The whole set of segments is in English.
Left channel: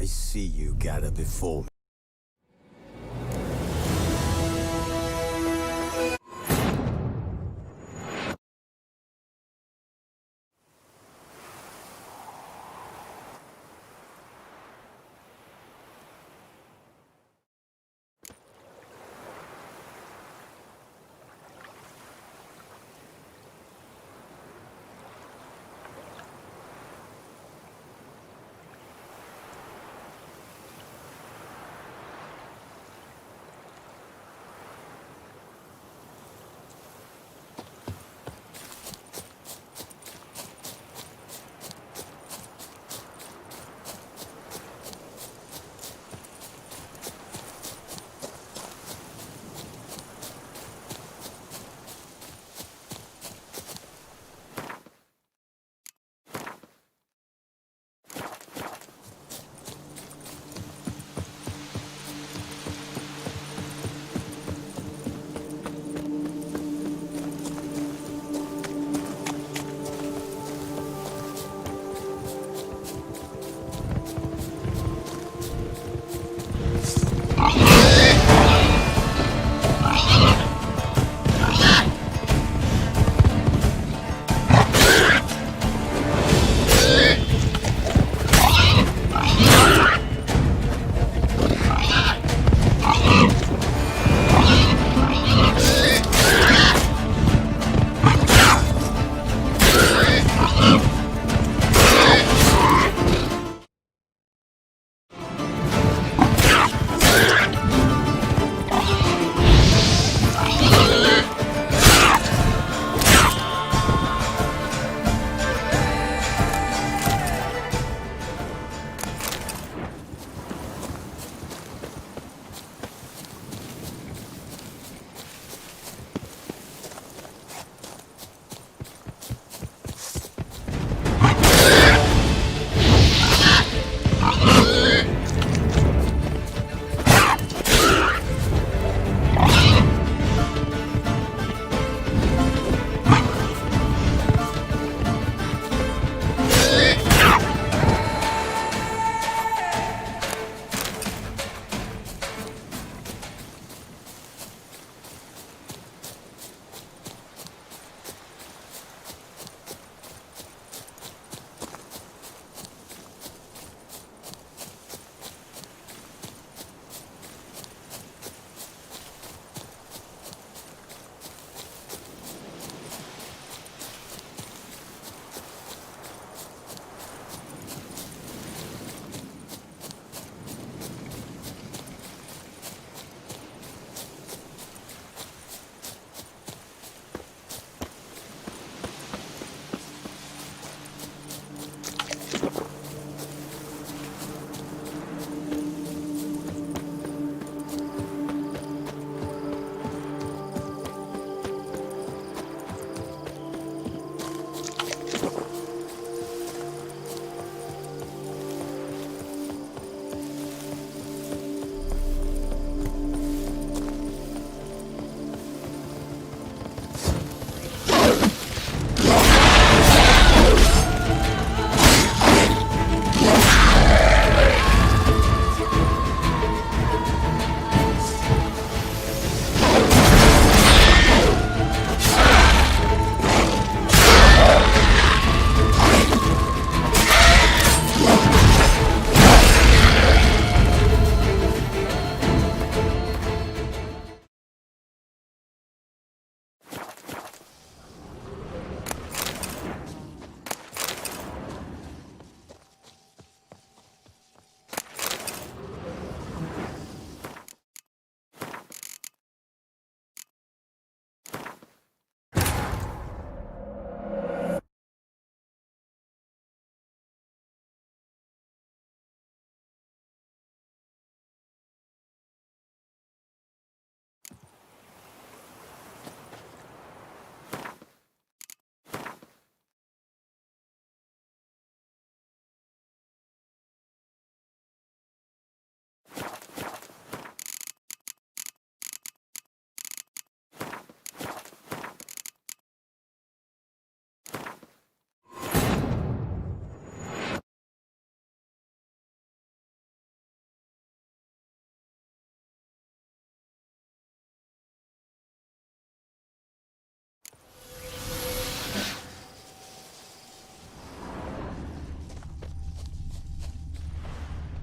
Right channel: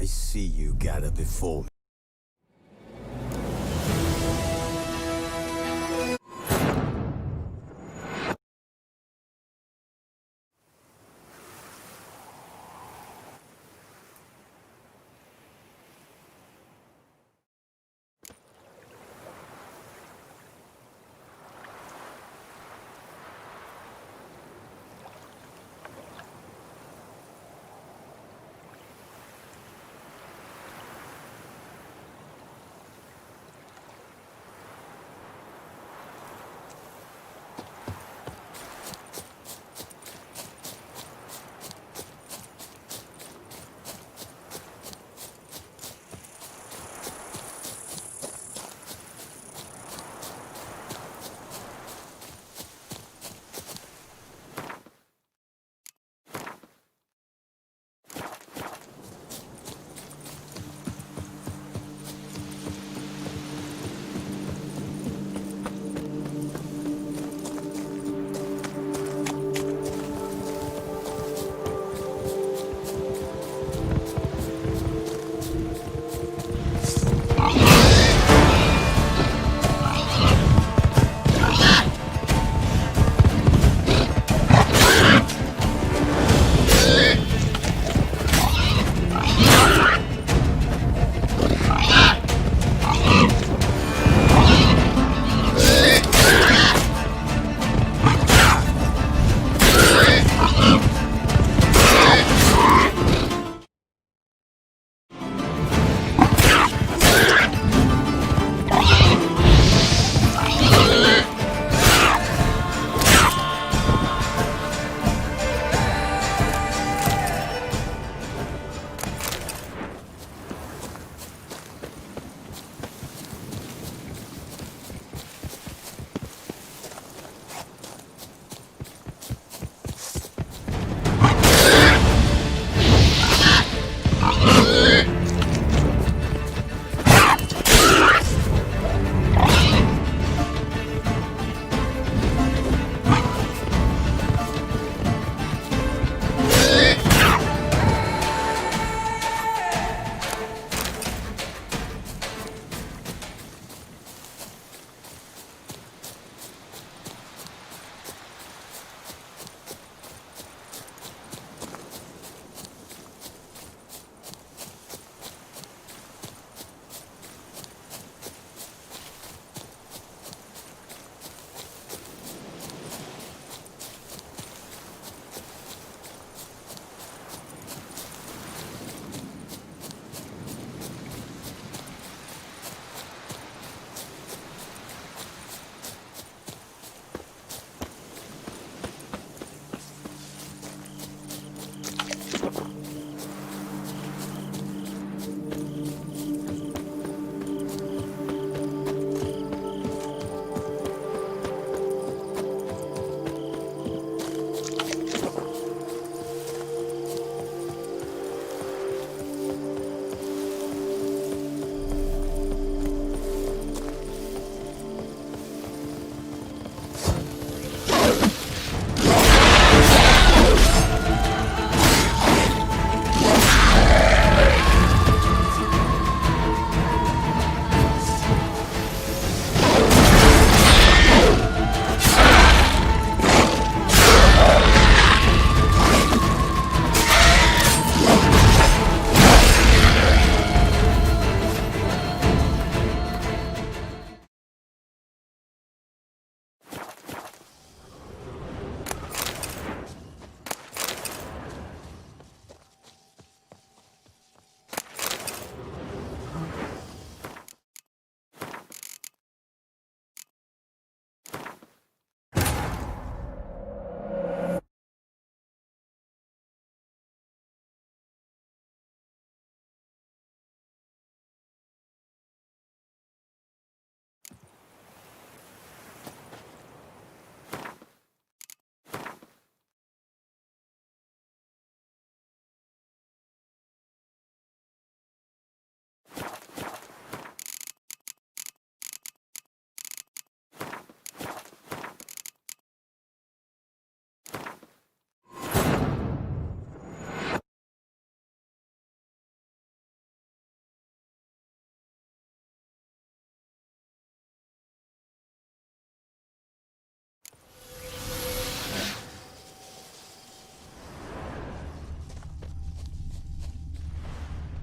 I see you gather before me.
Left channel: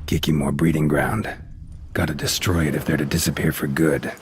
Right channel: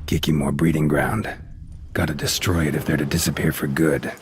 Kiki more breeding ground. Gotta destroy it if they're to disappear for good.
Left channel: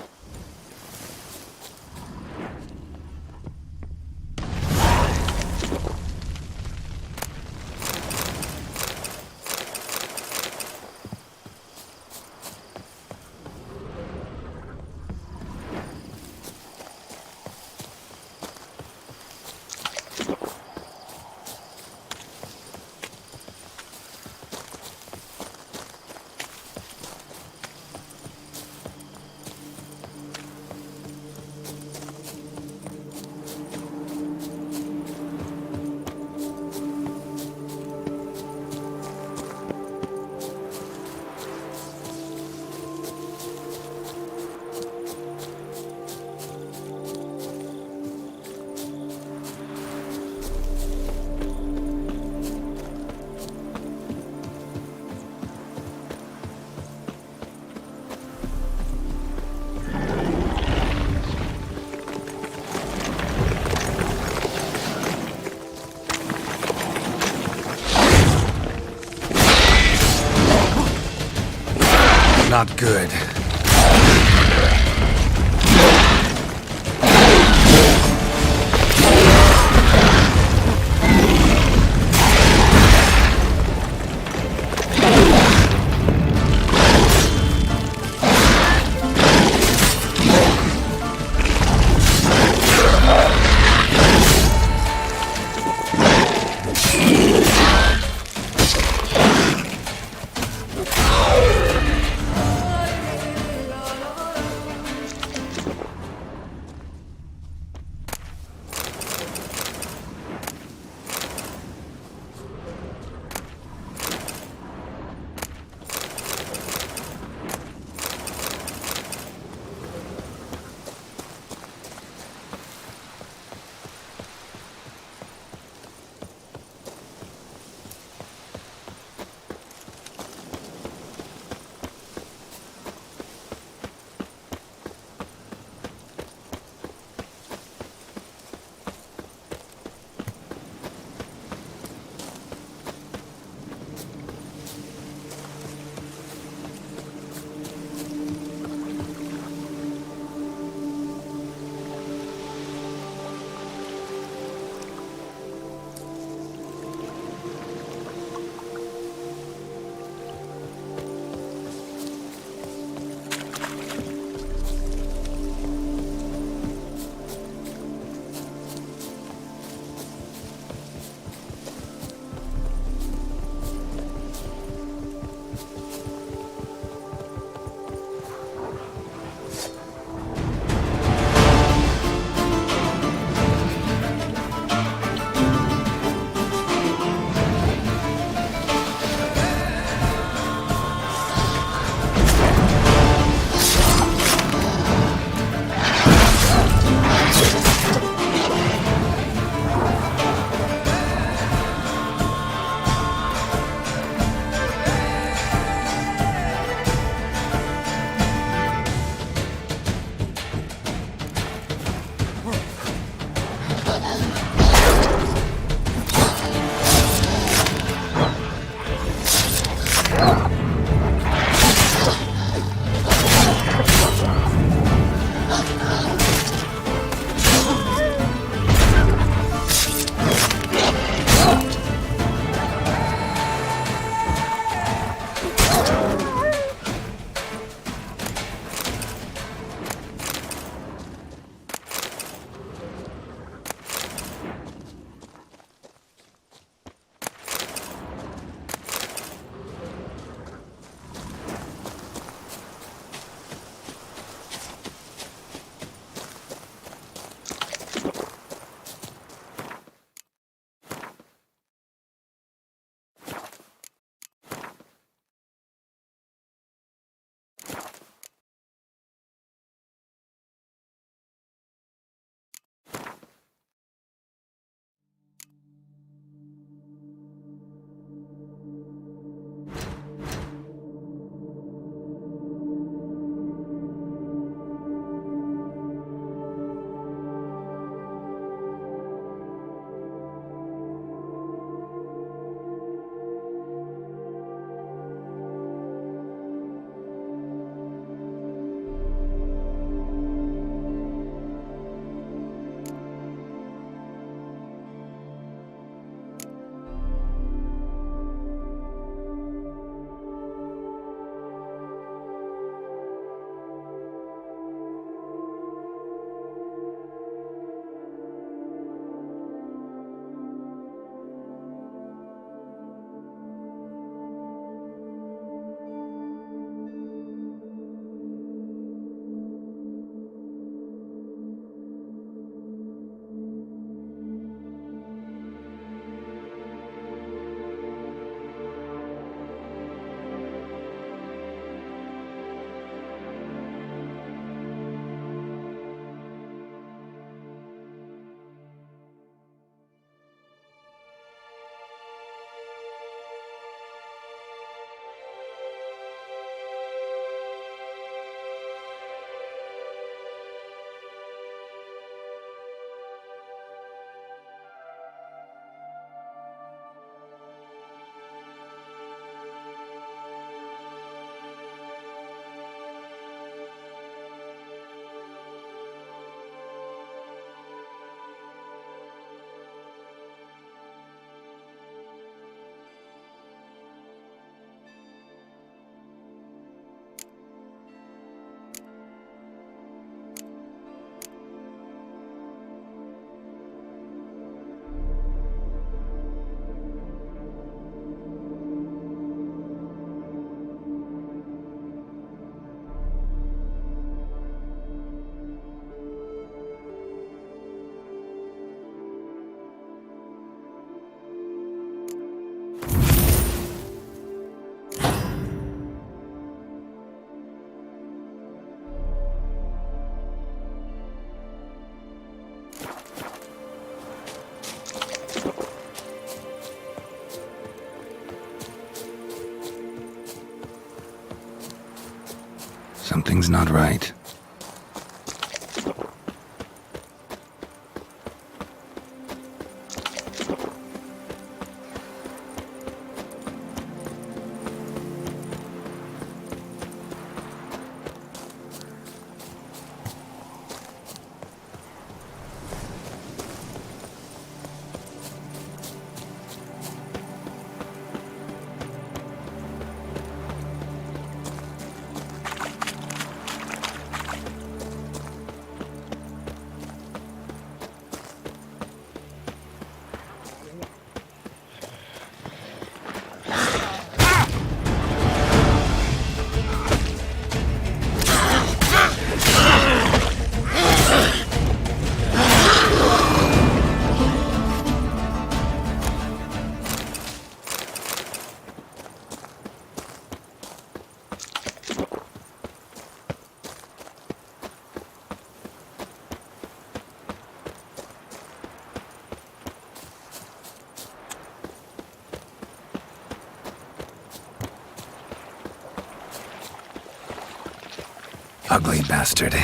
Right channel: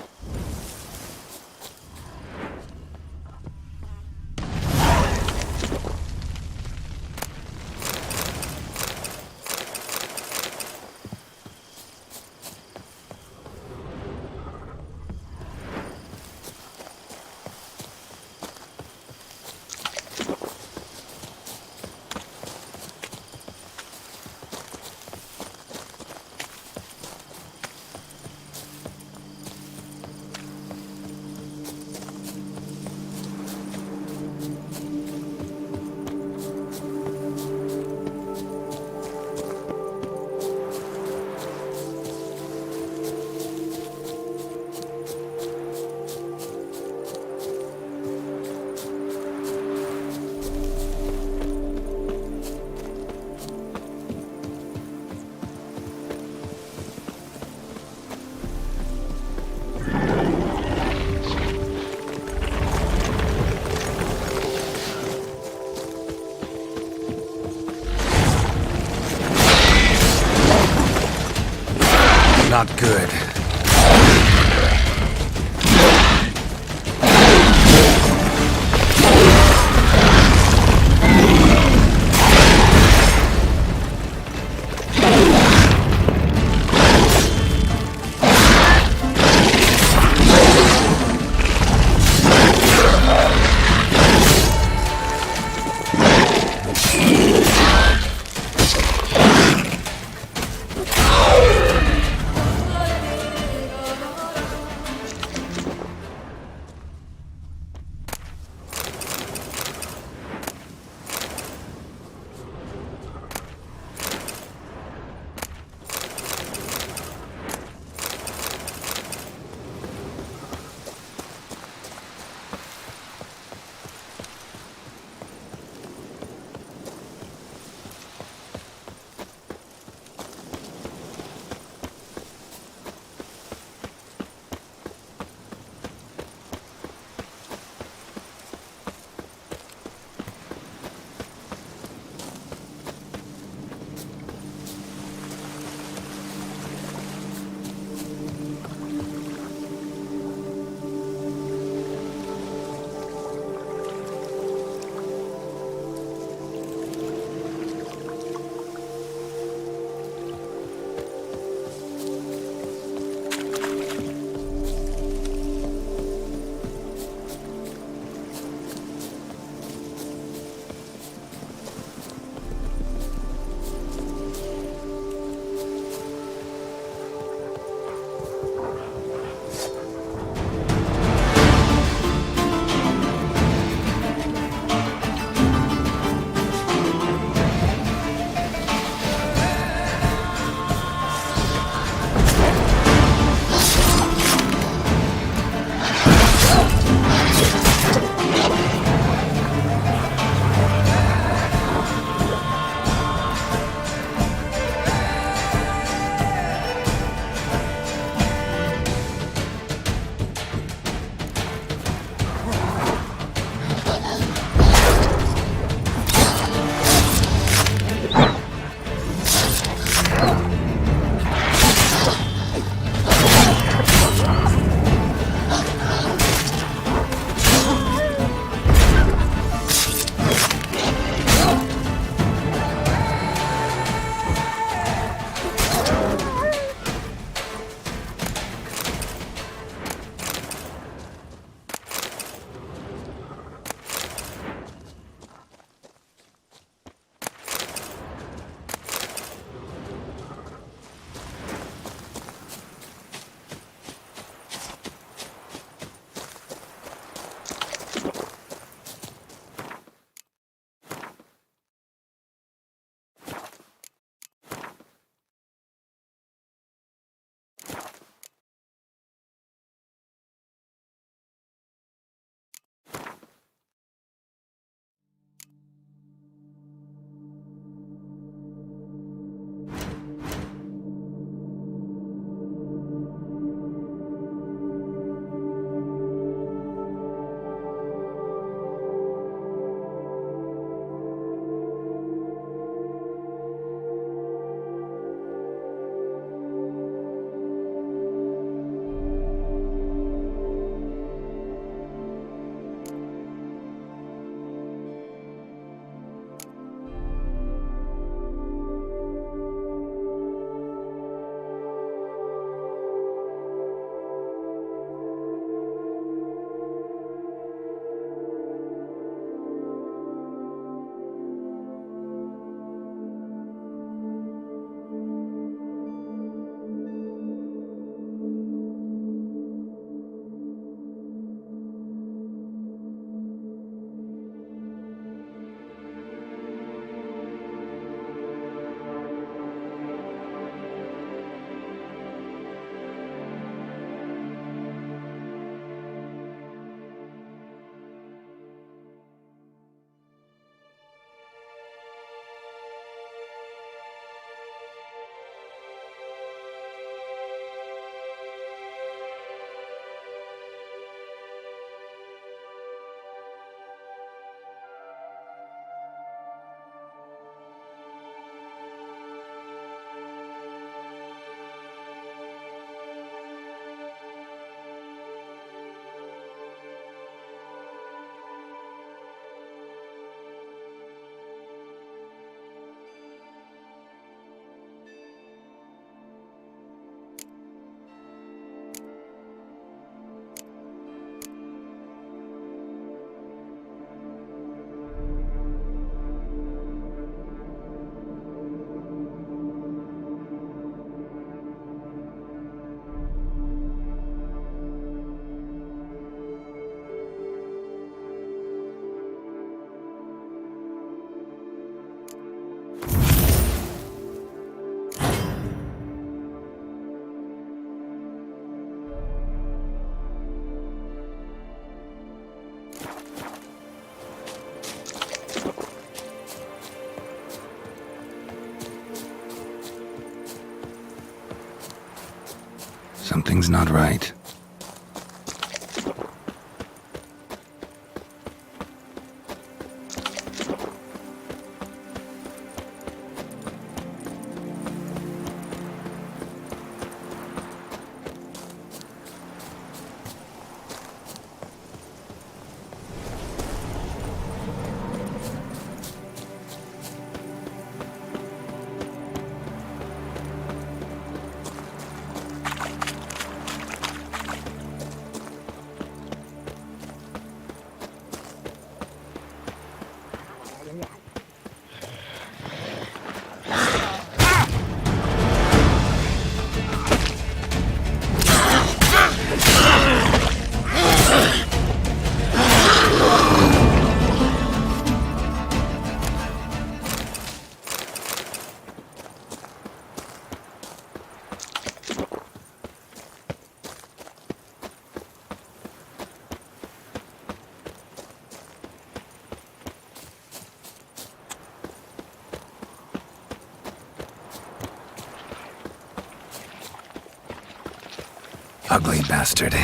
Not good. Something's not right. Ugly bastard.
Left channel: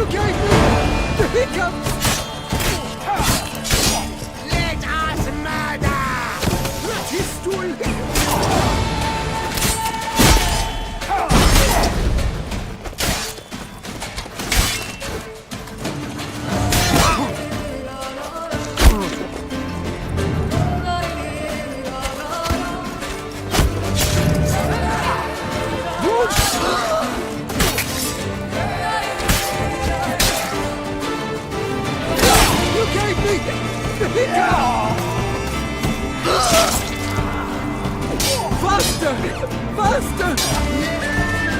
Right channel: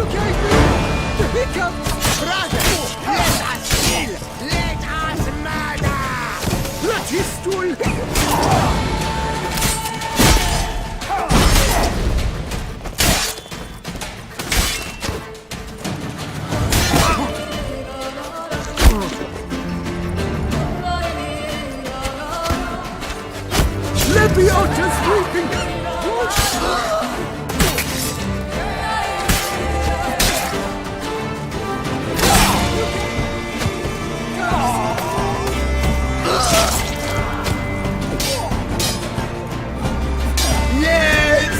You gave me the hiccups! Let us murder! Ratistol! Let me out this You gave me the hiccups! Faster! Faster! Yes!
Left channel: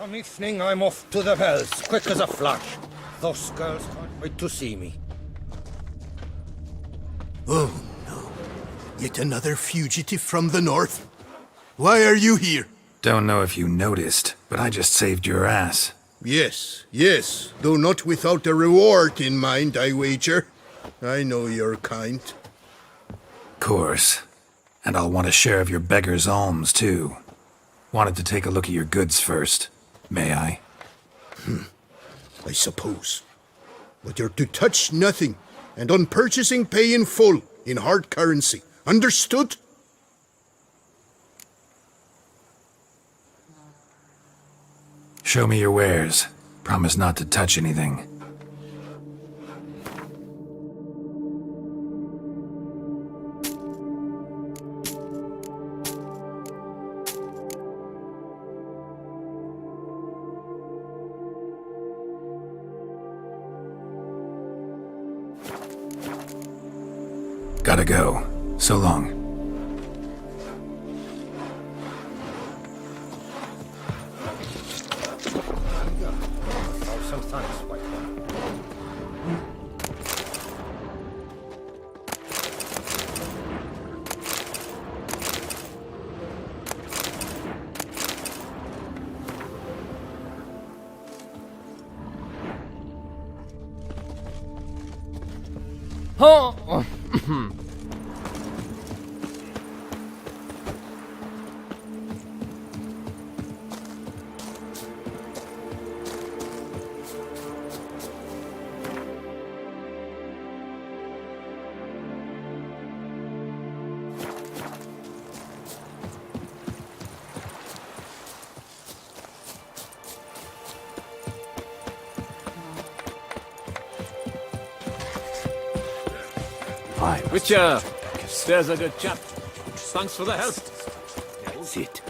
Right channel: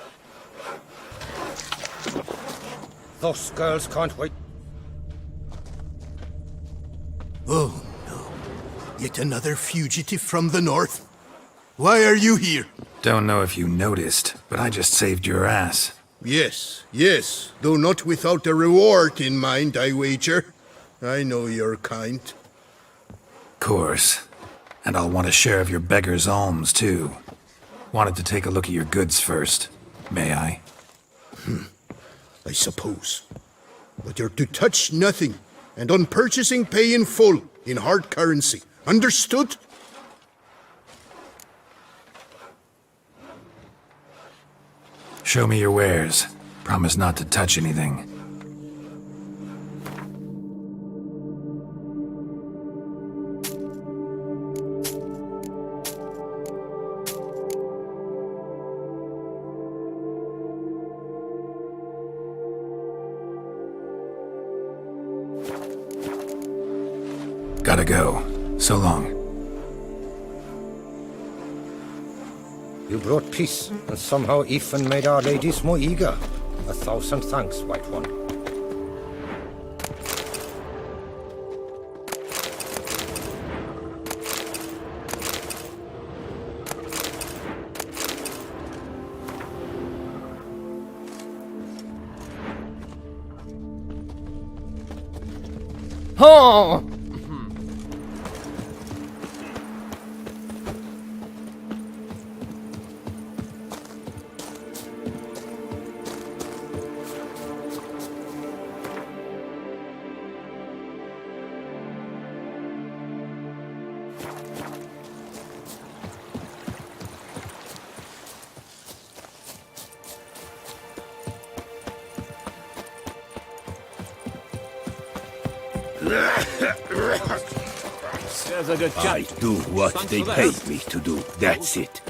One evening I'm off to the hills, quick as a flash. Those girls can't wait to see me. Oh no. Yet another fugitive from the north? Why are you here? Don't know if you noticed, but I just saved your ass. Yes, yes, though not without a reward in mind, I wager. I know your kind. Course. And I'll want a share of your beggar's alms, too. Wanted to take a look at your goods first. May I? I suppose. But you're to touch nothing, and on purchasing pay in full, in hard currency. Understood? Show me your wares. Promise not to touch anything. Gotta go. So long. You brought peace, and somehow Ethan made our ladies more eager. 1,000 thanks, White One. Oh! Richard, there's a good chap. I do what Thanks they for the paid help. me to do. That's it.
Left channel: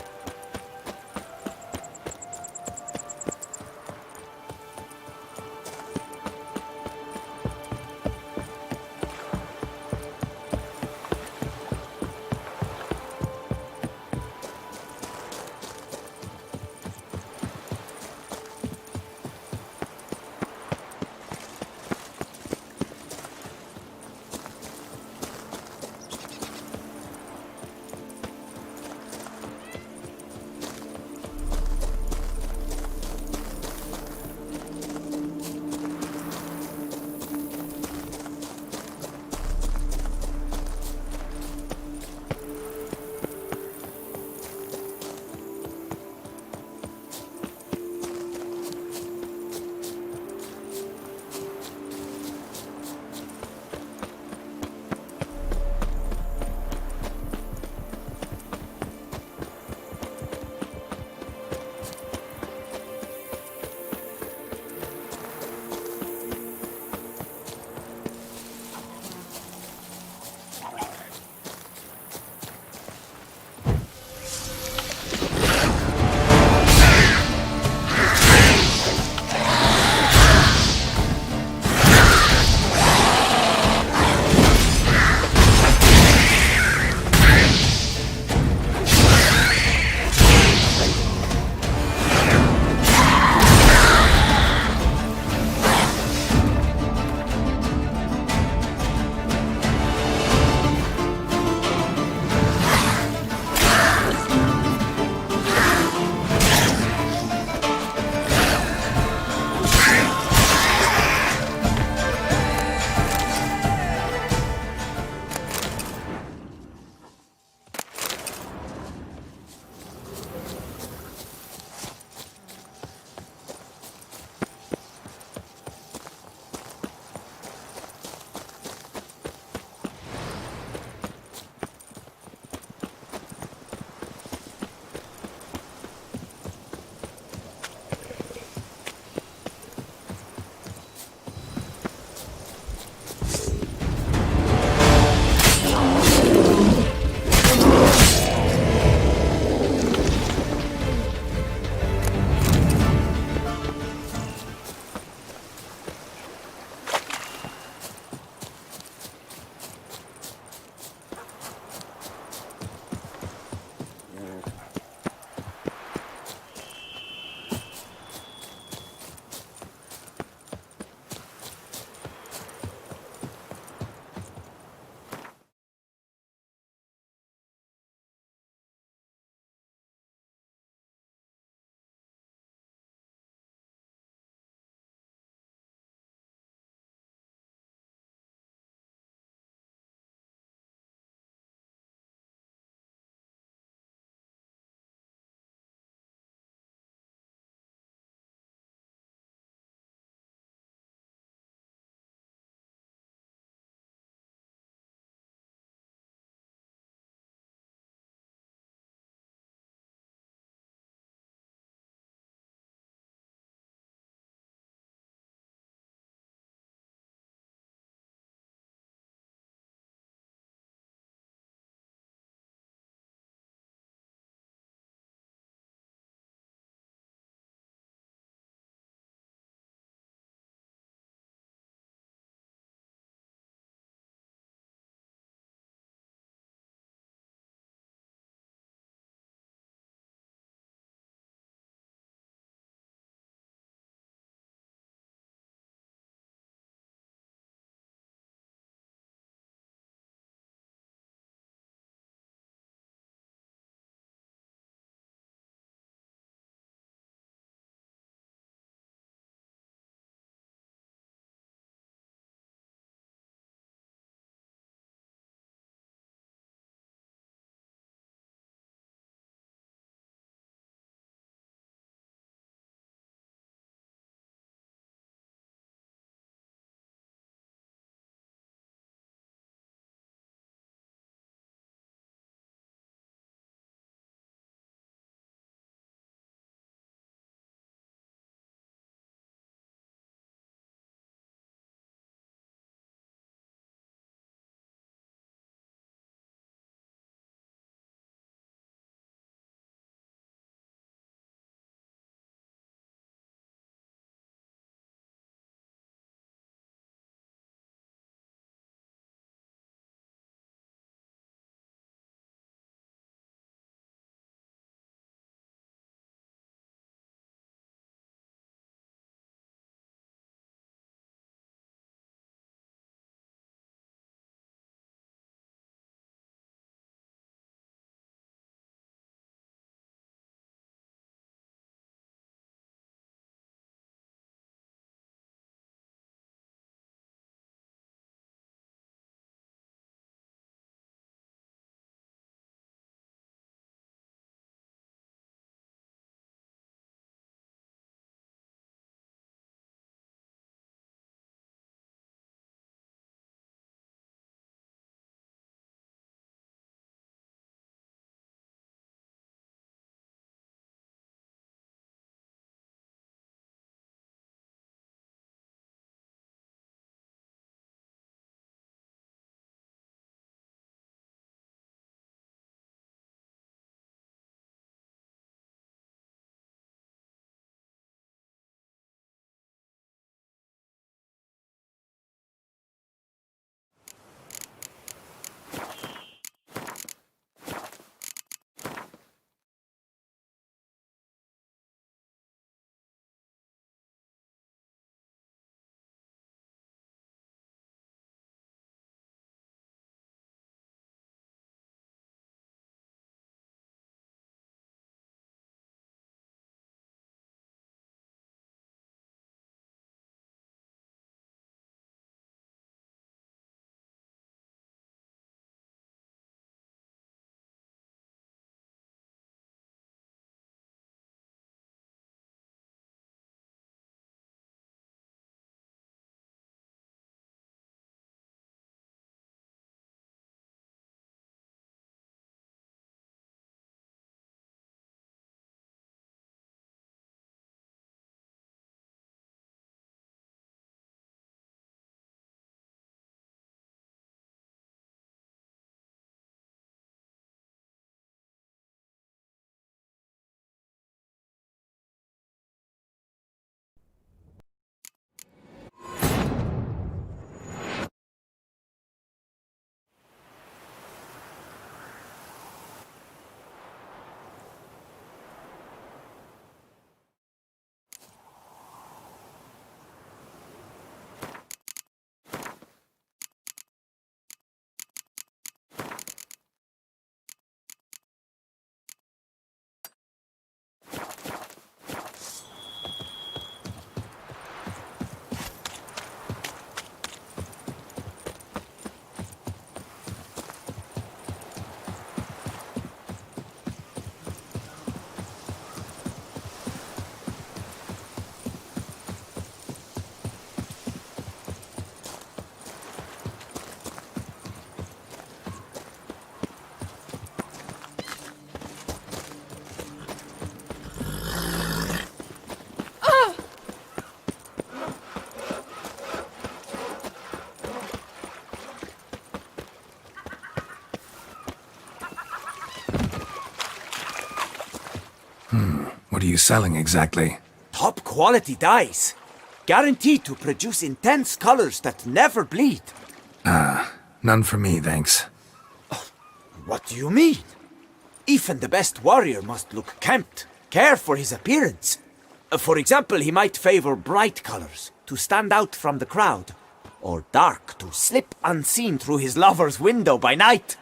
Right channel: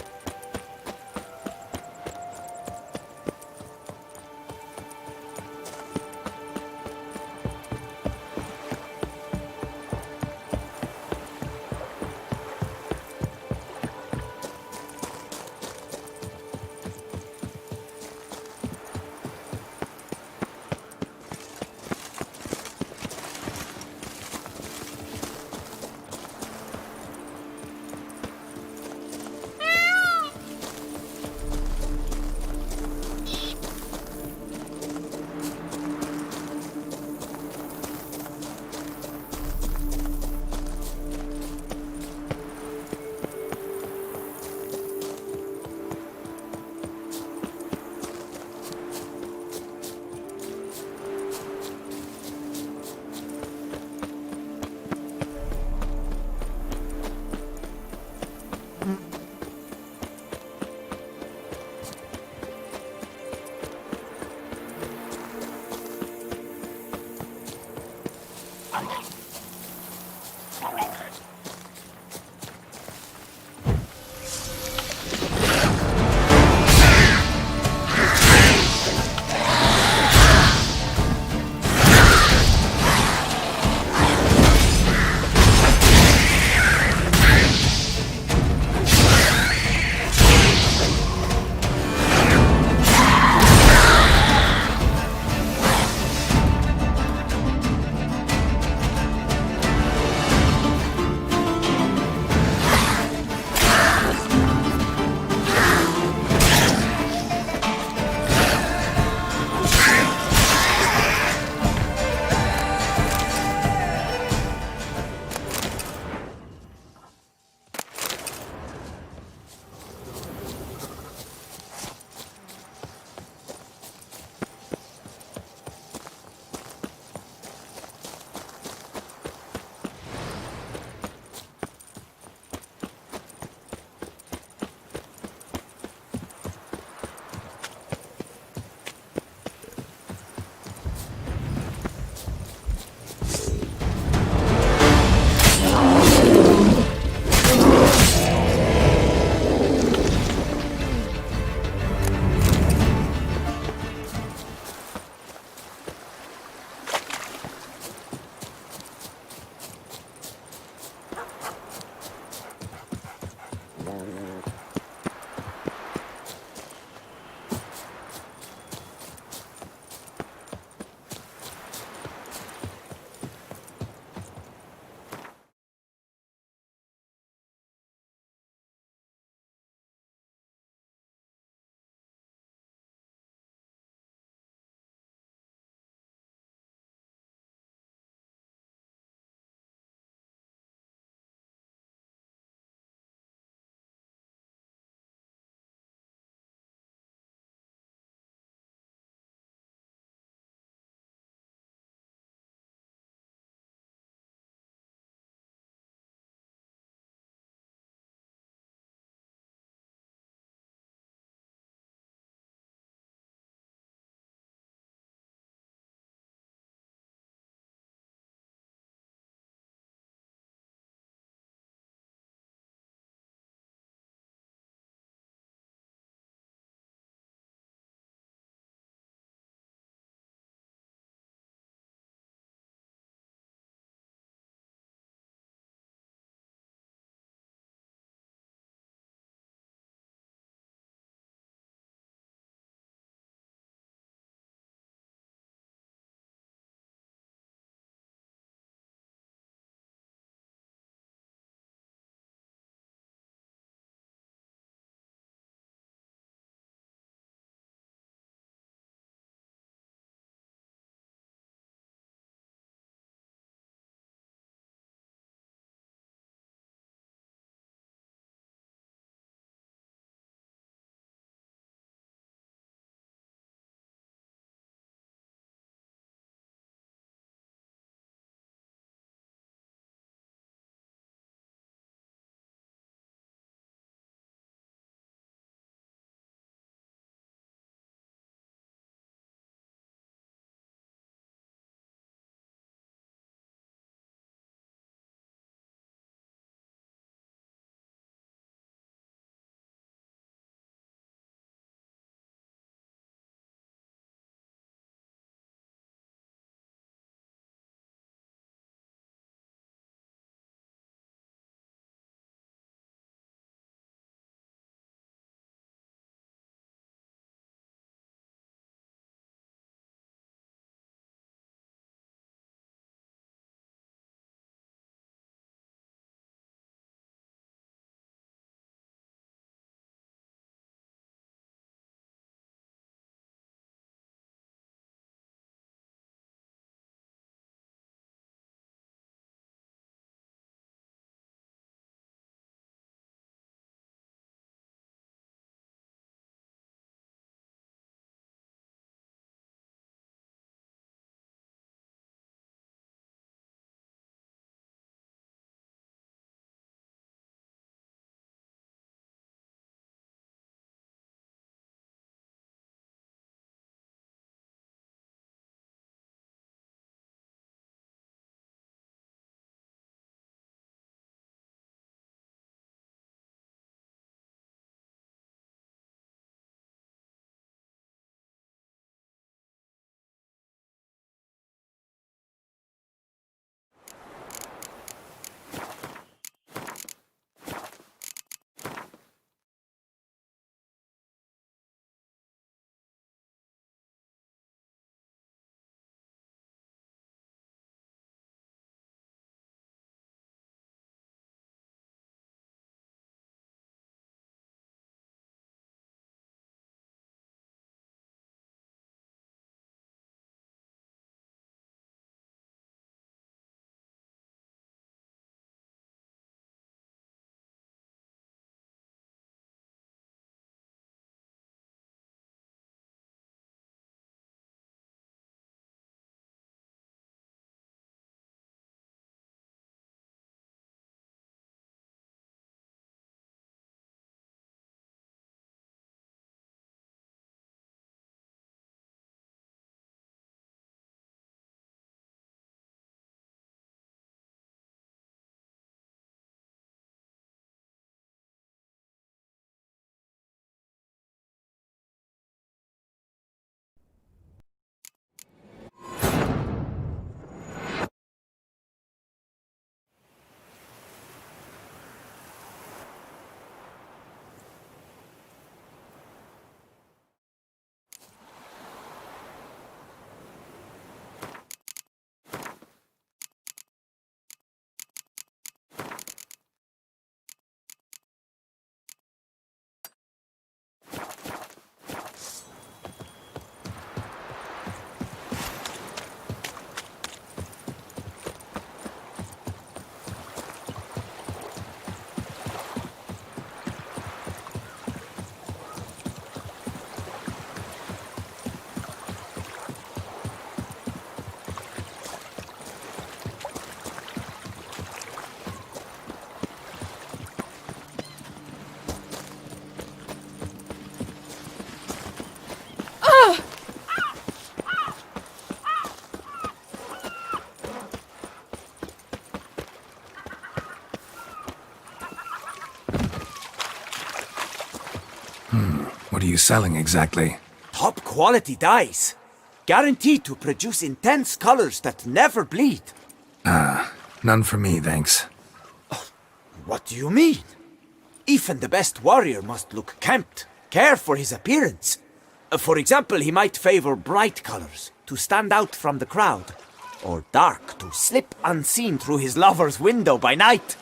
What are you selling exactly? Top quality dyes. Guaranteed to produce intense colors that never bleed. None for me, thanks. What do you mean? Even the best warrior must look kempt, care for his appearance. For example, he might favor bright colors to stand out from the crowd, or dark to slip unseen through his lover's window by night.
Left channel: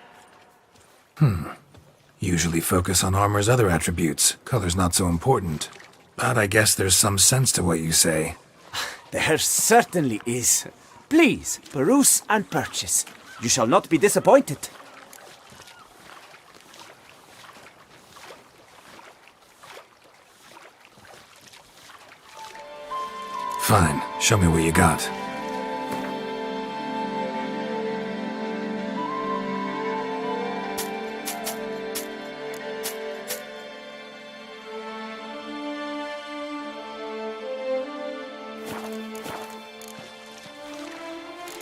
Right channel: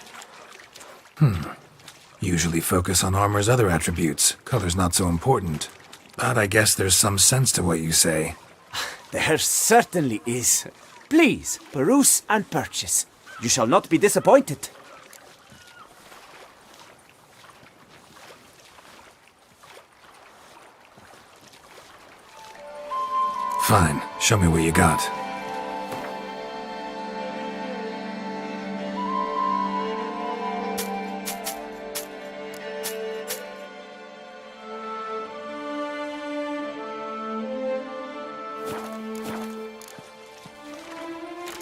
Usually focus on armor's other attributes. Color's not so important. But I guess there's some sense to what you say. There certainly is. Please, peruse and purchase. You shall not be disappointed. Fine, show me what you got.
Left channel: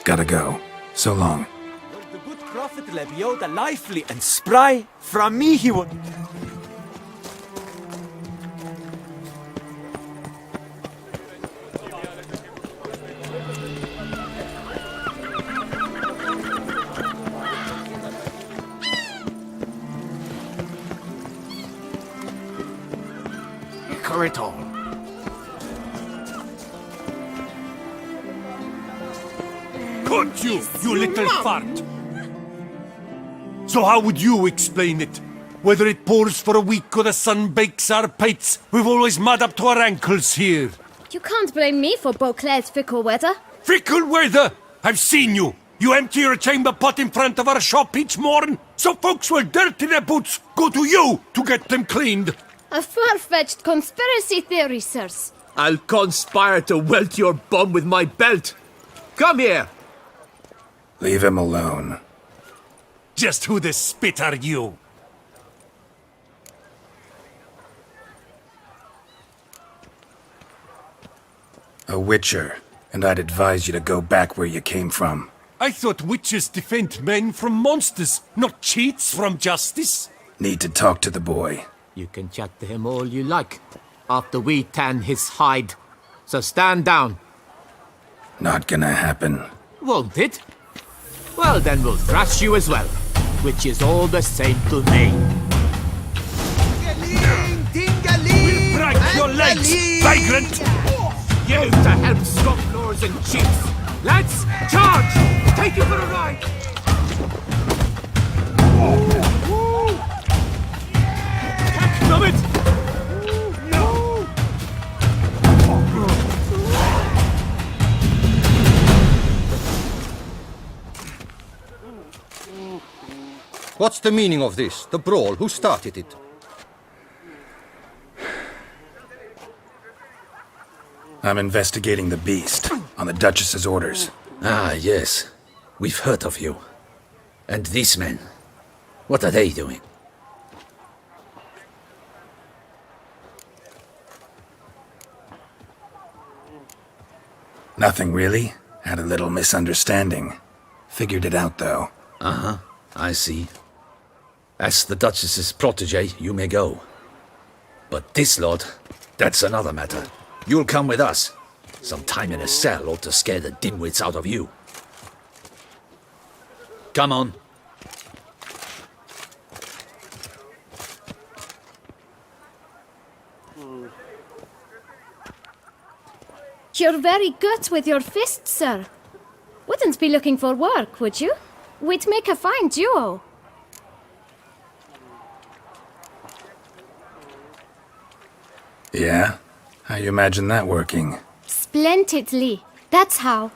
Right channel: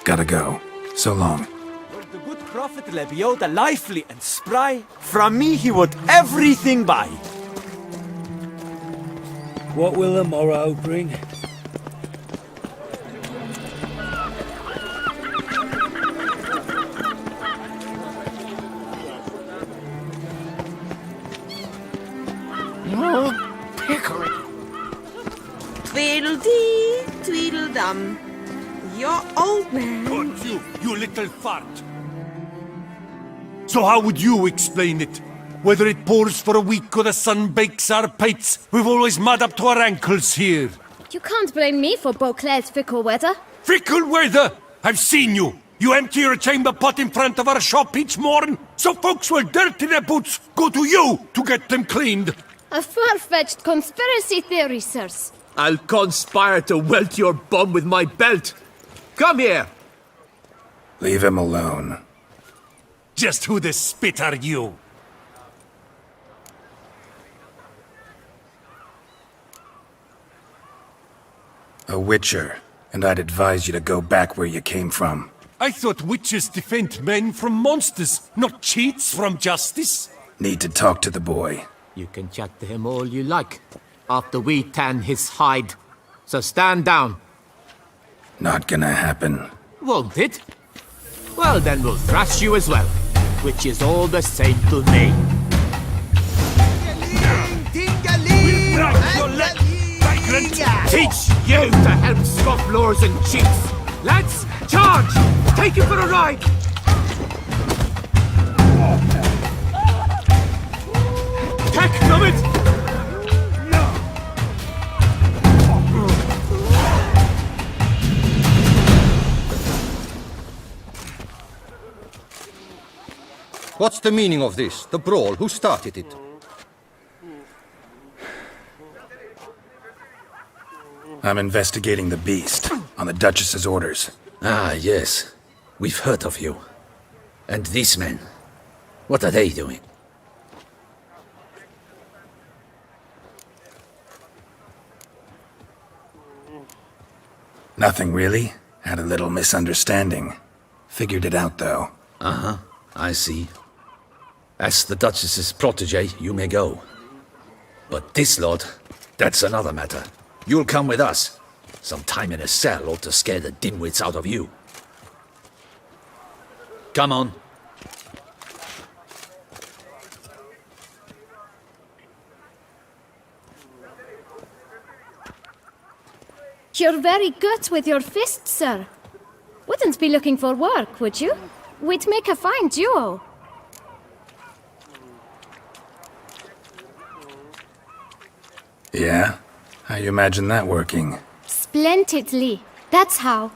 Gotta go. So long. Were the good prophet Lebioda lively and spry, from me he would everything buy. What will the morrow bring? Pickerital. Tweedledee, tweedledum. Your old man. Cut you, you little fart! So how would you explain it? Whether it pours for a week or the sun bakes our pates, we've always mud up to our ankles here. You can't blame me for Beauclair's fickle weather. Fickle weather! I've seen you! You empty your chamber pot in front of our shop each morn, so folks will dirty their boots, go to you to get them cleaned. A far-fetched conspiracy theory, sirs. I'll conspire to welt your bum with my belt. Come here. Leave him alone. Just who the spit are you? A witcher, and I'd advise you to go back where you came from. I thought witches defend men from monsters, not cheats from justice. Need to talk to the boy. You can chat to him all you like, after we tan his hide. So stand down. Not gonna happen. Won't it? Well, then we'll thrash you as well, which is all the same to me. We'll break your legs, vagrant! Teach you to help scofflaws and cheats. Lads, charge! Take you for a ride! Heck, numb it! What's the meaning of this? The brawl? Who started it? I'm investigating the beast, on the Duchess's orders. Ah, yes. We've heard of you. And these men, what are they doing? Nothing really. Had a little misunderstanding. Figured it out, though. Uh-huh, I see. As the Duchess's protege, you may go. But this lot, that's another matter. You'll come with us. Some time in a cell ought to scare the dimwits out of you. Come on. You're very good with your fists, sir. Wouldn't be looking for work, would you? We'd make a fine duo. Yeah? How you imagine that working? Splendidly. That's how.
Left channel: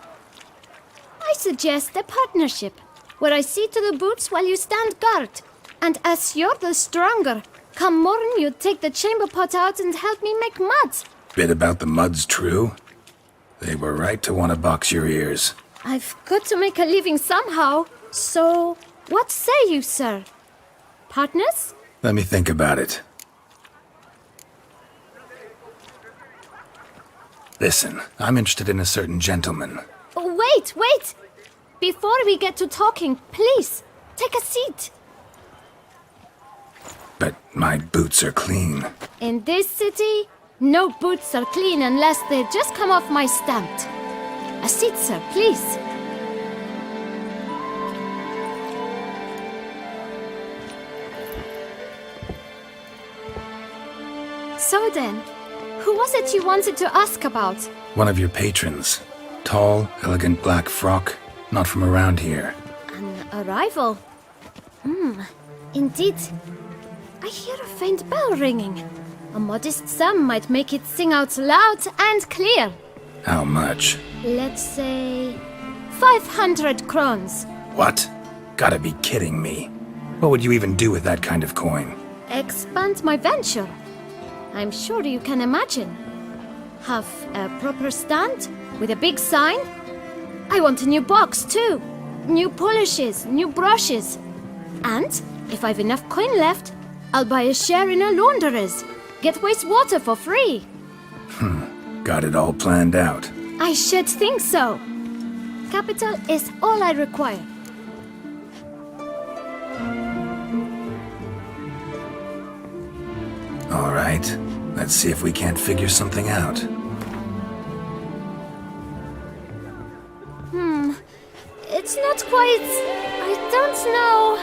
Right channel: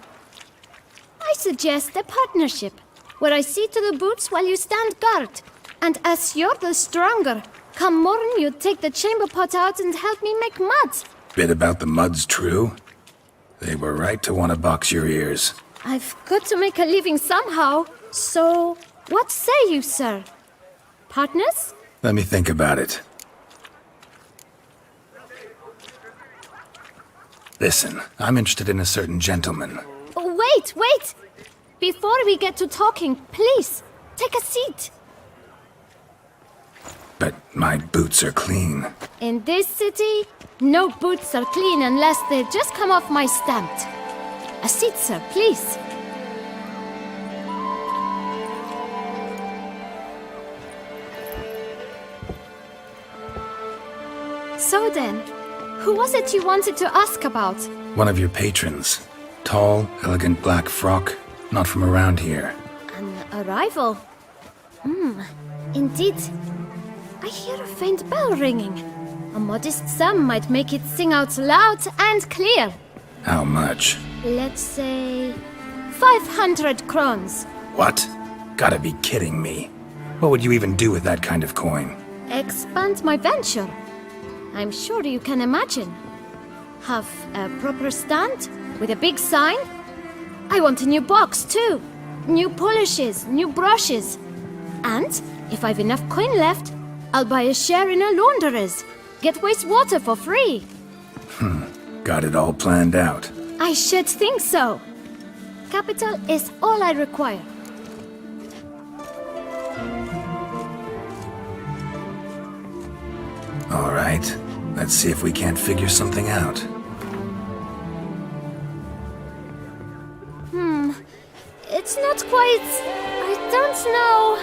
I suggest a partnership, where I see to the boots while you stand guard. And as you're the stronger, come morn you take the chamber pot out and help me make mud. Bit about the mud's true? They were right to want to box your ears. I've got to make a living somehow, so what say you, sir? Partners? Let me think about it. Listen, I'm interested in a certain gentleman. Oh, wait! Before we get to talking, please, take a seat. But my boots are clean. In this city, no boots are clean unless they just come off my stamp. A seat, sir, please. So then, who was it you wanted to ask about? One of your patrons. Tall, elegant black frock. Not from around here. An arrival? Indeed. I hear a faint bell ringing. A modest sum might make it sing out loud and clear. How much? Let's say 500 crowns. What? Gotta be kidding me. What would you even do with that kind of coin? Expand my venture. I'm sure you can imagine. Have a proper stand with a big sign. I want a new box too. New polishes, new brushes. And if I've enough coin left, I'll buy a share in a launderer's. Get wastewater for free. Got it all planned out. I should think so. Capital is all I require. All right. Let's see if we can't figure something out. It's not quite... I don't know...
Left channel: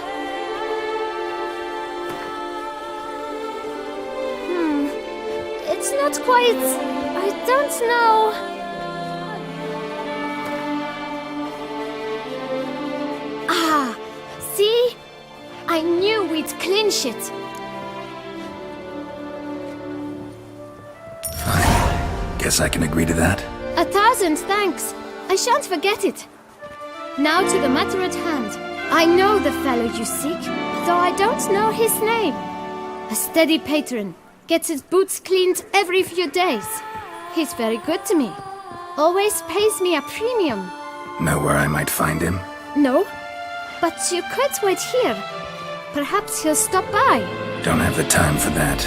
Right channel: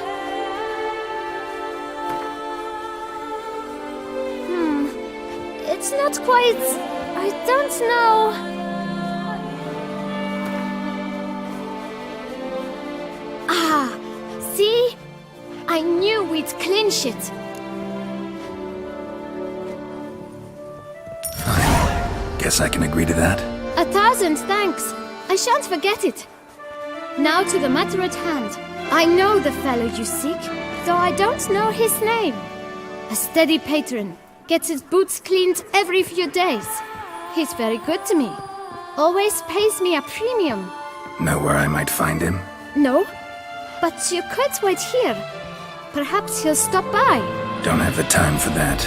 It's not quite... I don't know... Ah, see? I knew we'd clinch it. Fine. Guess I can agree to that. 1,000 thanks. I shan't forget it. Now to the matter at hand. I know the fellow you seek, though I don't know his name. A steady patron. Gets his boots cleaned every few days. He's very good to me. Always pays me a premium. Know where I might find him? No, but you could wait here. Perhaps he'll stop by. Don't have the time for that.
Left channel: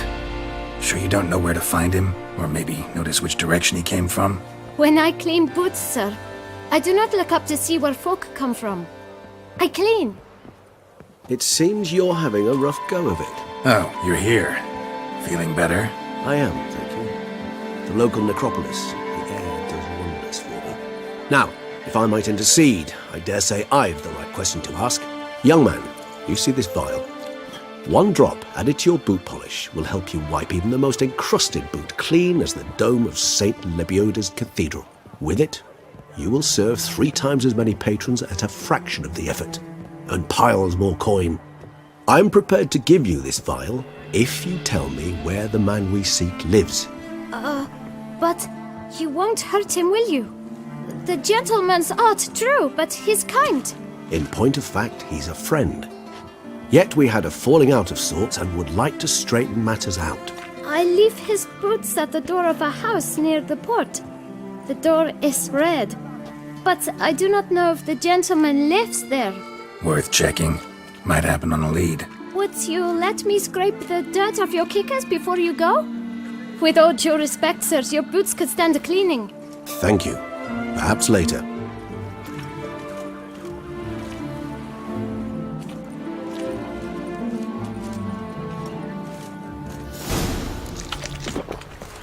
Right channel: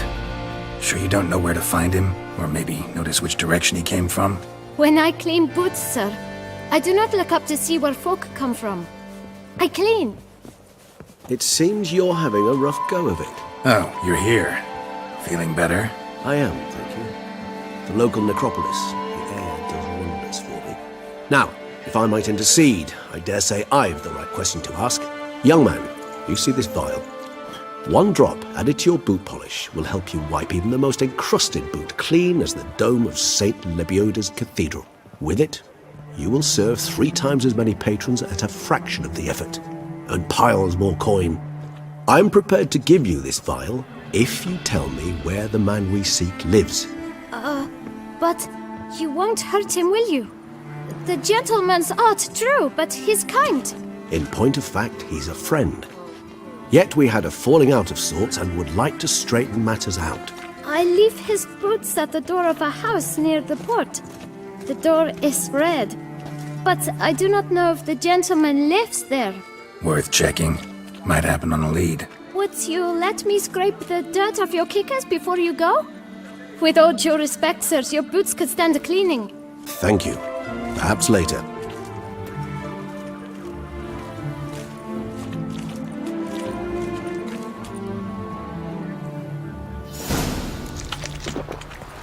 Sure you don't know where to find him? Or maybe notice which direction he came from? When I clean boots, sir, I do not look up to see where folk come from. I clean. It seems you're having a rough go of it. Oh, you're here. Feeling better? I am, thank you. The local necropolis, the air does wonders for me. Now, if I might intercede, I dare say I've the right question to ask. Young man, you see this vial? One drop added to your boot polish will help you wipe even the most encrusted boot clean as the dome of St. Lebioda's Cathedral. With it, you will serve 3 times as many patrons at a fraction of the effort, and piles more coin. I'm prepared to give you this vial if you tell me where the man we seek lives. But you won't hurt him, will you? The gentleman's odd, true, but he's kind. In point of fact, he's a friend. Yet we had a falling out of sorts and would like to straighten matters out. I leave his boots at the door of a house near the port. The door is red, but I do not know if the gentleman lives there. Worth checking. Might happen on a lead. Would you let me scrape the dirt off your kickers before you go? With all due respect, sirs, your boots could stand a cleaning. Thank you. Perhaps later.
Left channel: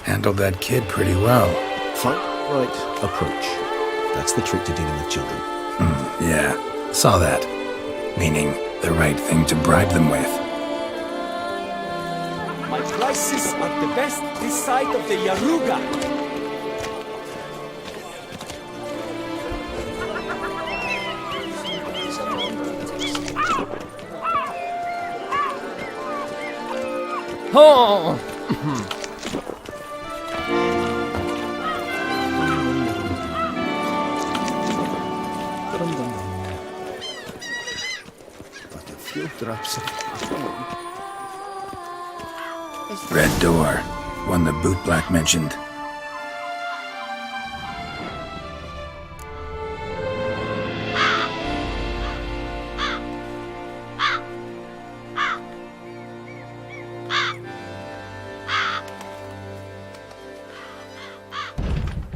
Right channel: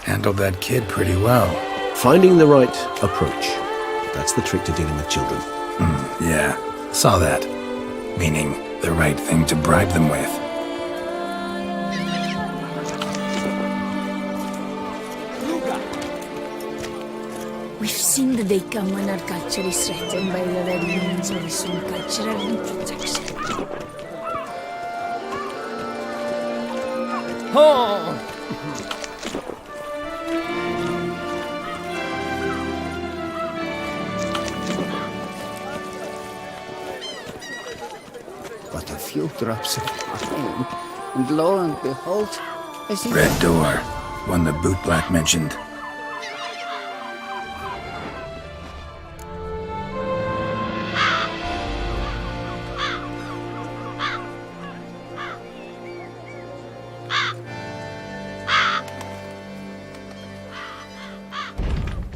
Handled that kid pretty well. Finding the right approach. That's the trick to dealing with children. Yeah, saw that. Meaning, the right thing to bribe them with. My prices are the best this side of the Yaruga. We've seen the big gun I've got to be threatened by the red means of some cultural protection. Oh! But a few drops of wine, and lo and behold, Red door. One the bootblack mentioned.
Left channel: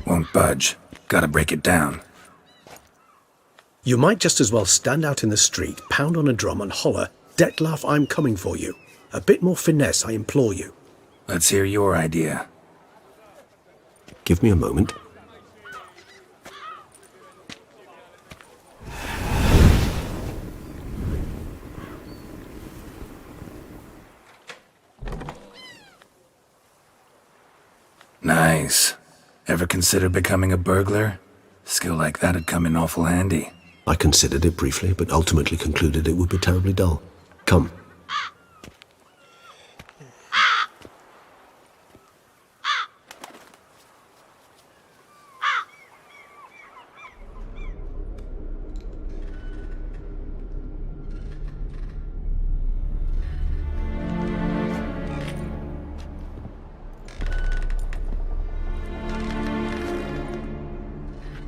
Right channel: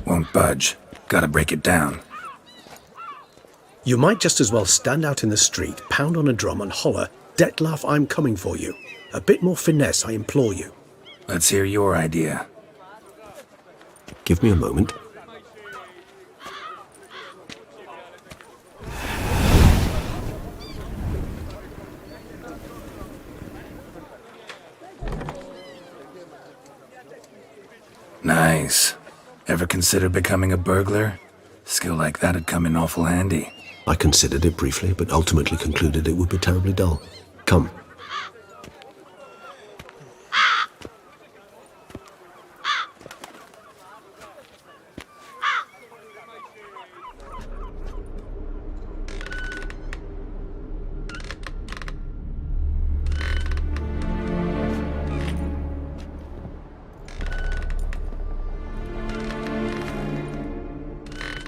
Won't budge. Gotta break it down. You might just as well stand out in the street, pound on a drum and holler, "Detlef, I'm coming for you." A bit more finesse, I implore you. Let's hear your idea. Give me a moment. Nice. Ever consider becoming a burglar? Skill like that'd come in awful handy. I considered it briefly, but ultimately concluded it would be terribly dull. Come.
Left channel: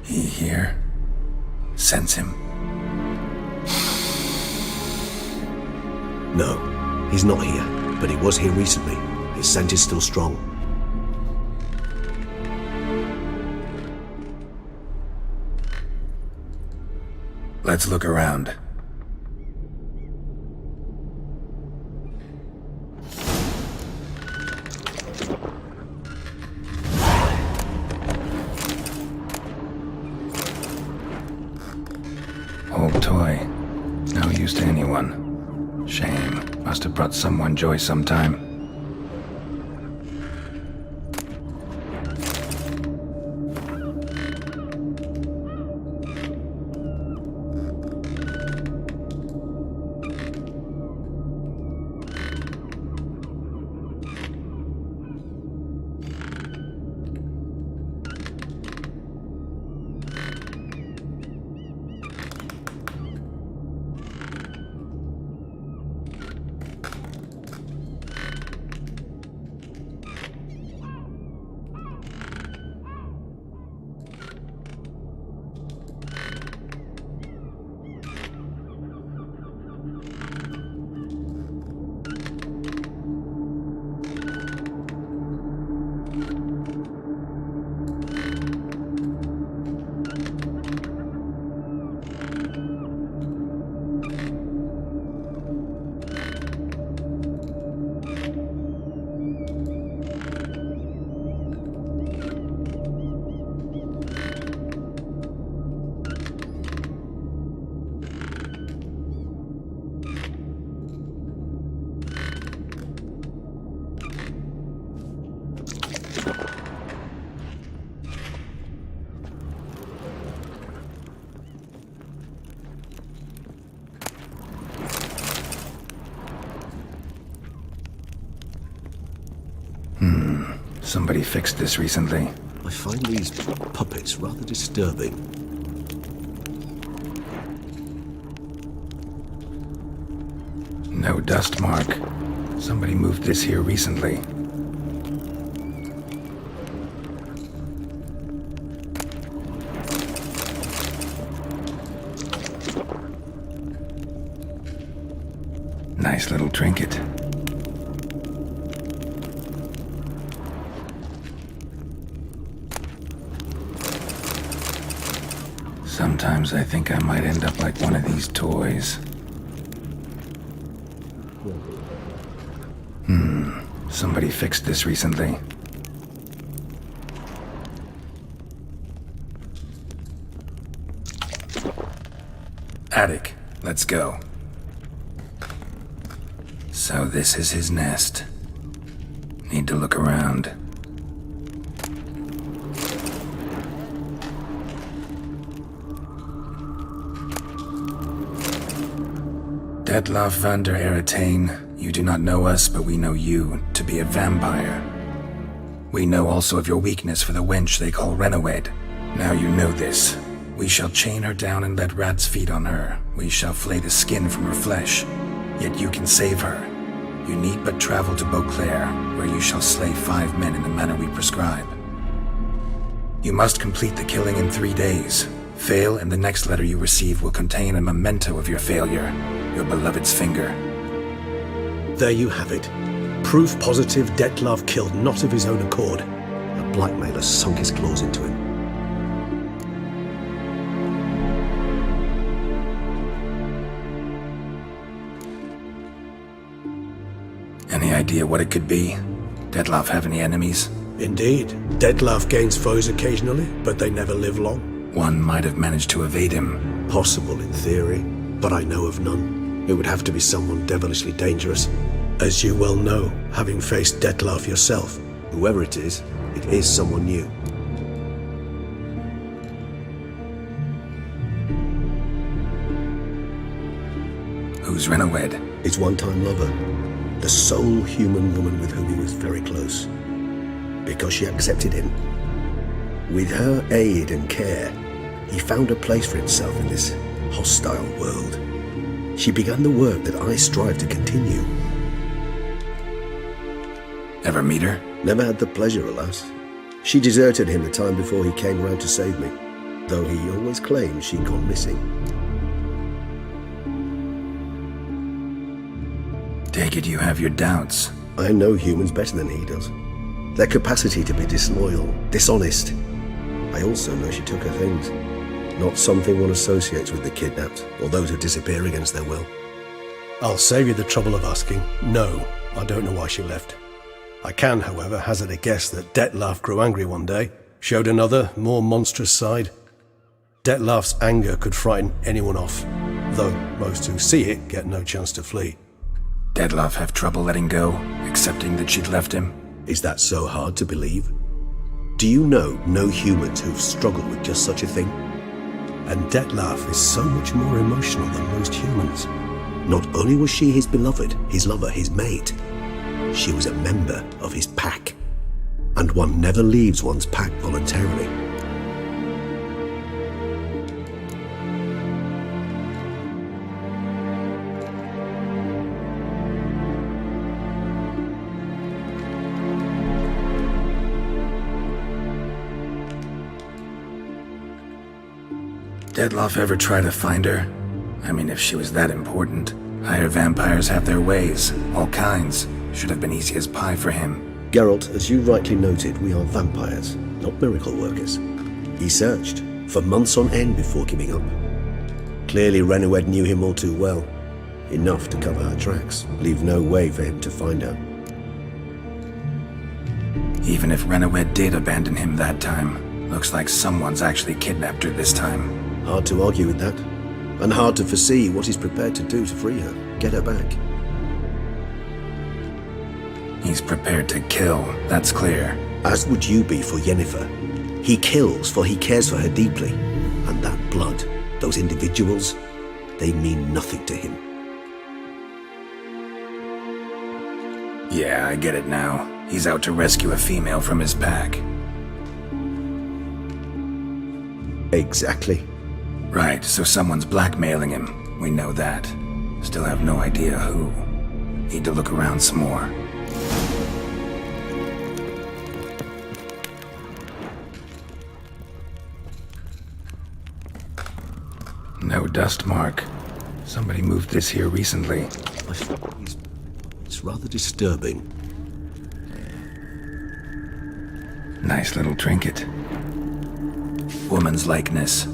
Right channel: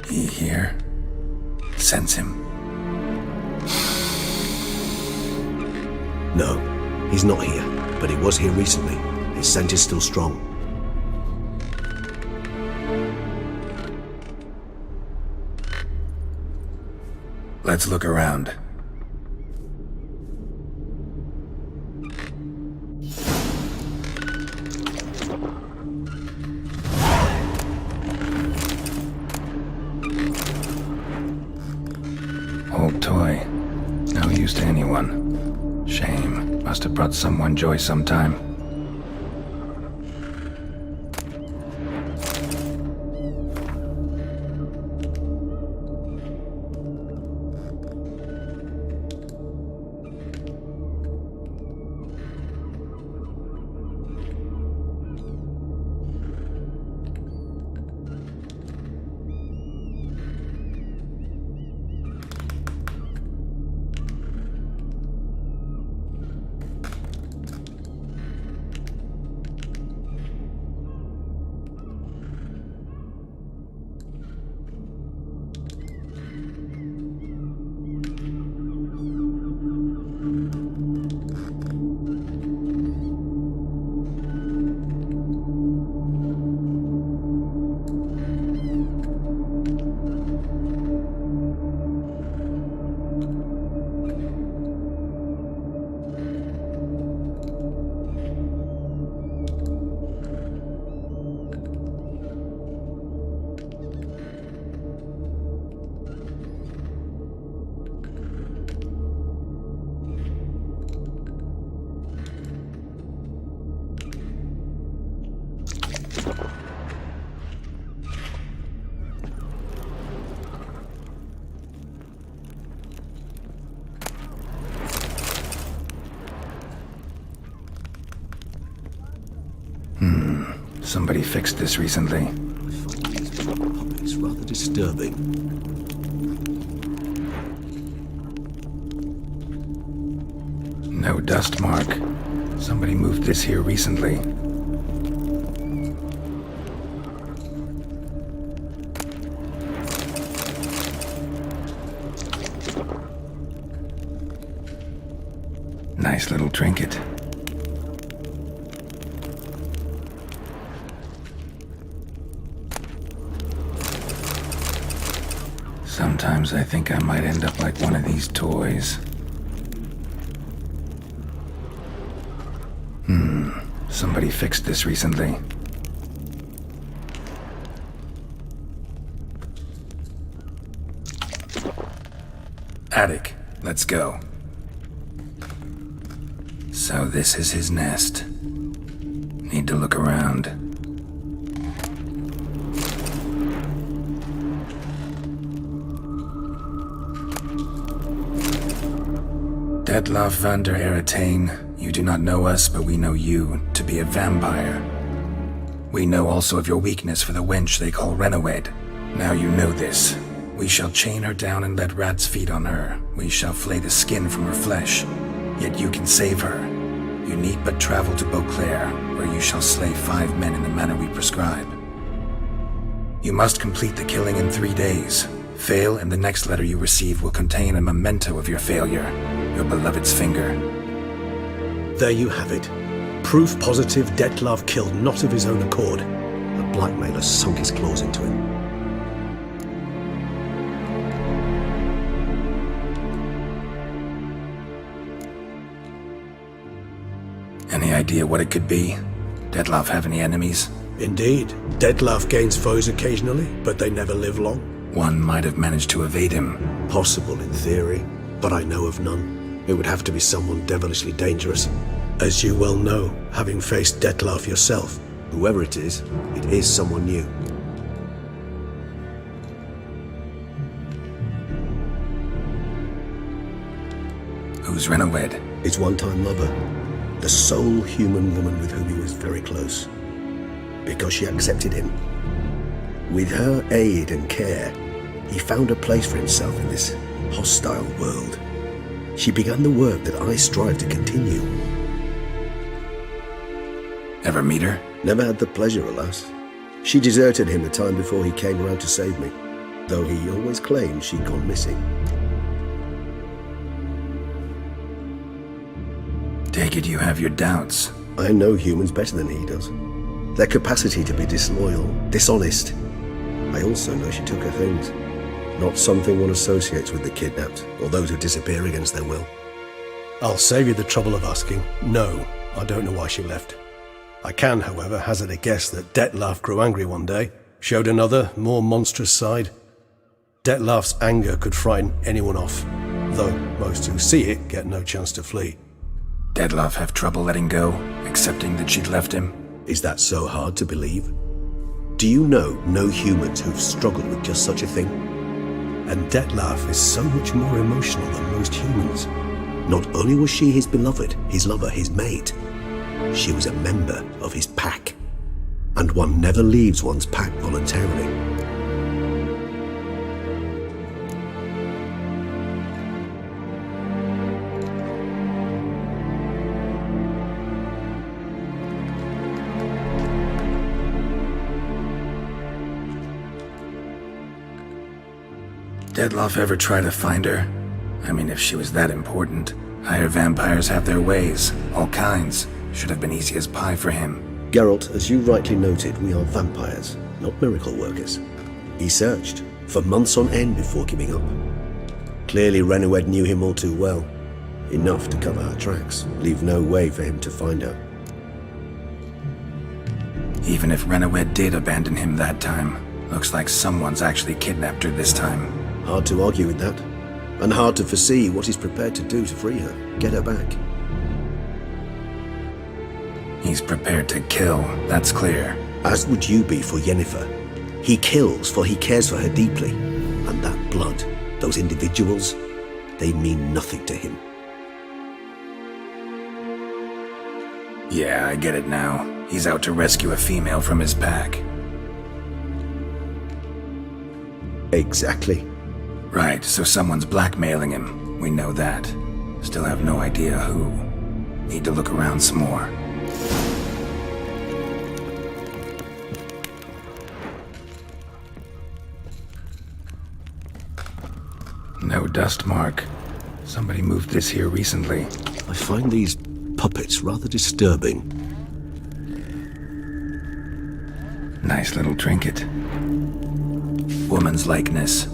He here? Sense him. No, he's not here, but he was here recently. His scent is still strong. Let's look around. Old toy. No use to anyone. Shame. Must have brought someone joy sometime. Somebody fixed this recently. I find these puppets rather disturbing. No dust mark. Somebody moved this here recently. Nice little trinket. Sometimes I think I might end up like one of these toys. Somebody fixed this recently. Attic, let's go. So this is his nest. Need to look around. Detlav van der Eretain, you do not know us, but we know you to be a vampire. We know also of your weakness for the wench they call Renawed. Now you know this. We shall chain her down and let rats feed on her. We shall flay the skin from her flesh. Yet you can save her. You need but travel to Beauclair, where you shall slay 5 men in the manner we prescribe. You must complete the killing in 3 days. Fail, and the next letter you receive will contain a memento of your failure. Your beloved's finger. There you have it. Proof positive Detlav killed not of his own accord. A blackmailer sunk his claws into him. Any idea what it could be? Dettlaff have any enemies? Indeed. Dettlaff gains foes occasionally, but they never live long. One might have managed to evade him. Possible in theory, but I know of none. It would have to be someone devilishly dangerous. As you well know, having faced Dettlaff yourself, whoever it is someone new. Who's Renowed? His one-time lover. The sole human woman with whom he was very close. Because she accepted him. With her aid and care, he found a place for himself in this hostile world. She began the work that I strive to continue. Ever meet her? Never had the pleasure, alas. She deserted him the time before he came round to save me, though he always claimed she'd gone missing. Take it you have your doubts. I know humans better than he does. Their capacity to be disloyal, dishonest. I also know she took her things. Not something one associates with the kidnapped, or those who disappear against their will. I'll save you the trouble of asking. No, I don't know why she left. I can, however, hazard a guess that Dettlaff grew angry one day, showed another, more monstrous side. Dettlaff's anger could frighten anyone off, though most who see it get no chance to flee. Dettlaff have trouble letting go, accepting that she'd left him? Is that so hard to believe? Do you know no humans who've struggled with just such a thing? And Dettlaff is so much more emotional than most humans. Not only was she his beloved, his lover, his mate, she was a member of his pack. And one never leaves one's pack voluntarily. Dettlaff ever try to find her? I mean, if she was that important. Higher vampires have their ways, all kinds. Should have been easy as pie for him. Geralt, as you rightly noted, we are vampires, not miracle workers. He searched, for months on end before giving up. Clearly Renowed knew him all too well. Enough to cover her tracks, leave no way for him to find her. Even if Renowed did abandon him that time, looks like someone's actually kidnapped her this time. Hard to argue with that, and hard to foresee what he's prepared to do to free her, get her back. He's prepared to kill, that's clear. As would you be for Yennefer. He kills for he cares for her deeply, and that blood, those individuals, they mean nothing to him. Yeah, I get it now. He's out to rescue a female from his pack. Exactly. Right, so someone's blackmailing him. We know that. Still have no idea who. Need to look around some more. No dust mark. Somebody moved this here recently. I find these puppets rather disturbing. Nice little trinket. Woman's likeness.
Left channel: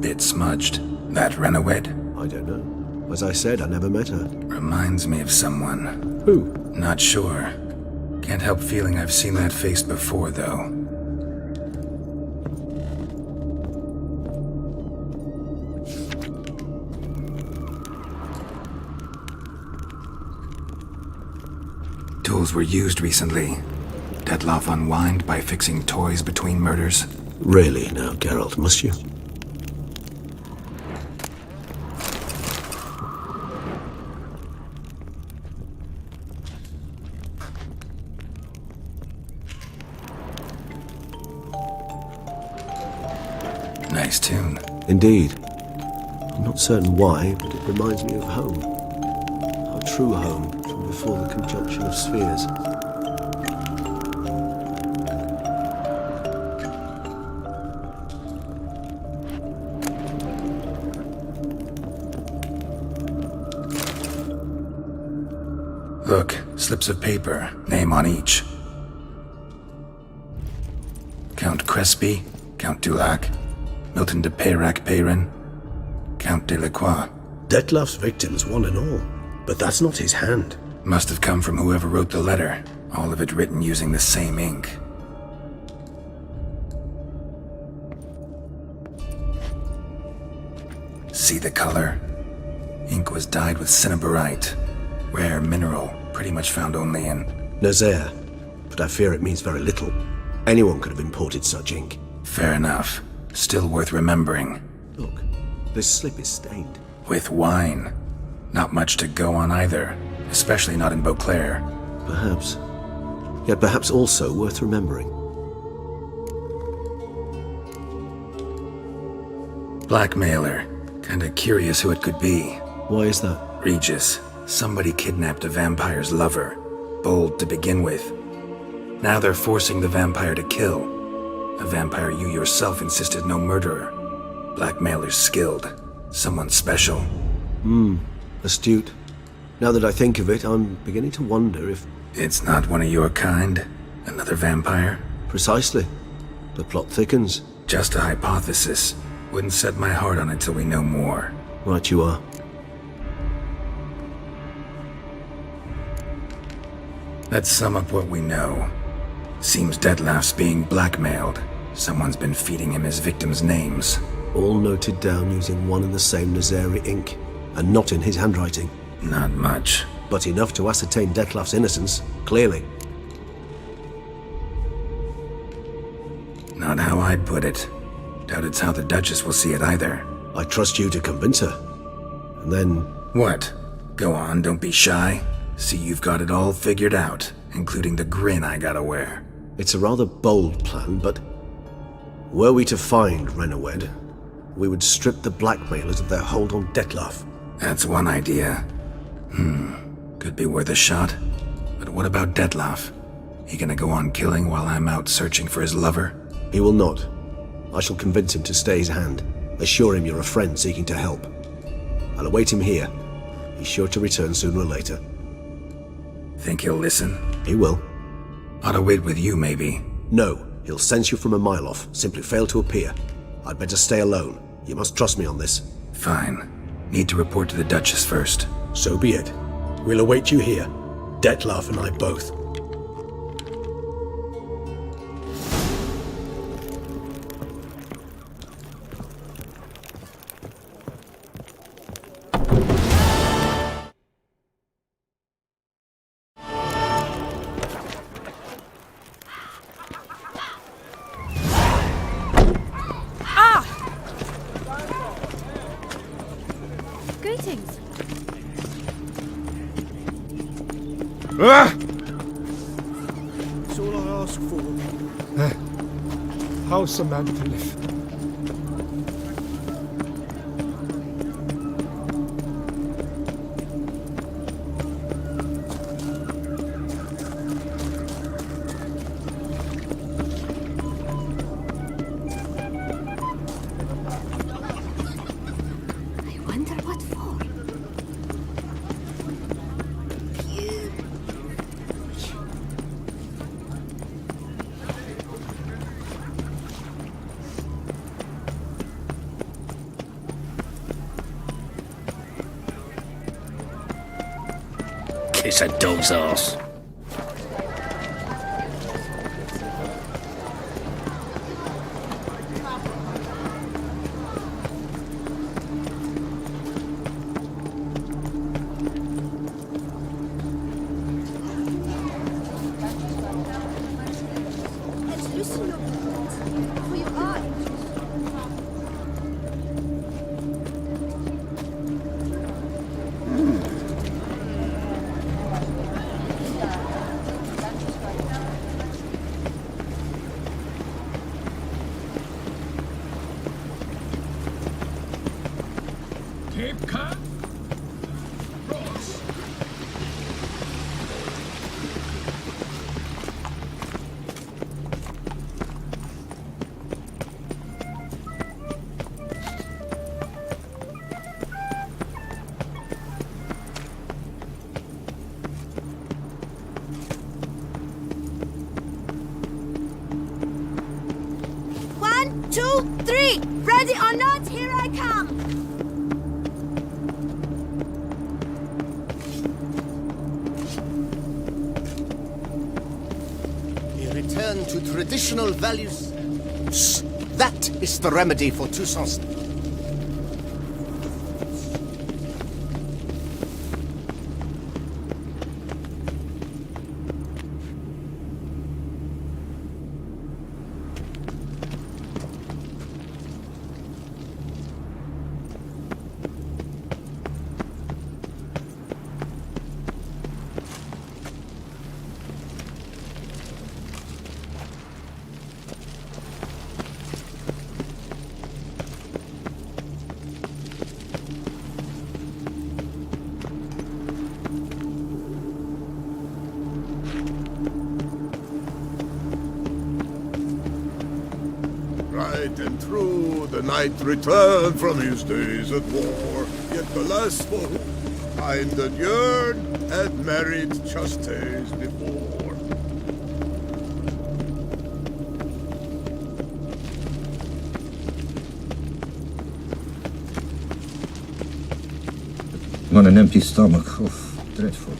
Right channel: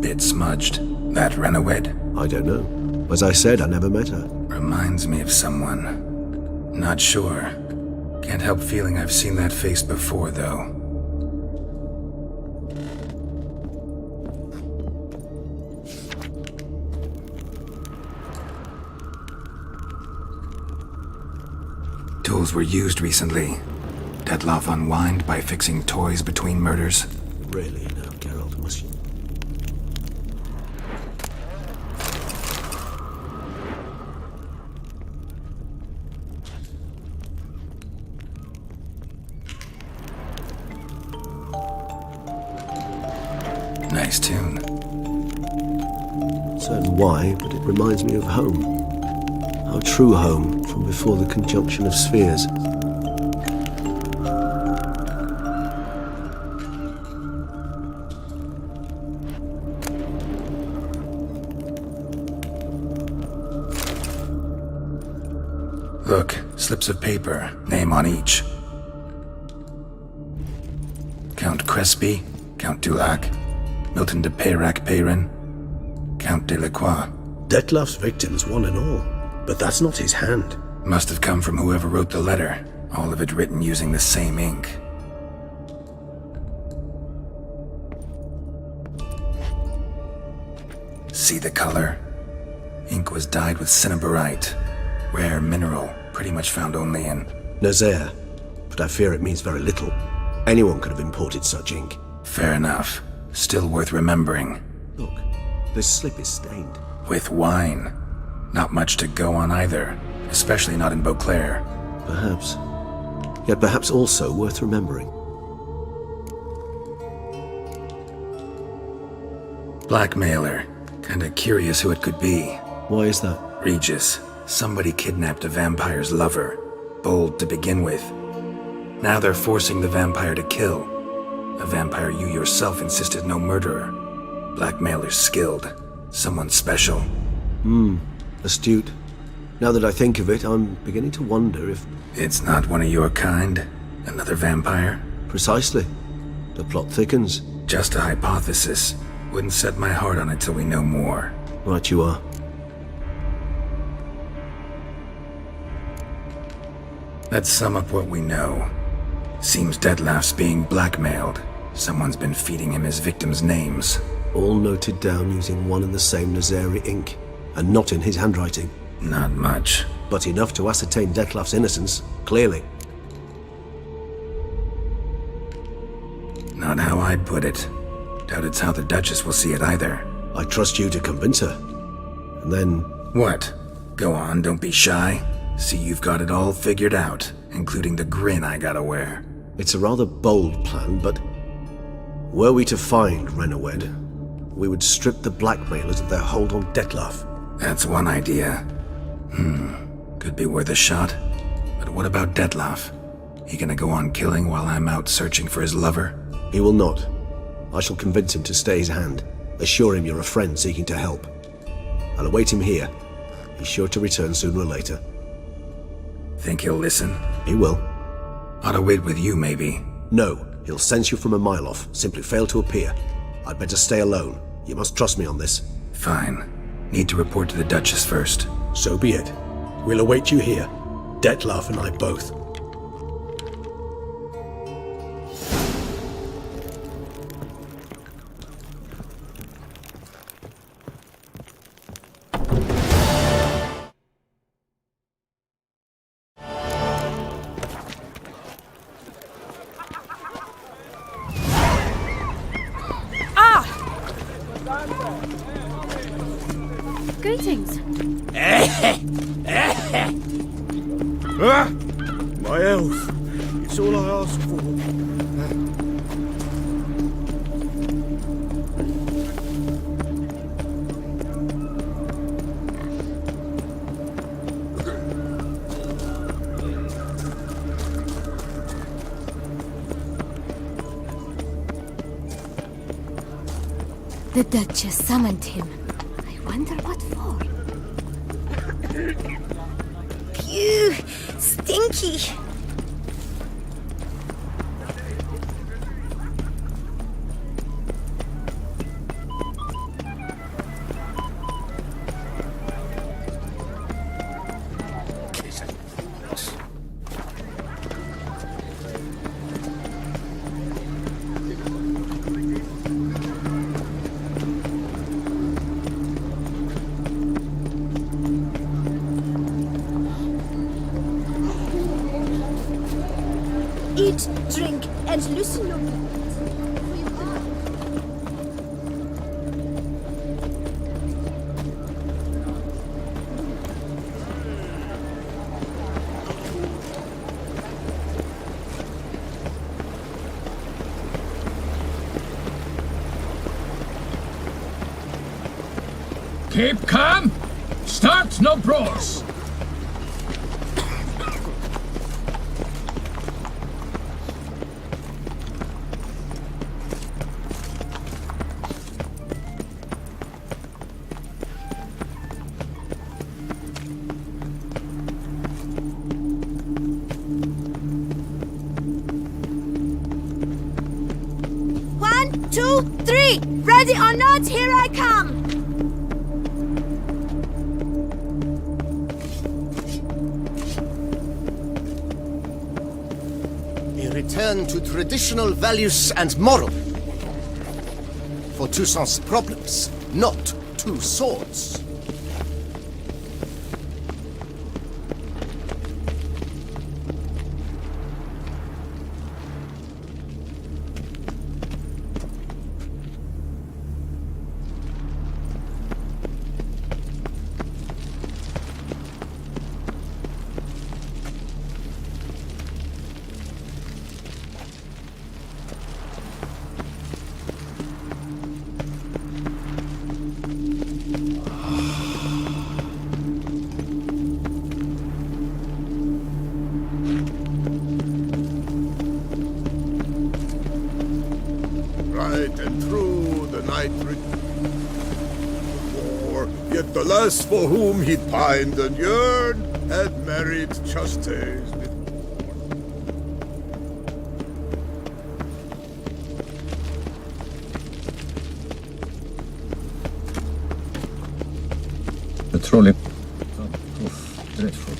Bit smudged. That Renowed? I don't know. As I said, I never met her. Reminds me of someone. Who? Not sure. Can't help feeling I've seen that face before, though. Tools were used recently. Dettlaff unwind by fixing toys between murders. Really now, Geralt, must you? Nice tune. Indeed. I'm not certain why, but it reminds me of home. Our true home from before the conjunction of spheres. Look, slips of paper, name on each. Count Crespi, Count Dulac, Milton de Peyrac-Peyrin, Count de la Croix. Dettlaff's victims, one and all. But that's not his hand. Must have come from whoever wrote the letter. All of it written using the same ink. See the color? Ink was dyed with cinnabarite. Rare mineral, pretty much found only in Nazaire, but I fear it means very little. Anyone could have imported such ink. Fair enough. Still worth remembering. Look, this slip is stained. With wine. Not much to go on either, especially not in Beauclair. Perhaps. Yet perhaps also worth remembering. Blackmailer. Kinda curious who it could be. Why is that? Regis. Somebody kidnapped a vampire's lover. Bold to begin with. Now they're forcing the vampire to kill. A vampire you yourself insisted no murderer. Blackmailer's skilled. Someone special. Astute. Now that I think of it, I'm beginning to wonder if... It's not one of your kind? Another vampire? Precisely. The plot thickens. Just a hypothesis. Wouldn't set my heart on it till we know more. Right you are. Let's sum up what we know. Seems Detlef's being blackmailed. Someone's been feeding him his victims' names. All noted down using one and the same Nazari ink, and not in his handwriting. Not much. But enough to ascertain Detlef's innocence, clearly. Not how I'd put it. Doubt it's how the Duchess will see it either. I trust you to convince her. And then... What? Go on, don't be shy. See you've got it all figured out, including the grin I gotta wear. It's a rather bold plan, but... Were we to find Renawed, we would strip the blackmailers of their hold on Detlef. That's one idea. Could be worth a shot. But what about Detlef? He gonna go on killing while I'm out searching for his lover? He will not. I shall convince him to stay his hand. Assure him you're a friend seeking to help. I'll await him here. He's sure to return sooner or later. Think he'll listen? He will. Ought to wait with you, maybe. No, he'll sense you from a mile off. Simply fail to appear. I'd better stay alone. You must trust me on this. Fine. Need to report to the Duchess first. So be it. We'll await you here. Detlef and I both. Greetings. My health. It's all I ask for. How's Samantha? The Duchess summoned him. I wonder what for. Phew, stinky. Kiss a dog's ass. Eat, drink, and loosen your belt for your eye. Keep calm. Start no brawls. One, two, three. Ready or not, here I come. return to traditional values and morals. That is the remedy for Toussaint's problems, not two swords. Right and true, the knight returned from his days at war, yet the lass for whom he pined and yearned had married just days before. Patrolling on an empty stomach. Oof, dreadful.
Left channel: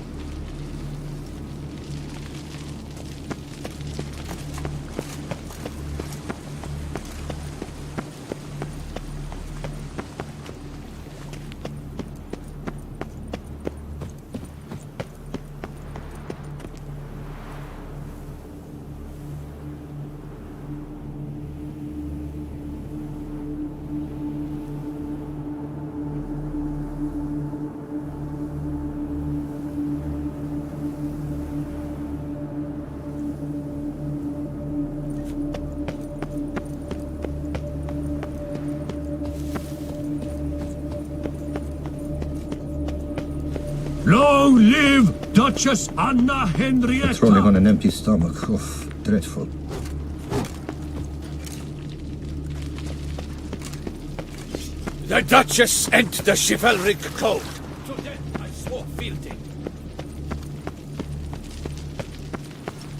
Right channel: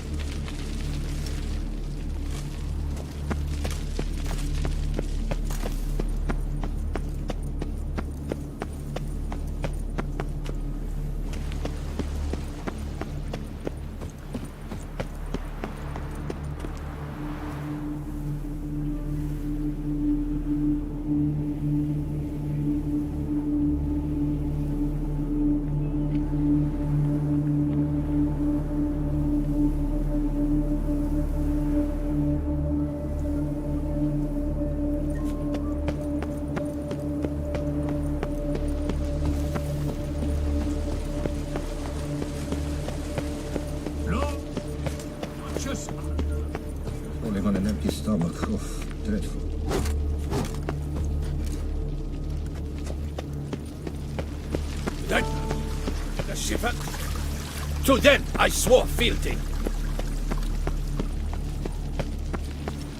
Long live Duchess Anna Henrietta! Patrolling on an empty stomach. Oof, dreadful. The Duchess and the chivalric code. To them I swore fealty.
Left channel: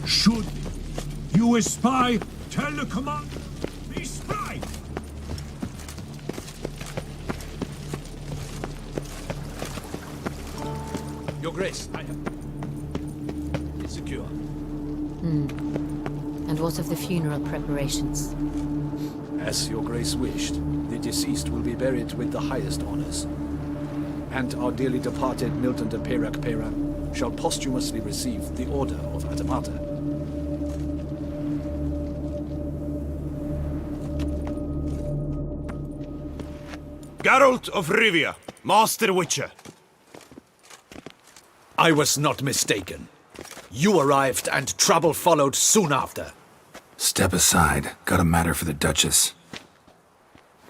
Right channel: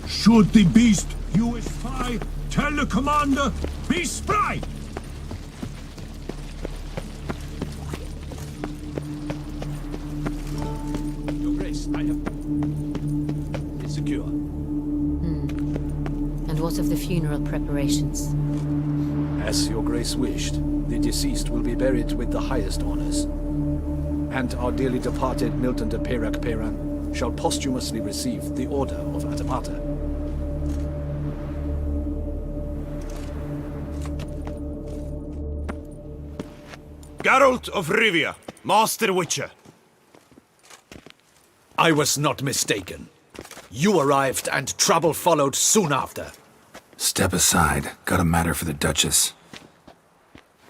Should the beast you espy, tell the commander, be spry! Your Grace, I have... It's secure. And what of the funeral preparations? As Your Grace wished, the deceased will be buried with the highest honors. And our dearly departed Milton de Peyrac Peyran shall posthumously receive the Order of Adamata. Geralt of Rivia, Master Witcher. I was not mistaken. You arrived and trouble followed soon after. Step aside. Got a matter for the Duchess.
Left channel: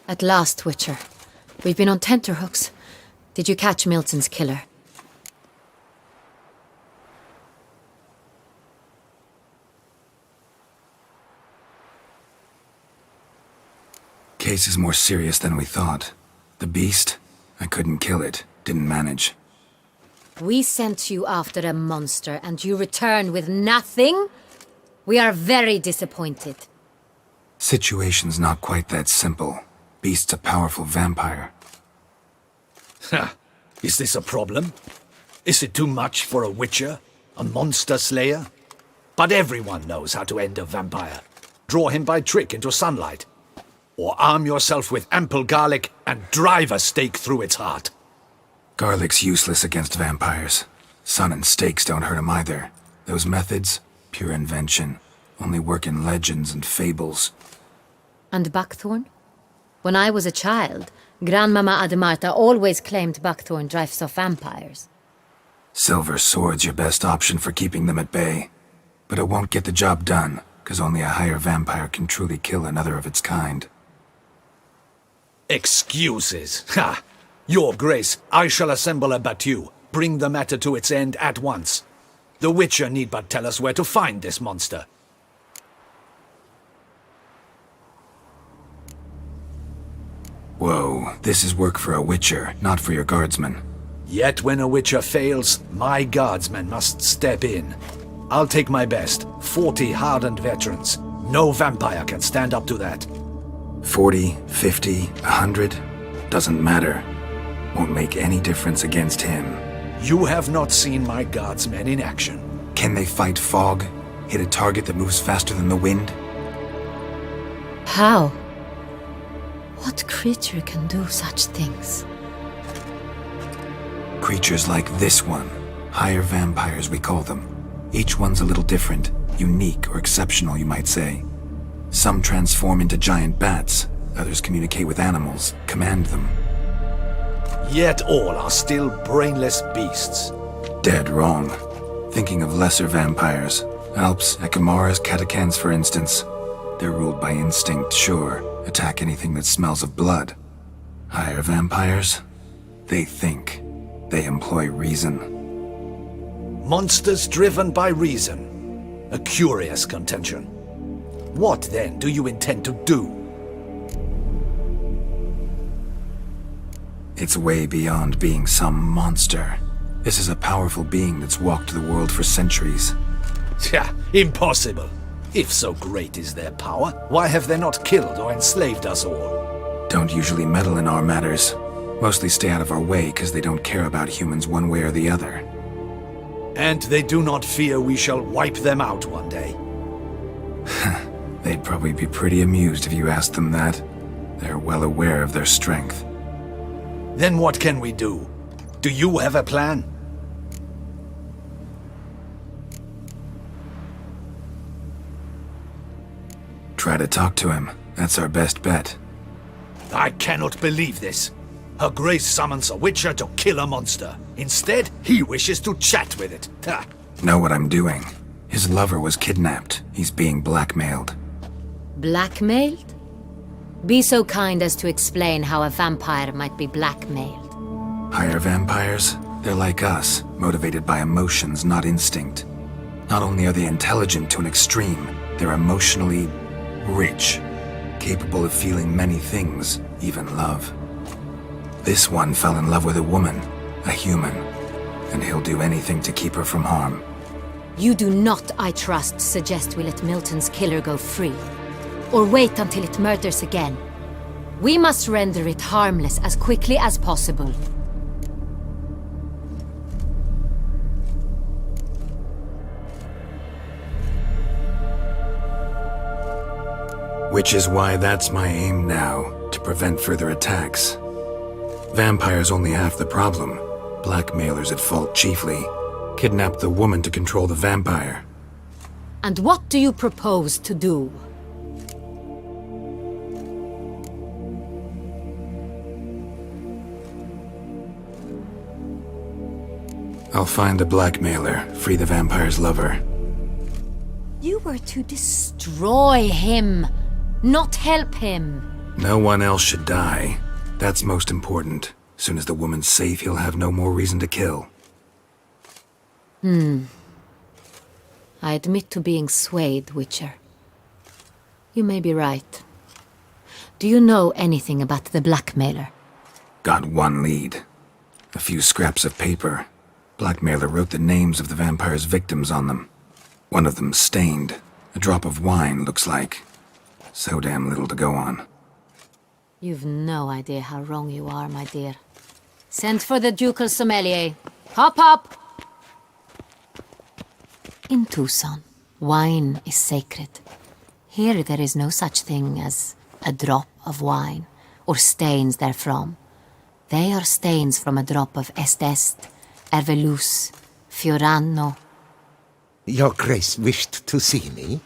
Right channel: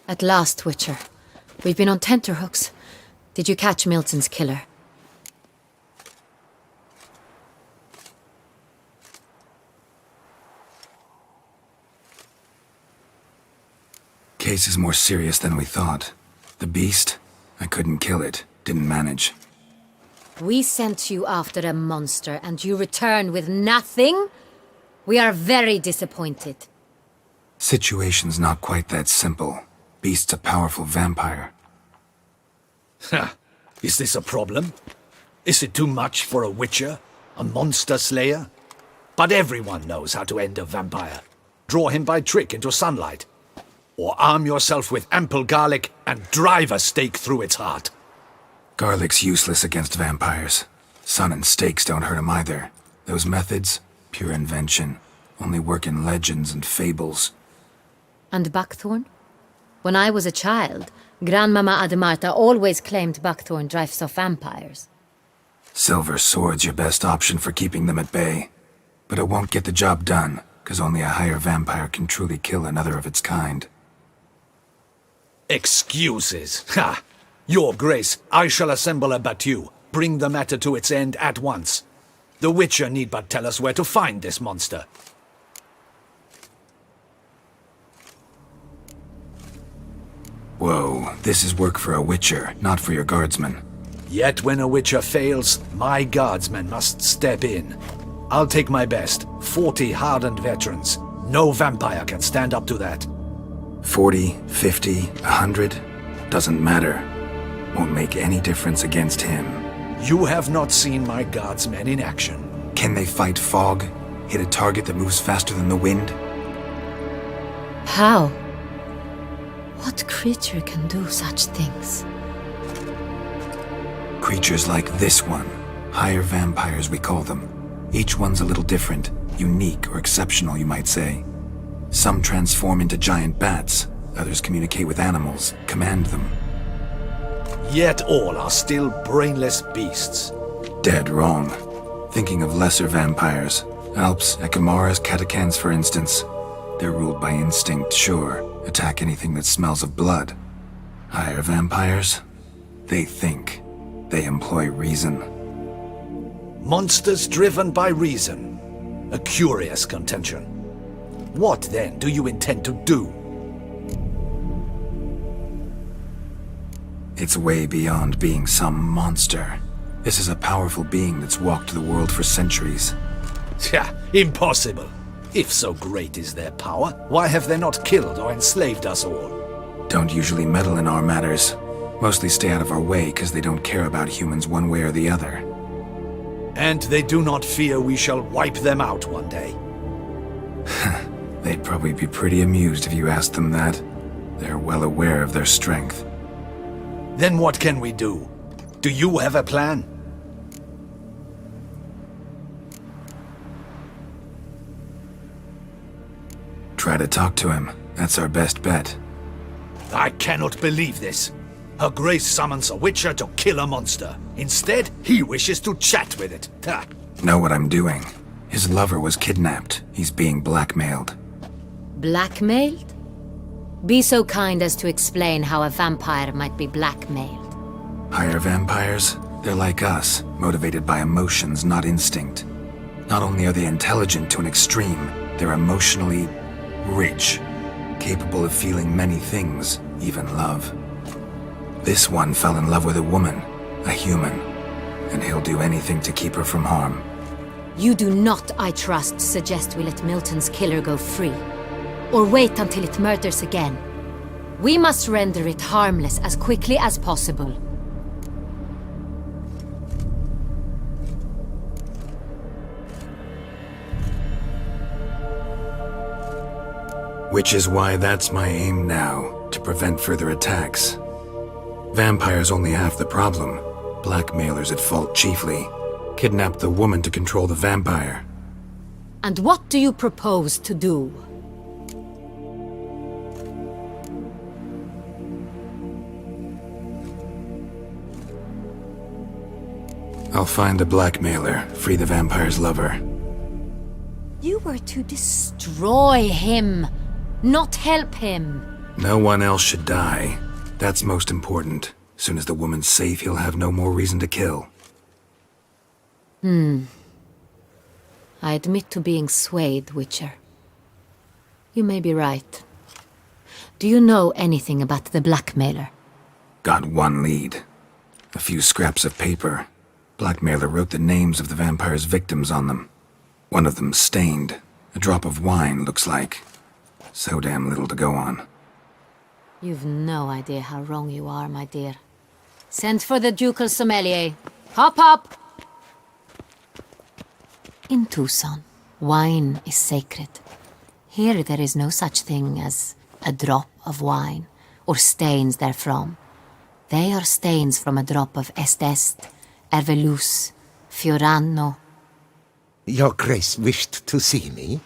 At last, Witcher. We've been on tenterhooks. Did you catch Milton's killer? Case is more serious than we thought. The beast? I couldn't kill it. Didn't manage. We sent you after a monster and you return with nothing? We are very disappointed. Situation's not quite that simple. Beast's a powerful vampire. Ha! Is this a problem? Is it too much for a witcher? A monster slayer? But everyone knows how to end a vampire. Draw him by trick into sunlight. Or arm yourself with ample garlic and drive a stake through its heart. Garlic's useless against vampires. Sun and stakes don't hurt him either. Those methods, pure invention. Only work in legends and fables. And buckthorn? When I was a child, Grandmama Adamarta always claimed buckthorn drives off vampires. Silver sword's your best option for keeping them at bay. But it won't get the job done, because only a higher vampire can truly kill another of its kind. Excuses! Ha! Your Grace, I shall assemble a battue. Bring the matter to its end at once. The Witcher need but tell us where to find this monster. Whoa, this is work for a Witcher, not for your guardsmen. Yet when a Witcher fails, my guardsmen must step in. I'll take my best. 40 hardened veterans. No vampire can stand up to that. 40, 50, 100? Doesn't matter. Won't make any difference against him. You have not seen my guardsmen in action. Can they fight fog? Hit a target that moves faster than the wind? How? What creature can do such things? Creatures like this one. Higher vampires, we call them. Each one's a little different, unique or exceptional, you might say. Some transform into giant bats, others communicate with animals, command them. Yet all are still brainless beasts. Dead wrong. Thinking of lesser vampires. Alps, Ekamaras, Catacans, for instance. They're ruled by instinct, sure. Attack anything that smells of blood. Higher vampires? They think. They employ reason. Monsters driven by reason. A curious contention. What, then, do you intend to do? It's way beyond being some monster. This is a powerful being that's walked the world for centuries. Yeah, impossible. If so great is their power, why have they not killed or enslaved us all? Don't usually meddle in our matters. Mostly stay out of our way because they don't care about humans one way or the other. And they do not fear we shall wipe them out one day. They'd probably be pretty amused if you asked them that. They're well aware of their strength. Then what can we do? Do you have a plan? Try to talk to him. That's our best bet. I cannot believe this. Her Grace summons a witcher to kill a monster. Instead, he wishes to chat with it. Ha. Know what I'm doing. His lover was kidnapped. He's being blackmailed. Blackmailed? Be so kind as to explain how a vampire might be blackmailed. Higher vampires? They're like us, motivated by emotions, not instinct. Not only are they intelligent to an extreme, they're emotionally rich, capable of feeling many things, even love. This one fell in love with a woman, a human, and he'll do anything to keep her from harm. You do not, I trust, suggest we let Milton's killer go free, or wait until it murders again. We must render it harmless as quickly as possible. Which is why that's my aim now, to prevent further attacks. Vampires only half the problem. Blackmailers at fault chiefly. Kidnap the woman to control the vampire. And what do you propose to do? I'll find the blackmailer, free the vampire's lover. You were to destroy him, not help him. No one else should die. That's most important. Soon as the woman's safe, he'll have no more reason to kill. I admit to being swayed, Witcher. You may be right. Do you know anything about the blackmailer? Got one lead. A few scraps of paper. Blackmailer wrote the names of the vampire's victims on them. One of them stained. A drop of wine, looks like. So damn little to go on. You've no idea how wrong you are, my dear. Send for the ducal sommelier. Hop, hop! In Tucson, wine is sacred. Here there is no such thing as a drop of wine, or stains therefrom. They are stains from a drop of Est, Ervelus, Fiorano. Your Grace wished to see me?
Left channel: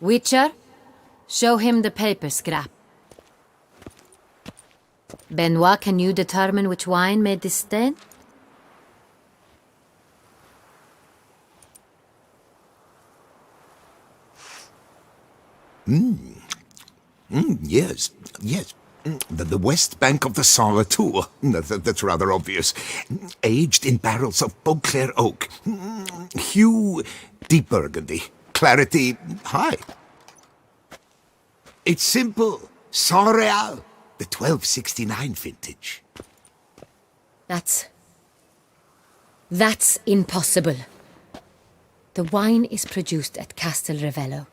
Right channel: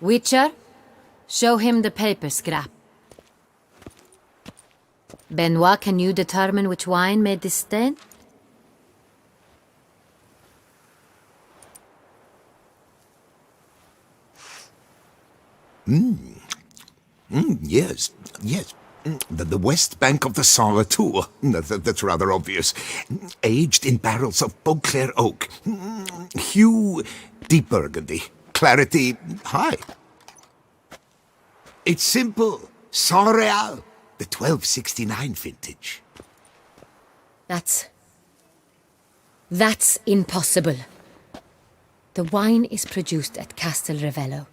Witcher, show him the paper scrap. Benoit, can you determine which wine made this stain? Yes. The west bank of the Saint Retour. That's rather obvious. Aged in barrels of Beauclair oak. Hue, deep burgundy. Clarity, high. It's simple. Saint Real, the 1269 vintage. That's impossible. The wine is produced at Castel Ravello,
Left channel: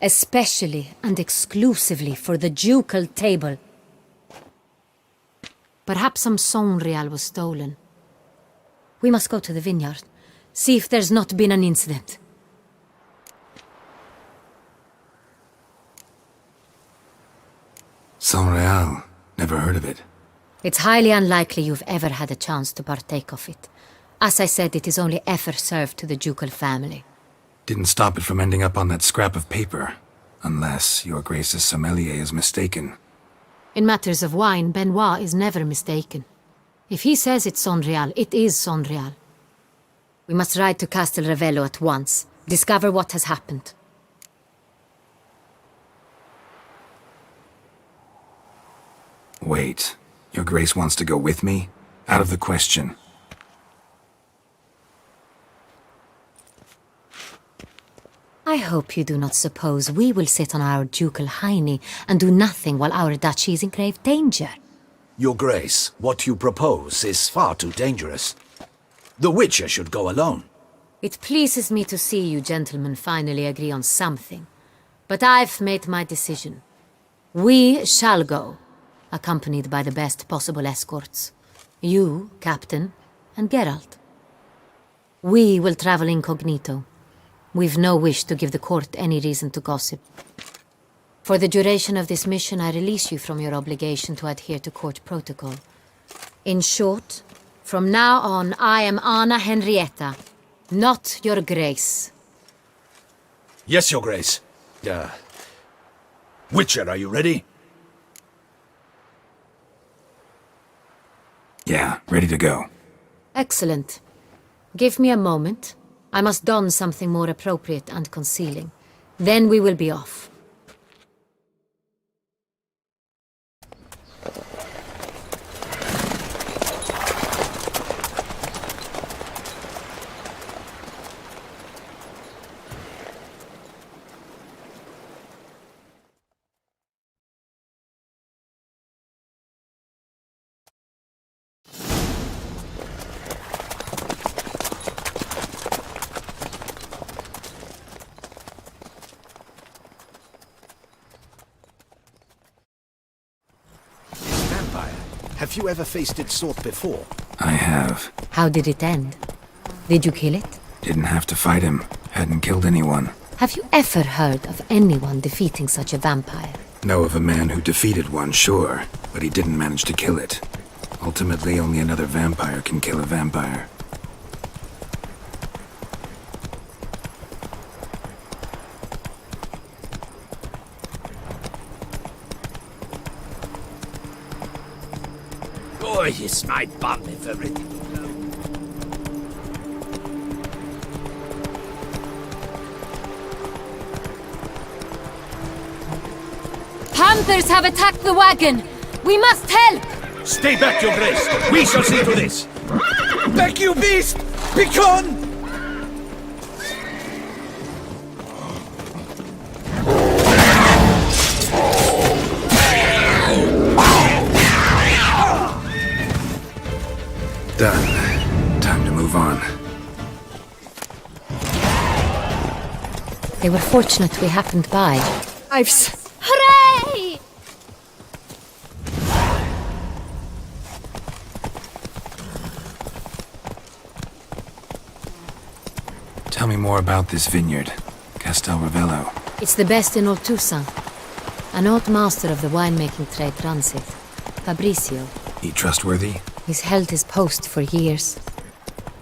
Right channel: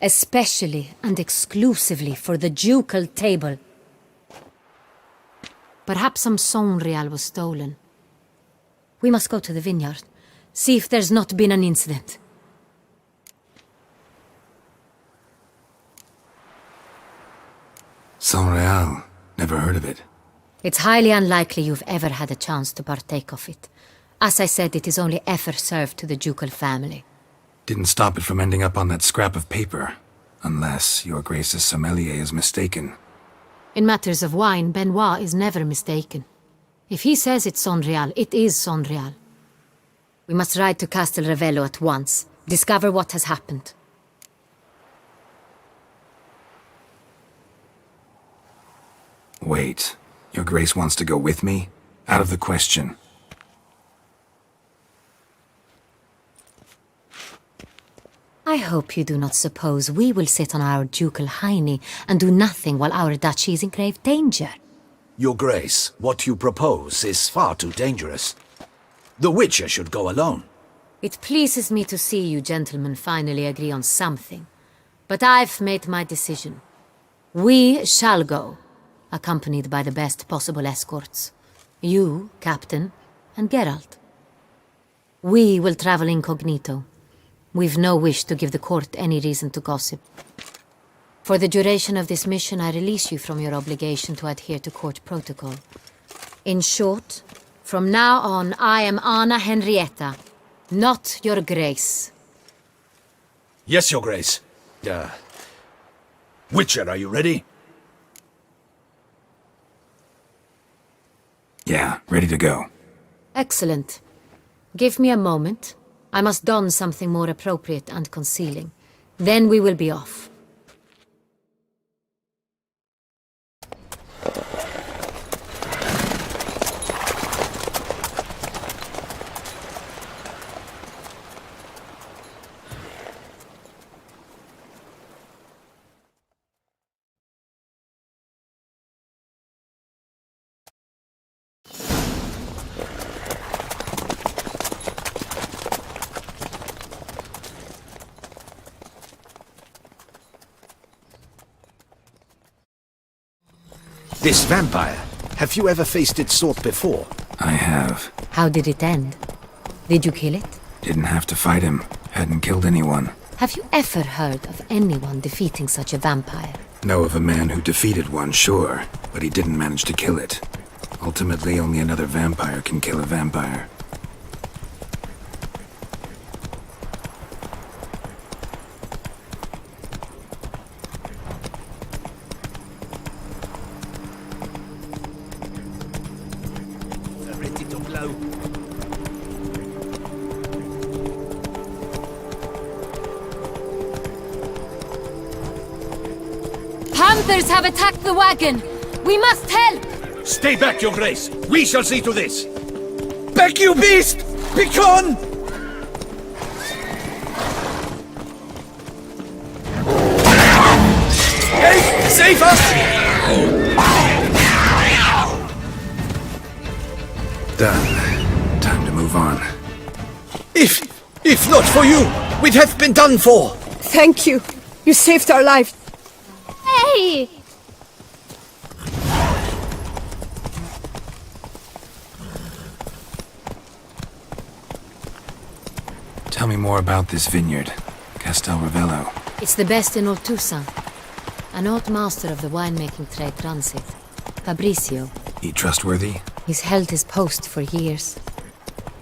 especially and exclusively for the ducal table. Perhaps some Saint Real was stolen. We must go to the vineyard, See if there's not been an incident. Saint-Réal. Never heard of it. It's highly unlikely you've ever had a chance to partake of it. As I said, it is only ever served to the ducal family. Didn't stop it from ending up on that scrap of paper. Unless your Grace's sommelier is mistaken. In matters of wine, Benoit is never mistaken. If he says it's Saint-Réal, it is Saint-Réal. We must ride to Castel Revello at once. Discover what has happened. Wait. Your Grace wants to go with me? Out of the question. I hope you do not suppose we will sit on our ducal hiney and do nothing while our duchy is in grave danger. Your Grace, what you propose is far too dangerous. The Witcher should go alone. It pleases me to see you gentlemen finally agree on something. But I've made my decision. We shall go, accompanied by the best possible escorts. You, Captain, and Geralt. We will travel incognito. We've no wish to give the court any reason to gossip. For the duration of this mission, I release you from your obligation to adhere to court protocol. In short, from now on, I am Anna Henrietta, not your Grace. Yes, Your Grace. Witcher, are you ready? Yeah, ready to go. Excellent. Give me a moment. I must don something more appropriate and concealing. Then we will be off. This vampire, have you ever faced its sort before? I have. How did it end? Did you kill it? Didn't have to fight him. Hadn't killed anyone. Have you ever heard of anyone defeating such a vampire? Know of a man who defeated one, sure, but he didn't manage to kill it. Ultimately, only another vampire can kill a vampire. Boy, is my butt ever ready to blow. Panthers have attacked the wagon! We must help! Stay back, Your Grace! We shall see to this! Back, you beast! Begone! Safer! Done. Time to move on. If not for you, we'd have been done for. They were fortunately happened by. You saved our lives. Hooray! Tell me more about this vineyard, Castel Revello. It's the best in all Toussaint. An old master of the winemaking trade runs it. Fabricio. He trustworthy? He's held his post for years.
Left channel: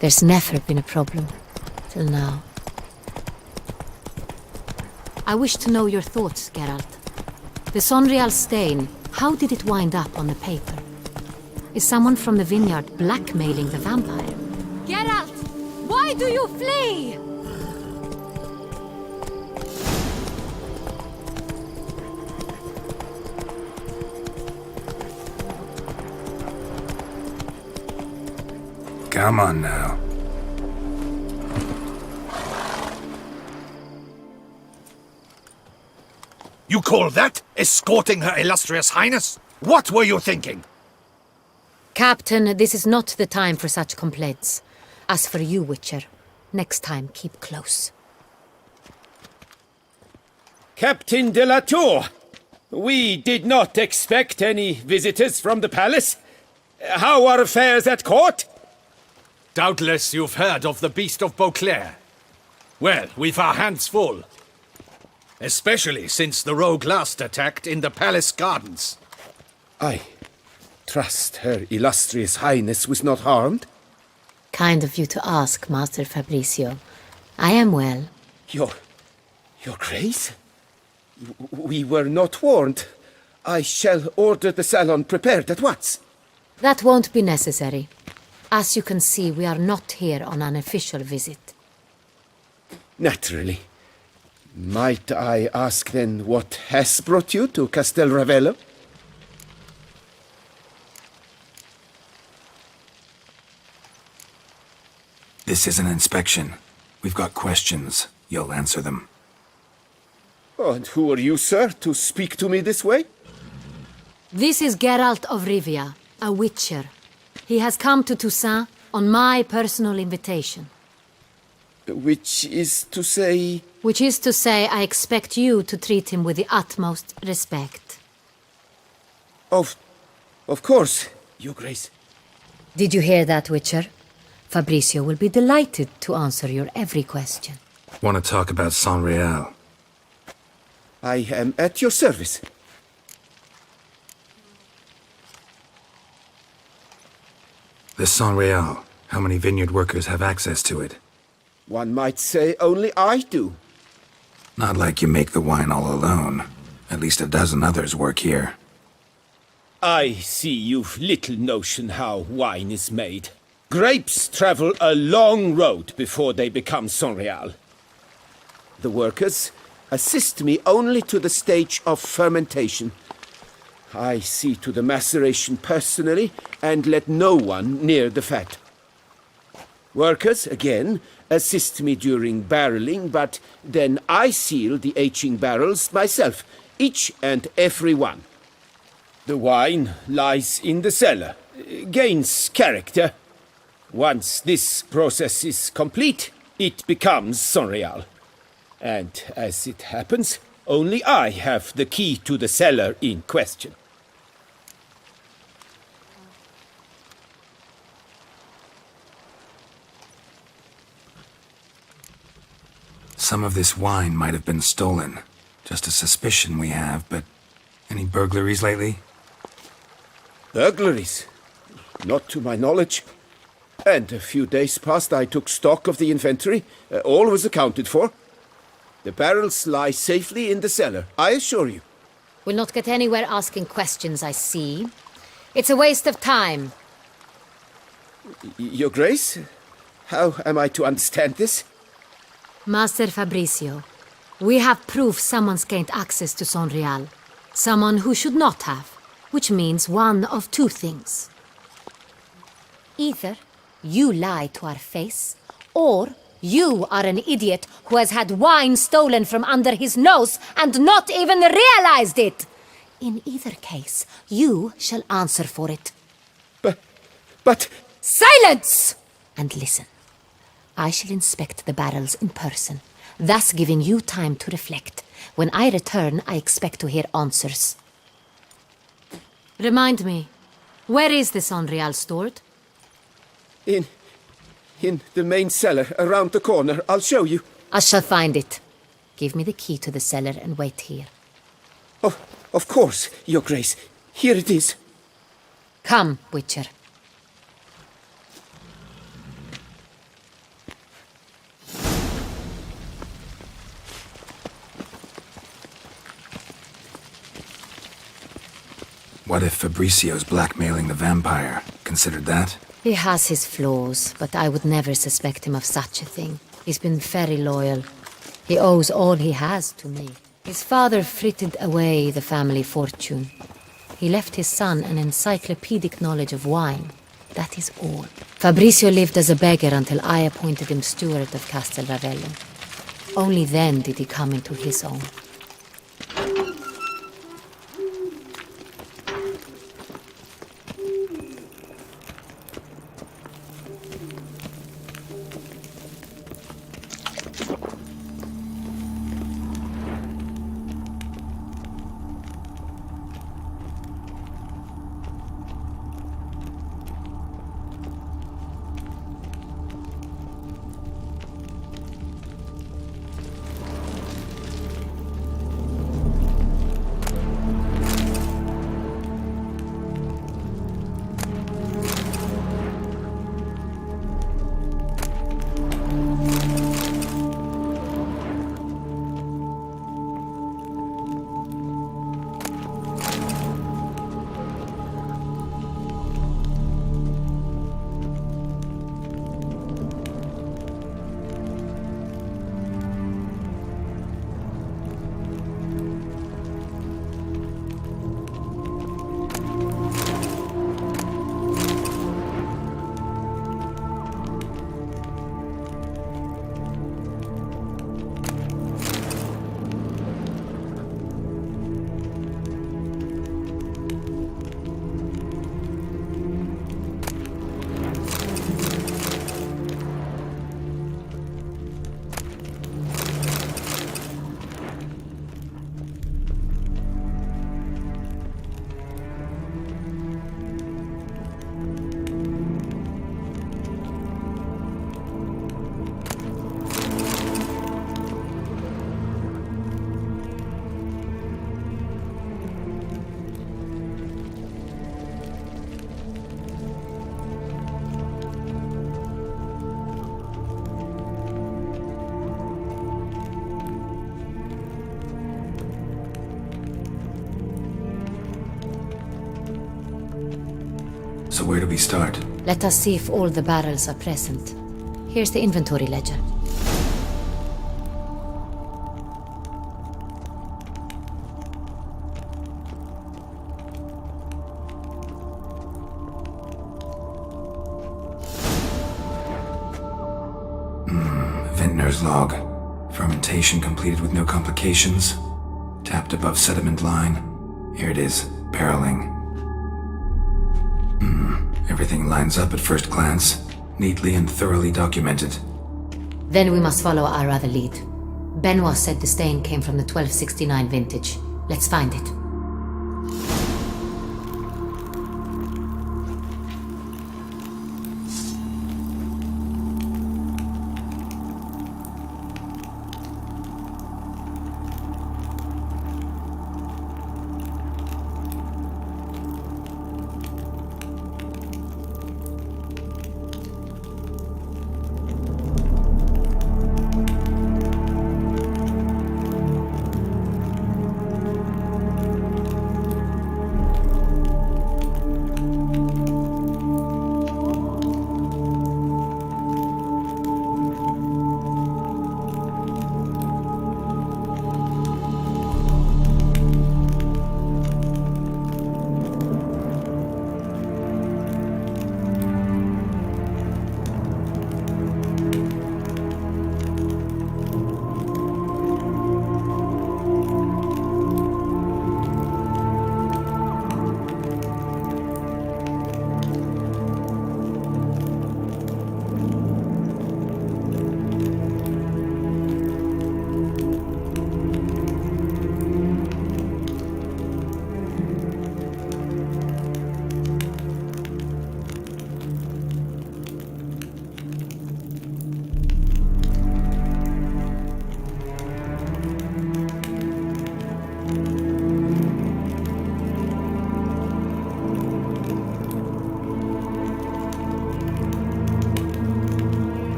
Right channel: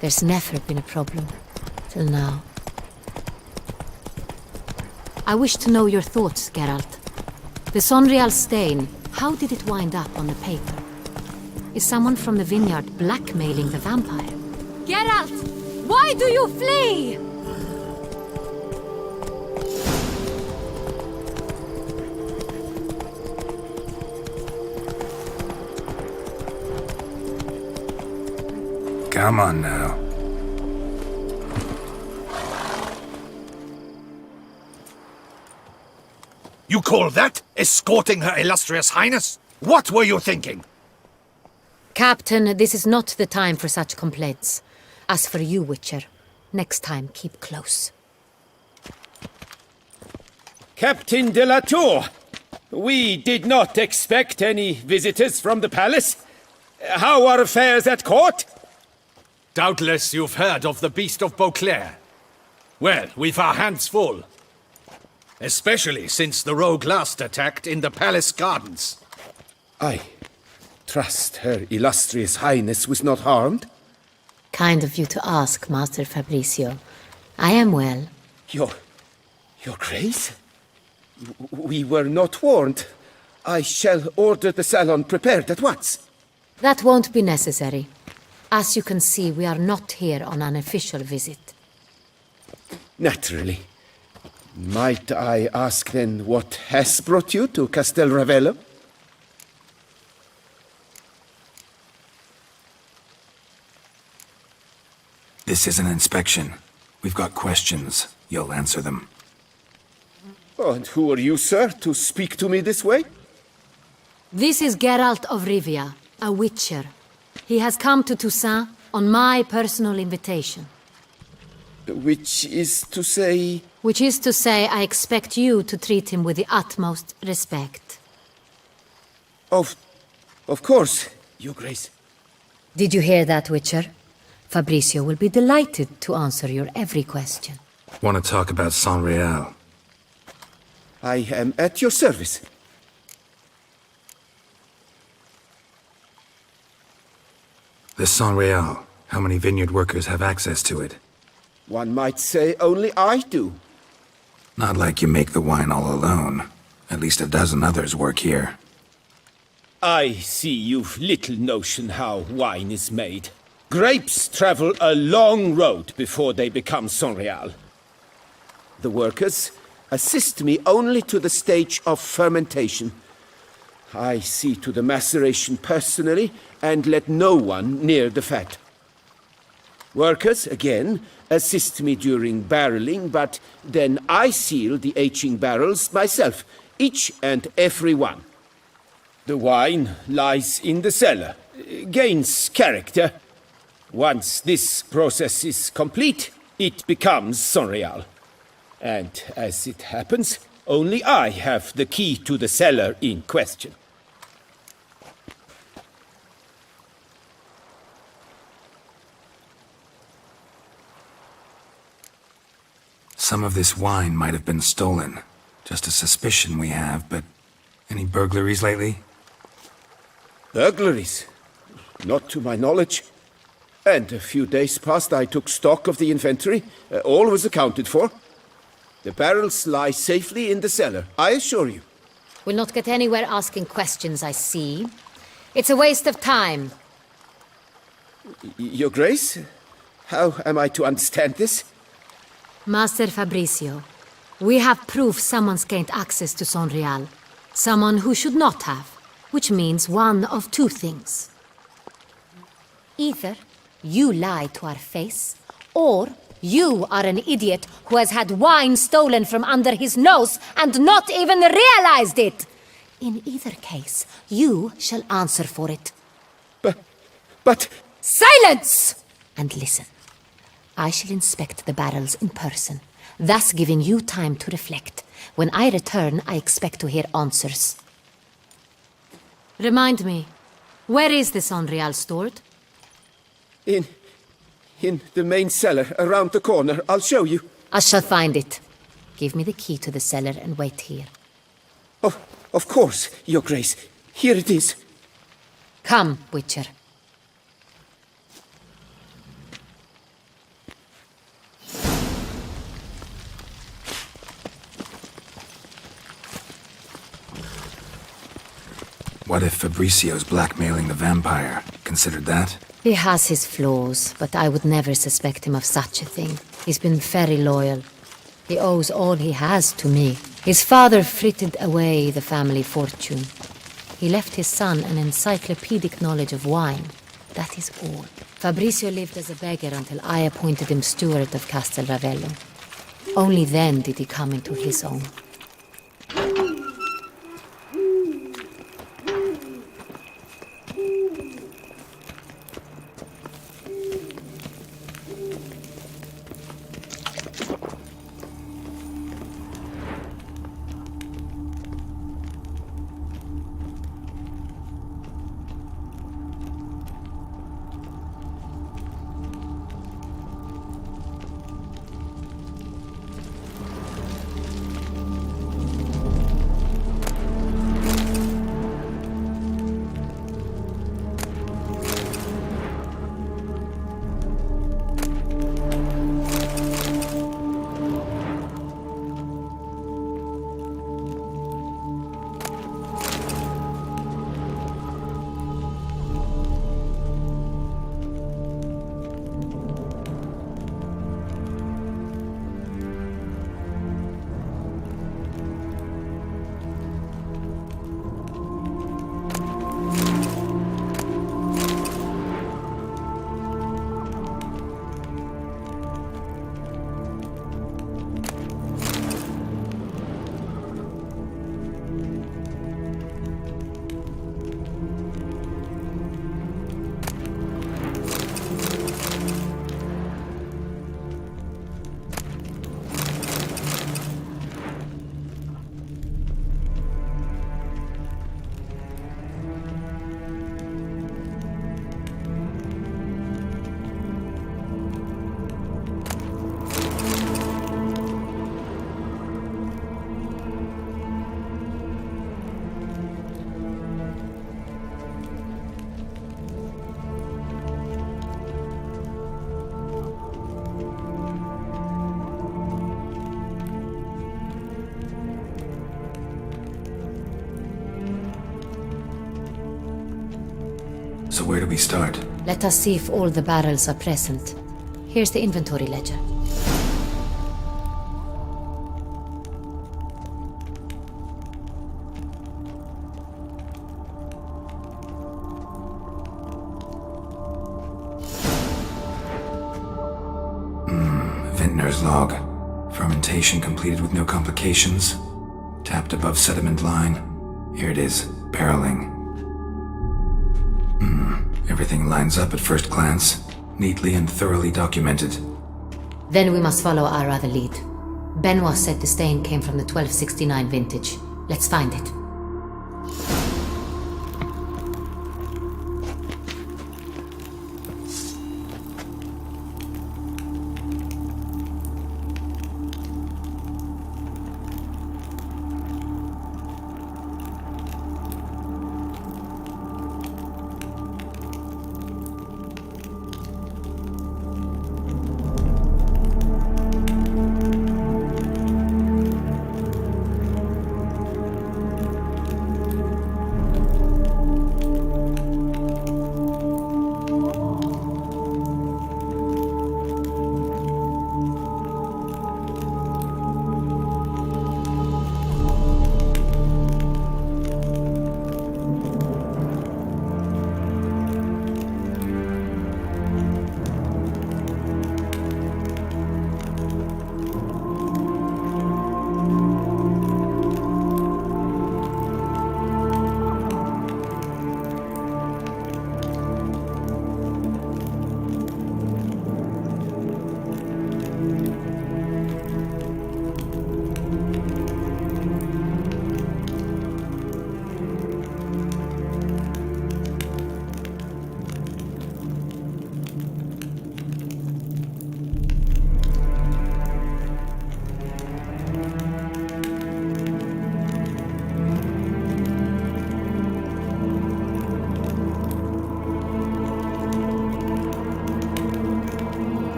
There's never been a problem. Till now. I wish to know your thoughts, Geralt. The Saint-Réal stain, how did it wind up on the paper? Is someone from the vineyard blackmailing the vampire? Geralt! Why do you flee? Come on now. You call that escorting Her Illustrious Highness? What were you thinking? Captain, this is not the time for such complaints. As for you, Witcher, next time keep close. Captain de la Tour, we did not expect any visitors from the palace. How are affairs at court? Doubtless you've heard of the Beast of Beauclair. Well, we've our hands full. Especially since the rogue last attacked in the palace gardens. I trust Her Illustrious Highness was not harmed? Kind of you to ask, Master Fabricio. I am well. Your Grace? We were not warned. I shall order the salon prepared at once. That won't be necessary. As you can see, we are not here on an official visit. Naturally. Might I ask then what has brought you to Castel Ravello? This is an inspection. We've got questions. You'll answer them. Oh, and who are you, sir, to speak to me this way? This is Geralt of Rivia, a witcher. He has come to Toussaint on my personal invitation. Which is to say... Which is to say, I expect you to treat him with the utmost respect. Of course, Your Grace. Did you hear that, Witcher? Fabricio will be delighted to answer your every question. Want to talk about San Real? I am at your service. This San Real, how many vineyard workers have access to it? One might say only I do. Not like you make the wine all alone. At least a dozen others work here. I see you've little notion how wine is made. Grapes travel a long road before they become Sonreal. The workers assist me only to the stage of fermentation. I see to the maceration personally and let no one near the fat. Workers, again, assist me during barreling, but then I seal the aging barrels myself, each and every one. The wine lies in the cellar, gains character. Once this process is complete, it becomes Sonreal. And as it happens, only I have the key to the cellar in question. Some of this wine might have been stolen. Just a suspicion we have, but any burglaries lately? Burglaries? Not to my knowledge. And a few days past I took stock of the inventory. All was accounted for. The barrels lie safely in the cellar, I assure you. We'll not get anywhere asking questions, I see. It's a waste of time. Your Grace? How am I to understand this? Master Fabricio, we have proof someone's gained access to Sonreal. Someone who should not have, which means one of two things. Either you lie to our face, or you are an idiot who has had wine stolen from under his nose and not even realized it. In either case, you shall answer for it. But... Silence! And listen. I shall inspect the barrels in person, thus giving you time to reflect. When I return, I expect to hear answers. Remind me, where is this Sonreal stored? In the main cellar, around the corner. I'll show you. I shall find it. Give me the key to the cellar and wait here. Oh, of course, Your Grace. Here it is. Come, Witcher. What if Fabricio's blackmailing the vampire? Considered that? He has his flaws, but I would never suspect him of such a thing. He's been very loyal. He owes all he has to me. His father frittered away the family fortune. He left his son an encyclopedic knowledge of wine. That is all. Fabricio lived as a beggar until I appointed him steward of Castel Ravello. Only then did he come into his own. So where do we start? Let us see if all the barrels are present. Here's the inventory ledger. Vintner's log. Fermentation completed with no complications. Tapped above sediment line. Here it is, barreling. Everything lines up at first glance, neatly and thoroughly documented. Then we must follow our other lead. Benoit said the stain came from the 1269 vintage. Let's find it.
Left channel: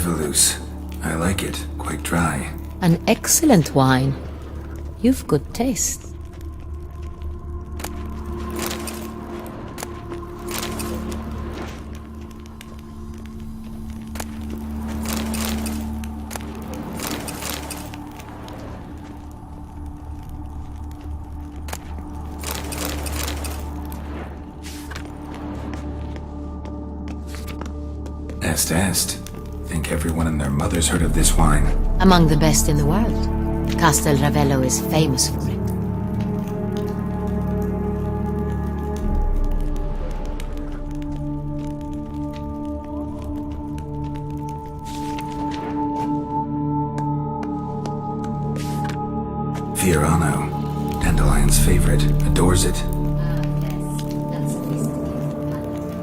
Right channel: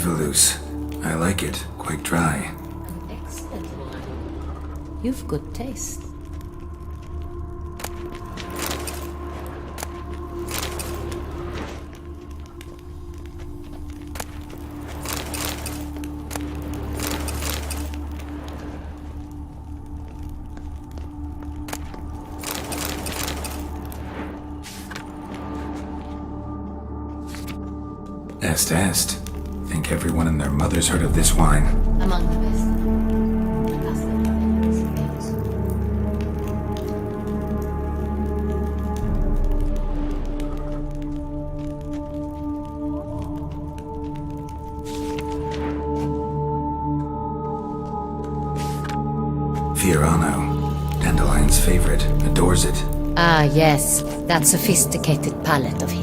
Nervelous. I like it. Quite dry. An excellent wine. You've good taste. Est. Think everyone and their mother's heard of this wine. Among the best in the world. Castel Ravello is famous for it. Fiorano. Dandelion's favorite. Adores it. Ah, yes. That sophisticated palate of his.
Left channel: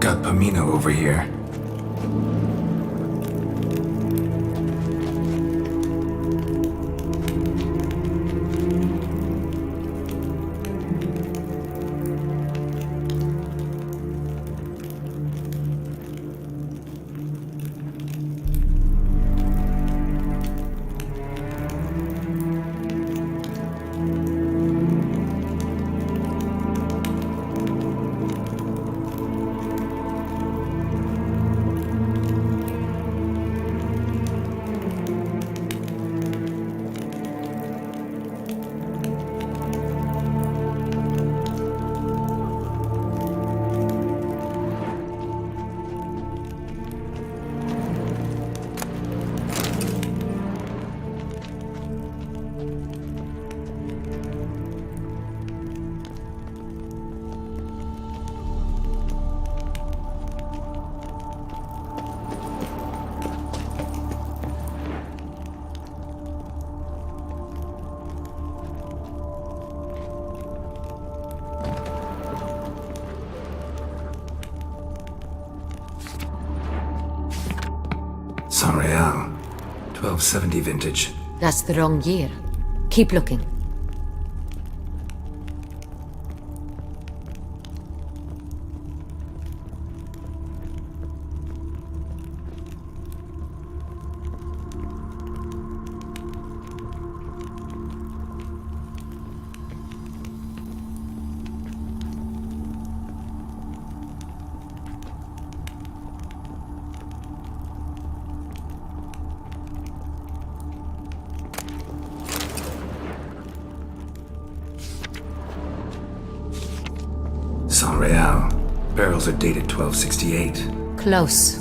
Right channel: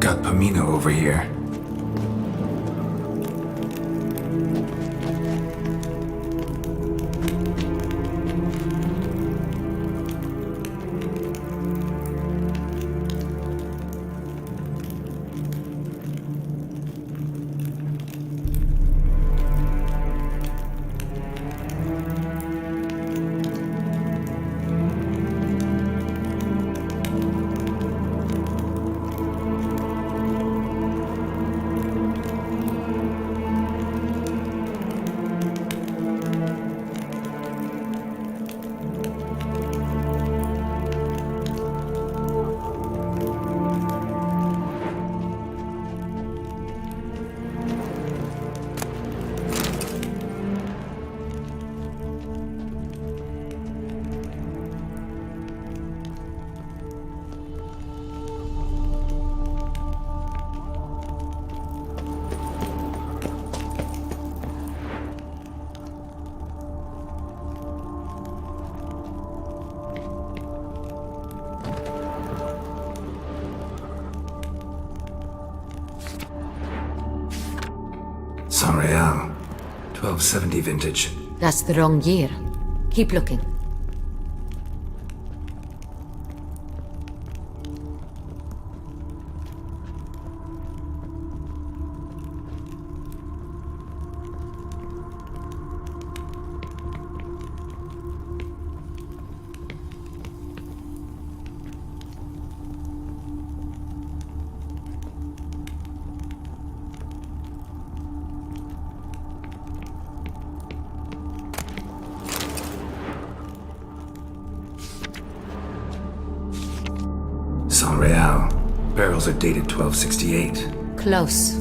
Got Pomino over here. San Real. 1270 vintage. That's the wrong year. Keep looking. San Real. Barrels are dated 1268. Close,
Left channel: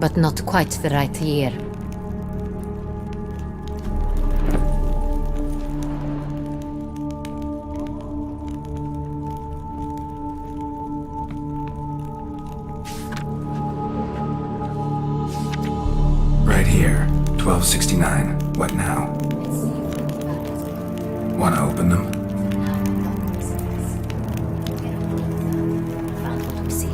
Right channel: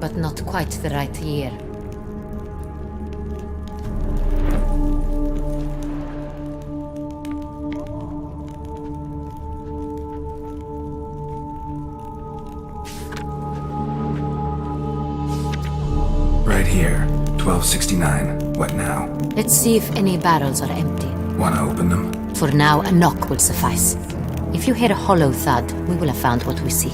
but not quite the right year. Right here. 1269. What now? Let's see if any barrels are empty. Wanna open them? For now, a knock will suffice. If you hear a hollow thud, we will have found what we seek.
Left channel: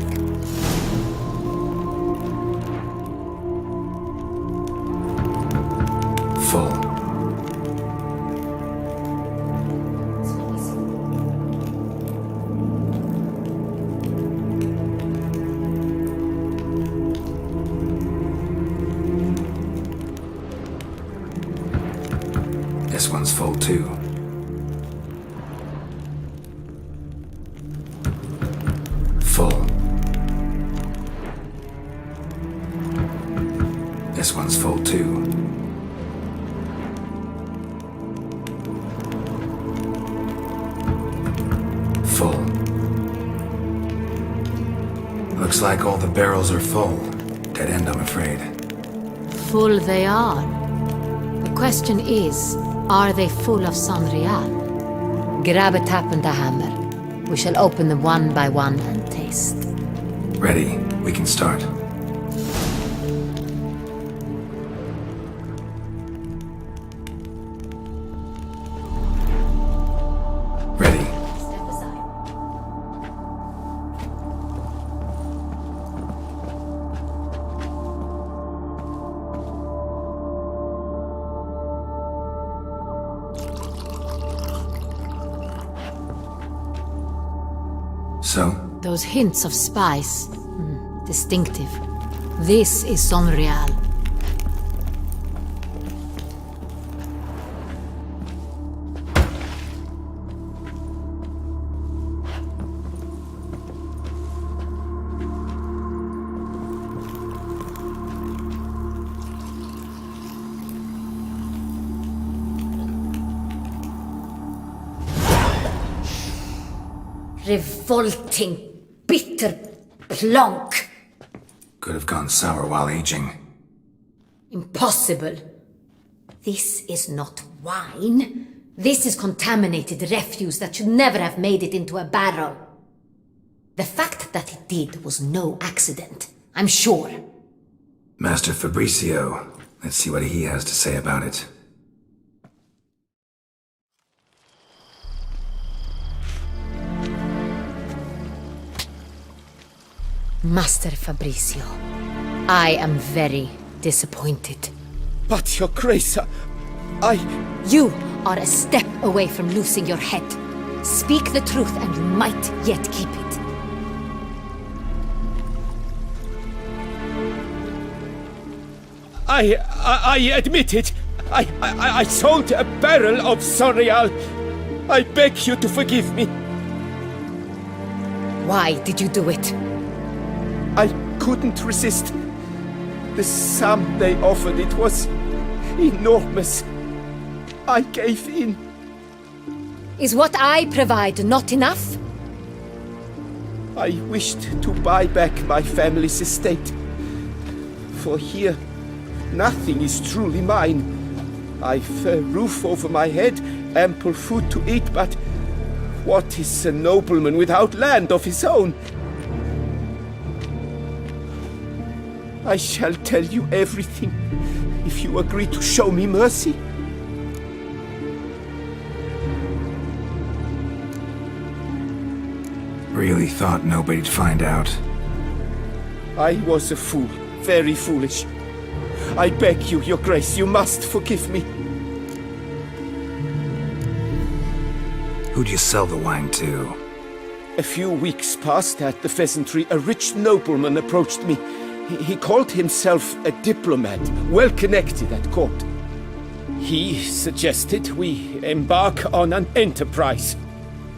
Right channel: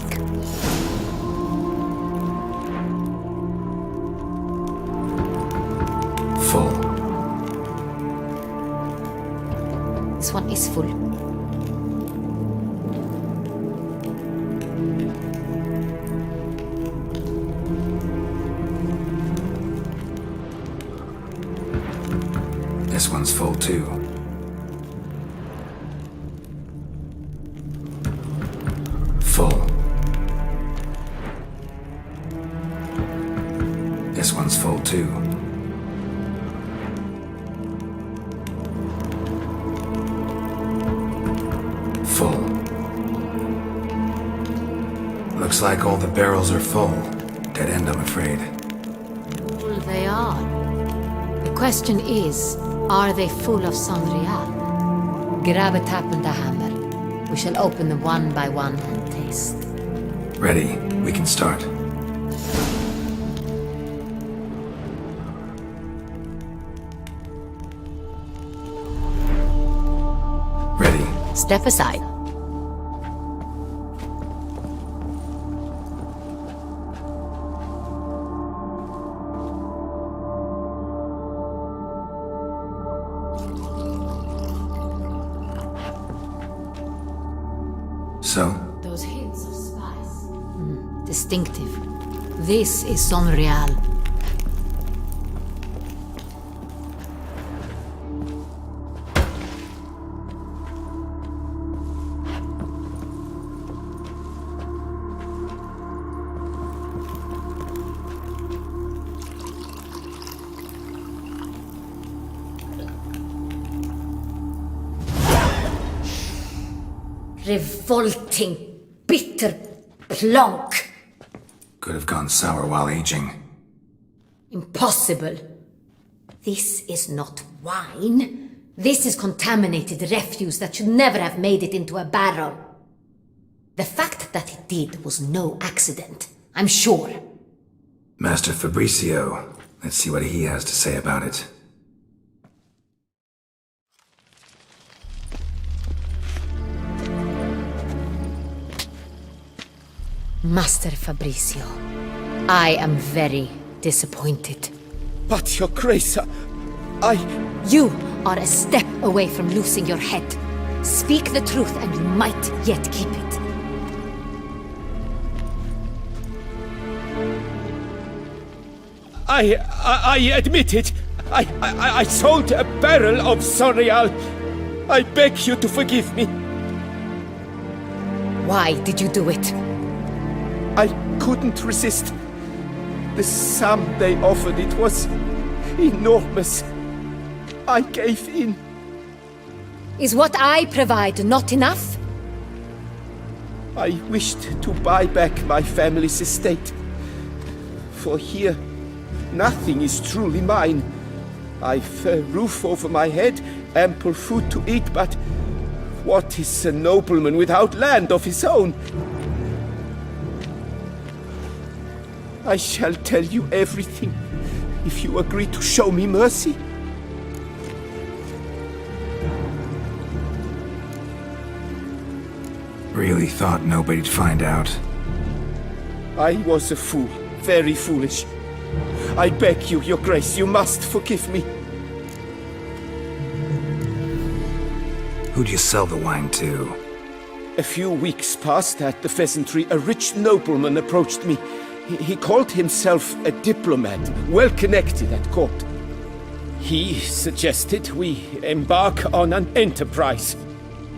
Full. This one is full. This one's full too. Full. This one's full too. Full. Looks like all the barrels are full. Dead end, I'm afraid. Full they are. The question is, are they full of San Real? Grab a tap and a hammer. We shall open them one by one and taste. Ready. We can start. Ready. Step aside. So? Those hints of spice. Distinctive. This is Sonreal. Revolting, bitter plonk. Could have gone sour while aging. Impossible. This is not wine. This is contaminated refuse that should never have made it into a barrel. The fact that it did was no accident, I'm sure. Master Fabricio. Let's see what he has to say about it. Master Fabricio, I am very disappointed. But, Your Grace, You are a step away from losing your head. Speak the truth and you might yet keep it. I admit it. I sold a barrel of Sonreal. I beg you to forgive me. Why did you do it? I couldn't resist. The sum they offered, it was enormous. I gave in. Is what I provide not enough? I wished to buy back my family's estate. For here, nothing is truly mine. I've a roof over my head, ample food to eat, but what is a nobleman without land of his own? I shall tell you everything, if you agree to show me mercy. Really thought nobody'd find out. I was a fool, very foolish. I beg you, Your Grace, you must forgive me. Who'd you sell the wine to? A few weeks past at the pheasantry, a rich nobleman approached me. He called himself a diplomat, well connected at court. He suggested we embark on an enterprise.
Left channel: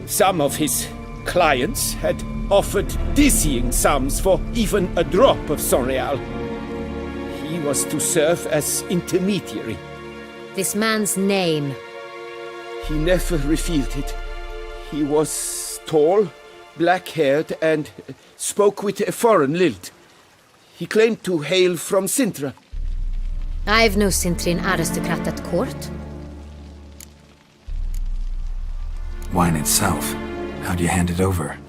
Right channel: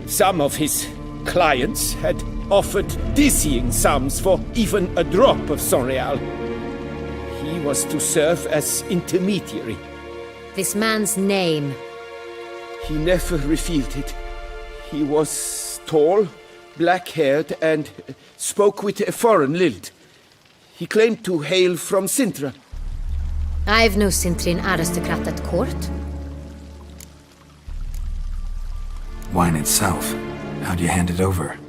Some of his clients had offered dizzying sums for even a drop of Sonreal. He was to serve as intermediary. This man's name? He never revealed it. He was tall, black-haired, and spoke with a foreign lilt. He claimed to hail from Sintra. I've no Sintrin aristocrat at court. Wine itself. How'd you hand it over?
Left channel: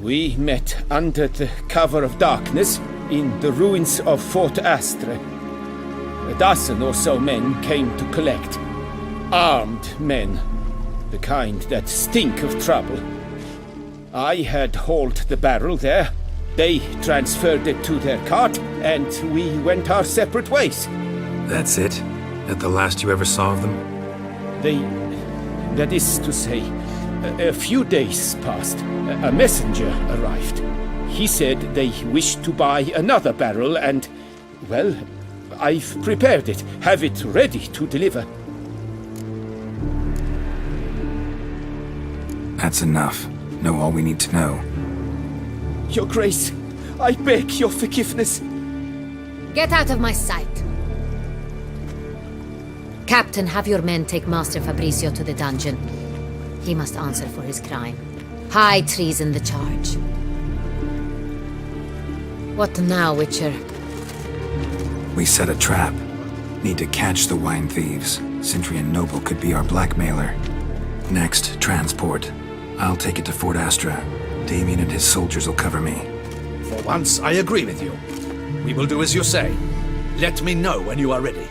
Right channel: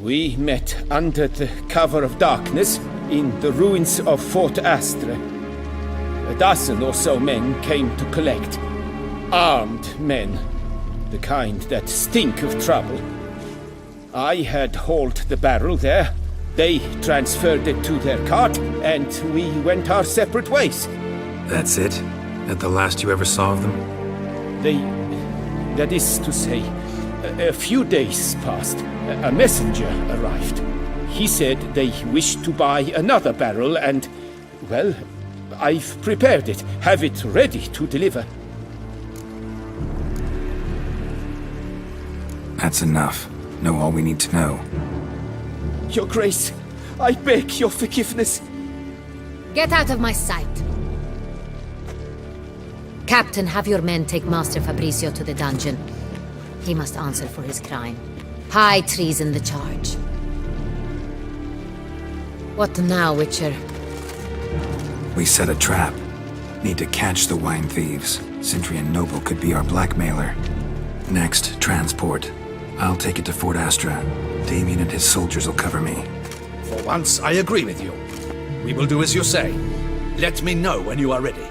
We met under the cover of darkness in the ruins of Fort Astre. A dozen or so men came to collect. Armed men. The kind that stink of trouble. I had hauled the barrel there. They transferred it to their cart, and we went our separate ways. That's it? That the last you ever saw of them? That is to say, a few days passed. A messenger arrived. He said they wished to buy another barrel and, well, I've prepared it. Have it ready to deliver. That's enough. Know all we need to know. Your Grace, I beg your forgiveness. Get out of my sight. Captain, have your men take Master Fabricio to the dungeon. He must answer for his crime. High treason the charge. What now, Witcher? We set a trap. Need to catch the wine thieves. Sintrian Noble could be our blackmailer. Next, transport. I'll take it to Fort Astra. Damien and his soldiers will cover me. For once, I agree with you. We will do as you say. Let me know when you are ready.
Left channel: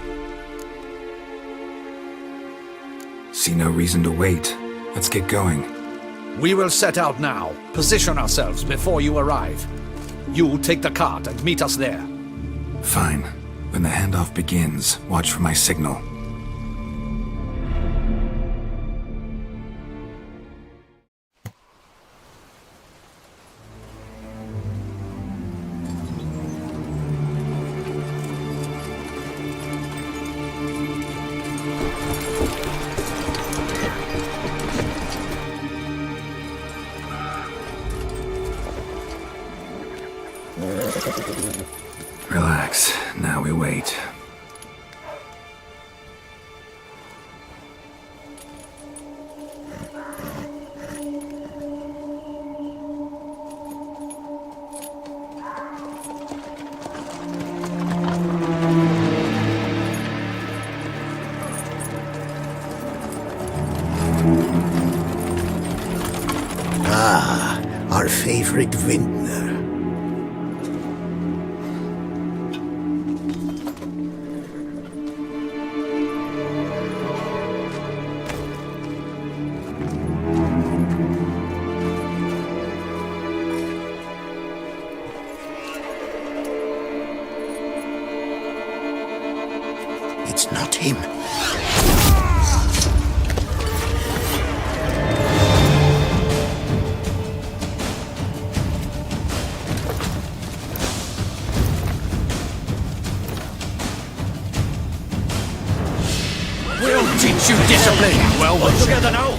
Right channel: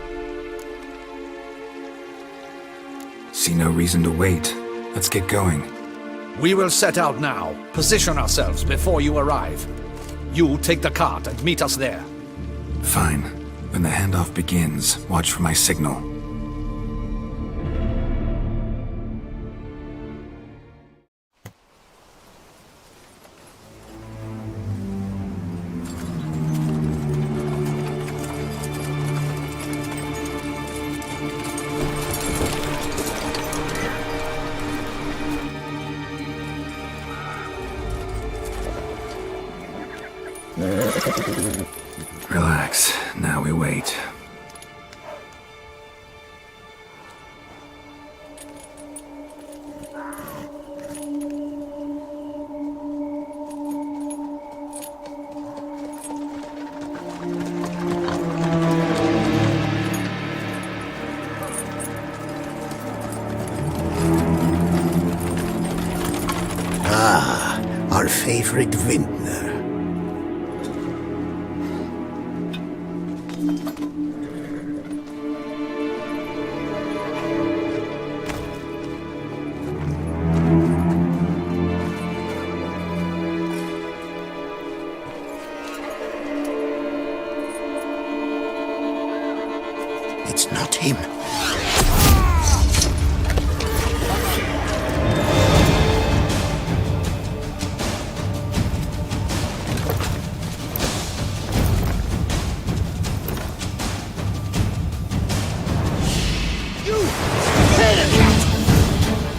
See no reason to wait. Let's get going. We will set out now. Position ourselves before you arrive. You take the cart and meet us there. Fine. When the handoff begins, watch for my signal. Relax. Now we wait. Ah, our favorite vintner. It's not him. We'll teach you discipline. Well, let's together now.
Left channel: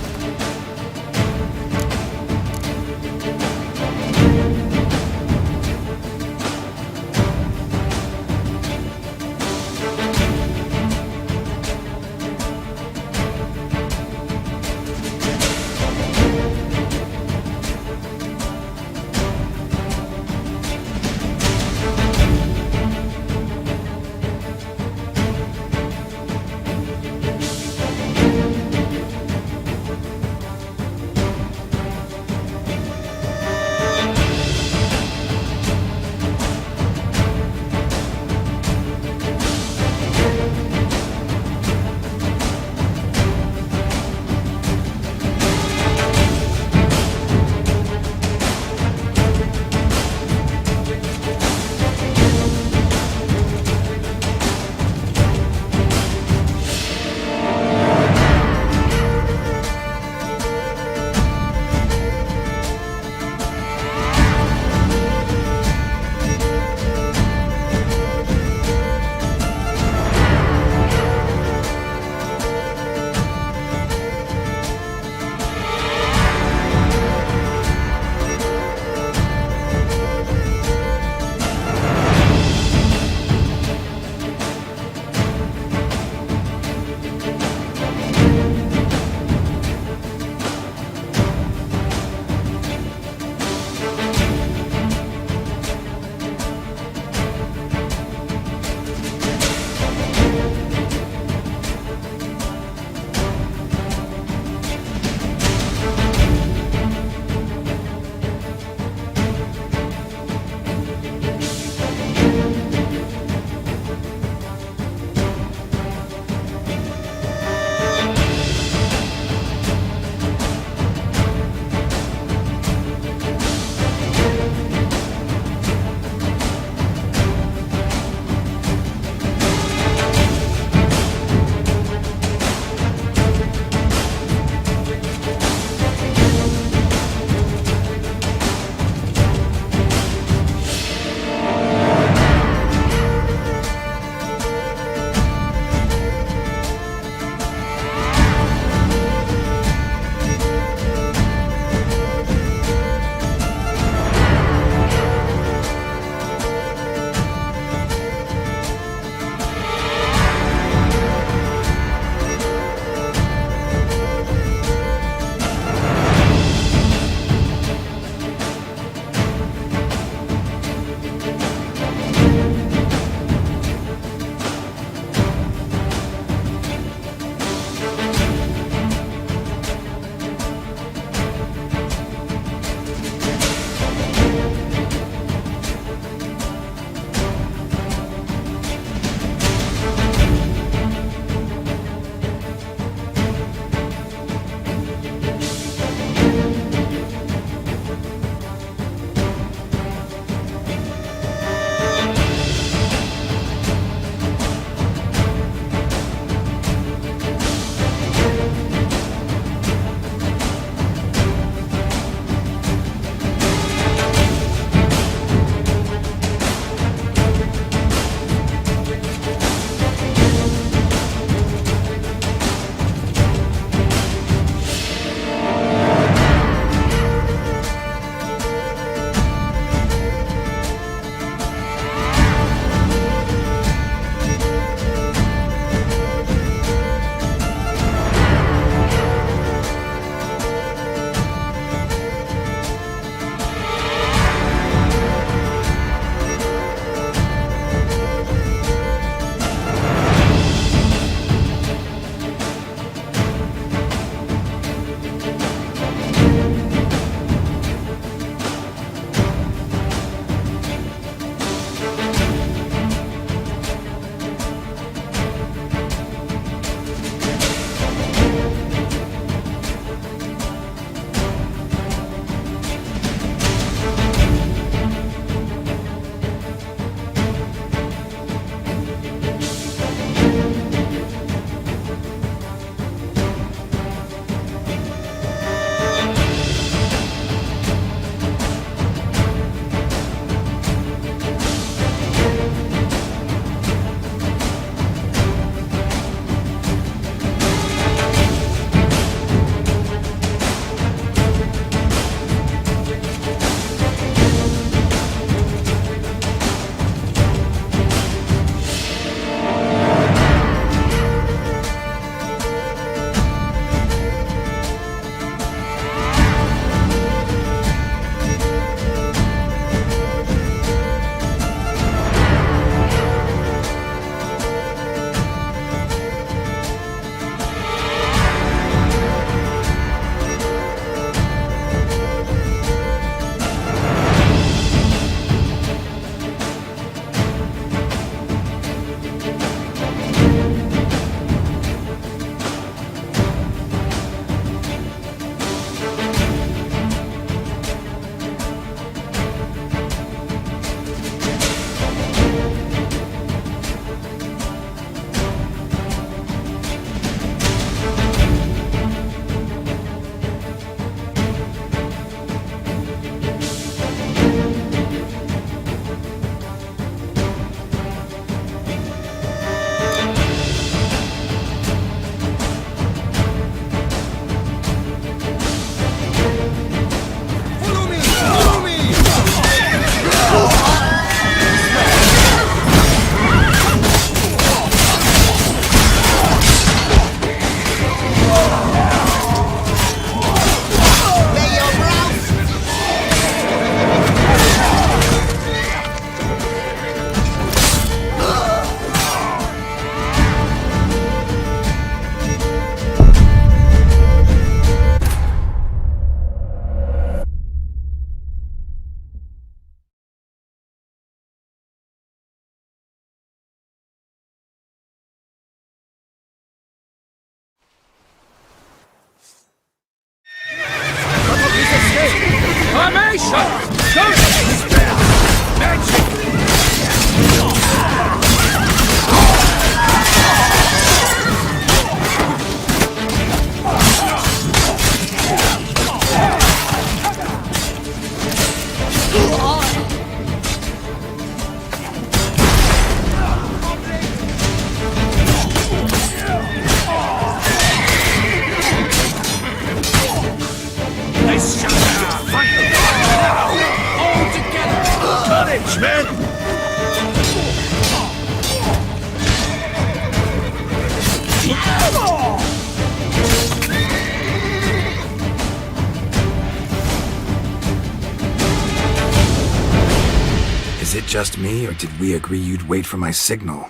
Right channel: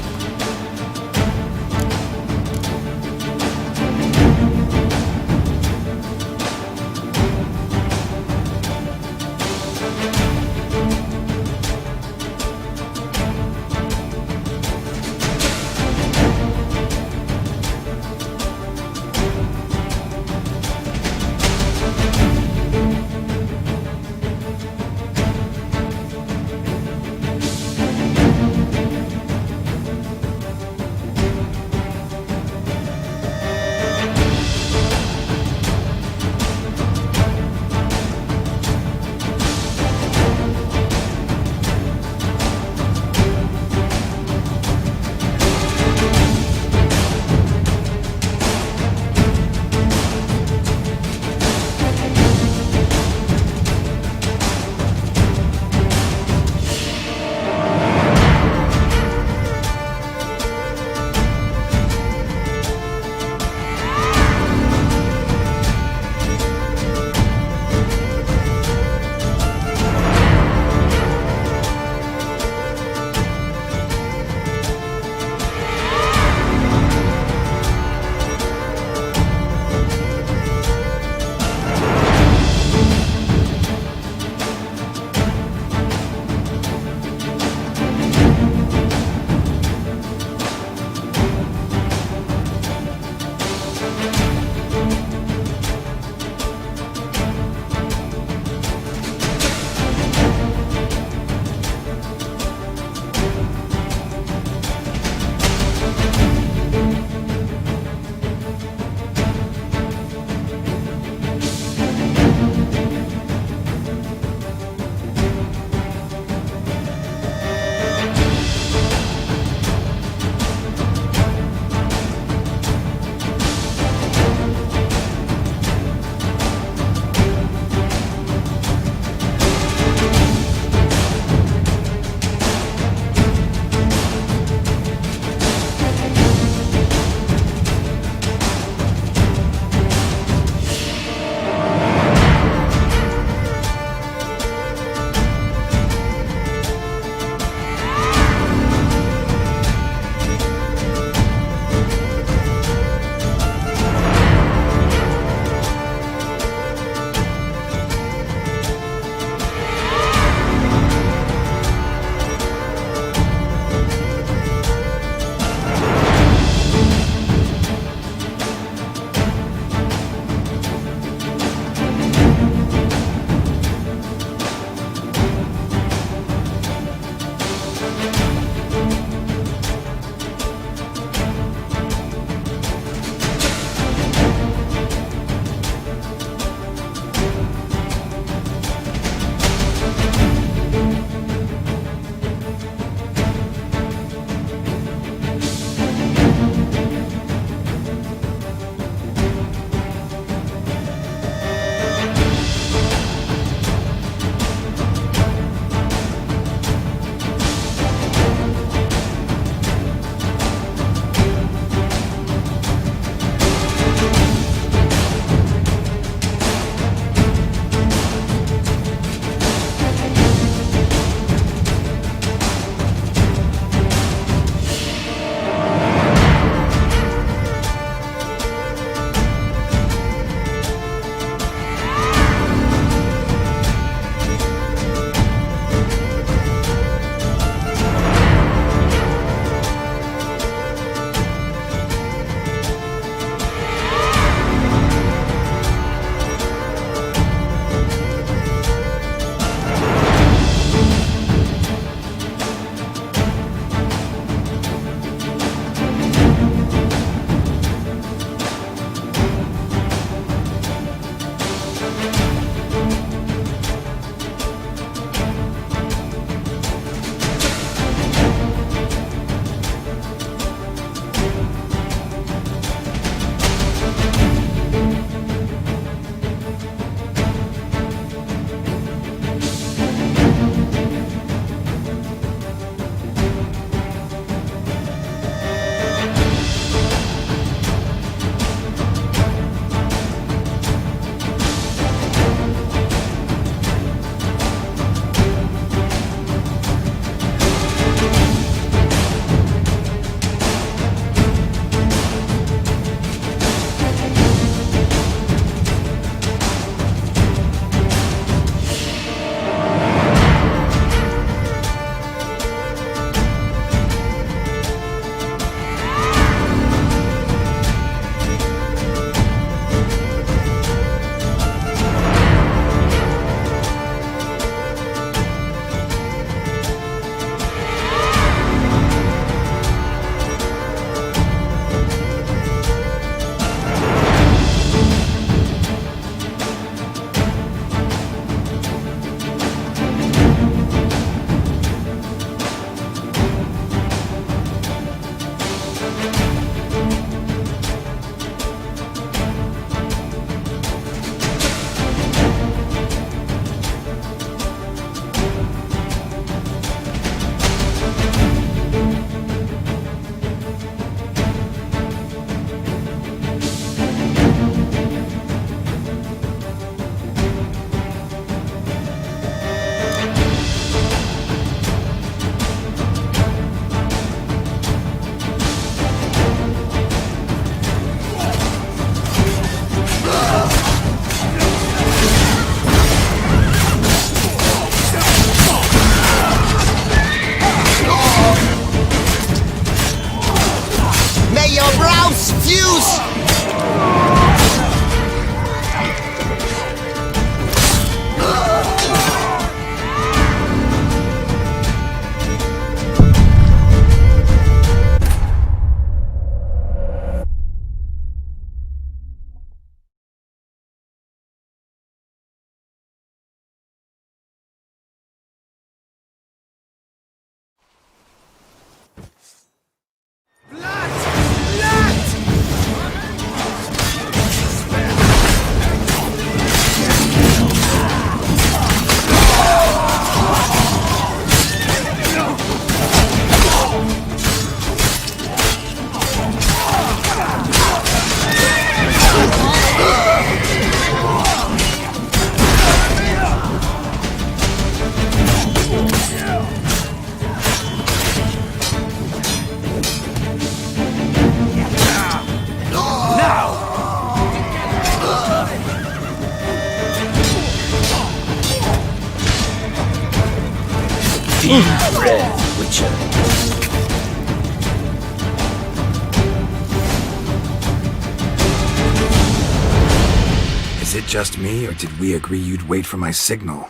Was it just me, or did we agree you'd wait for my signal?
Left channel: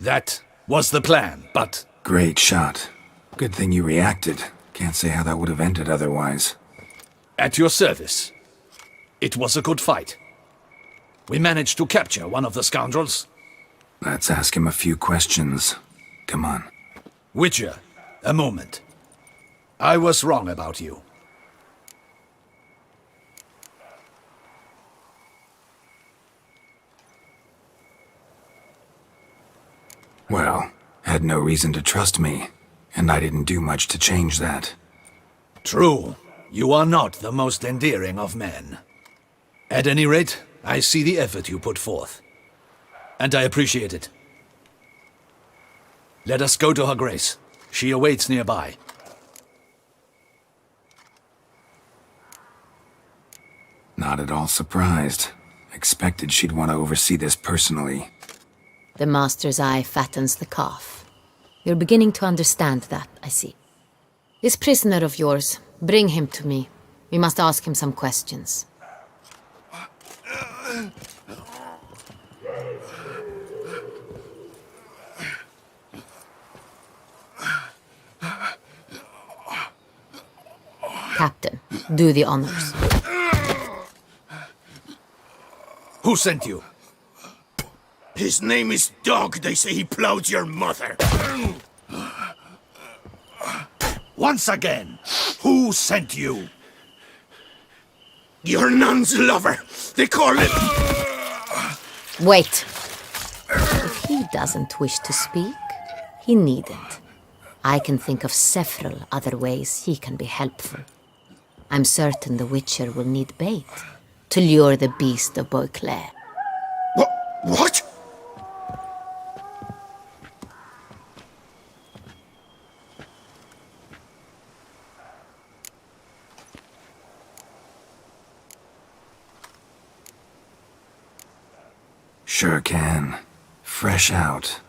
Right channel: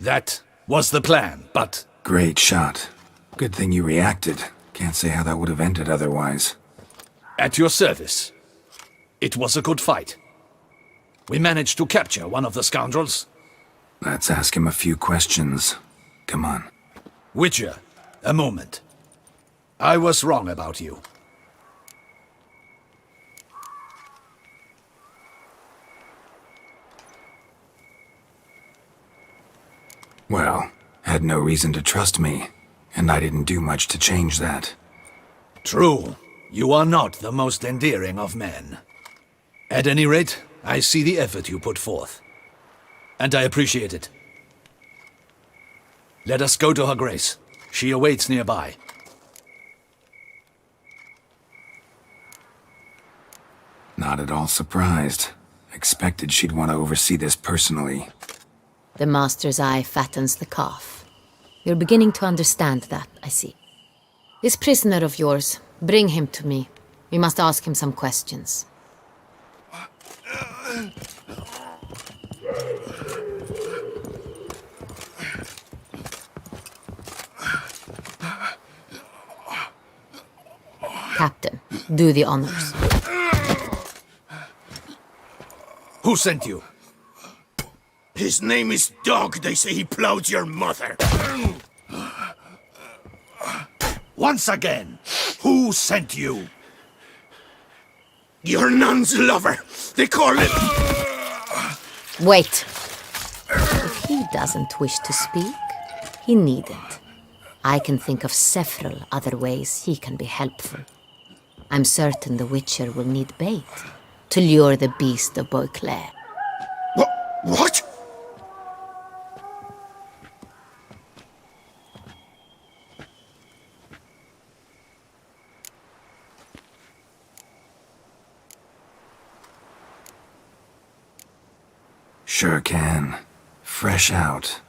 That was the plan, but... Great shot. Good thing you reacted. Can't say how that would have ended otherwise. At your service. It was a good fight. We managed to capture one of the scoundrels. Let's ask him a few questions. Come on. Witcher, a moment. I was wrong about you. Well, had no reason to trust me, and I didn't do much to change that. True. You are not the most endearing of men. At any rate, I see the effort you put forth. And I appreciate it. Let us go to her grace. She awaits nearby. Not at all surprised. Expected she'd want to oversee this personally. The master's eye fattens the calf. You're beginning to understand that, I see. This prisoner of yours, bring him to me. We must ask him some questions. Captain, do the honors. Who sent you? His name is Dog. They say he plowed your mother. Once again, who sent you? Your nun's lover. They call it... Wait. If he doesn't wish to speak, he needn't. I can think of several other ways he can be helpful. I'm certain the Witcher will need bait to lure the beast of Beauclair. What? Sure can. Fresh out.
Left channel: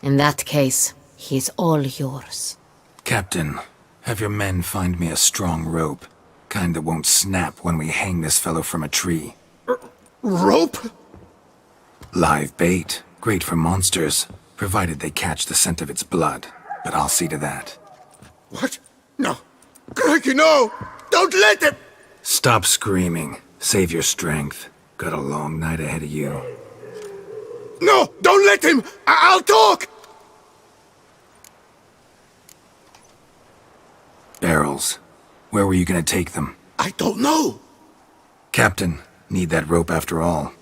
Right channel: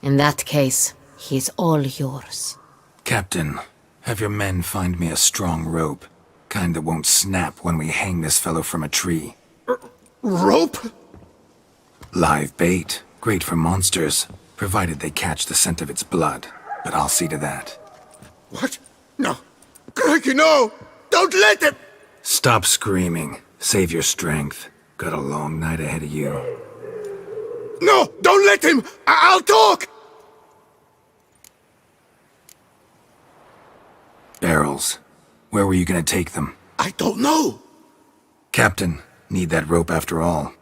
In that case, he's all yours. Captain, have your men find me a strong rope. Kind that won't snap when we hang this fellow from a tree. Rope? Live bait. Great for monsters, provided they catch the scent of its blood. But I'll see to that. What? No. Crikey, no! Don't let him! Stop screaming. Save your strength. Got a long night ahead of you. No! Don't let him! I'll talk! Barrels. Where were you gonna take them? I don't know. Captain, need that rope after all.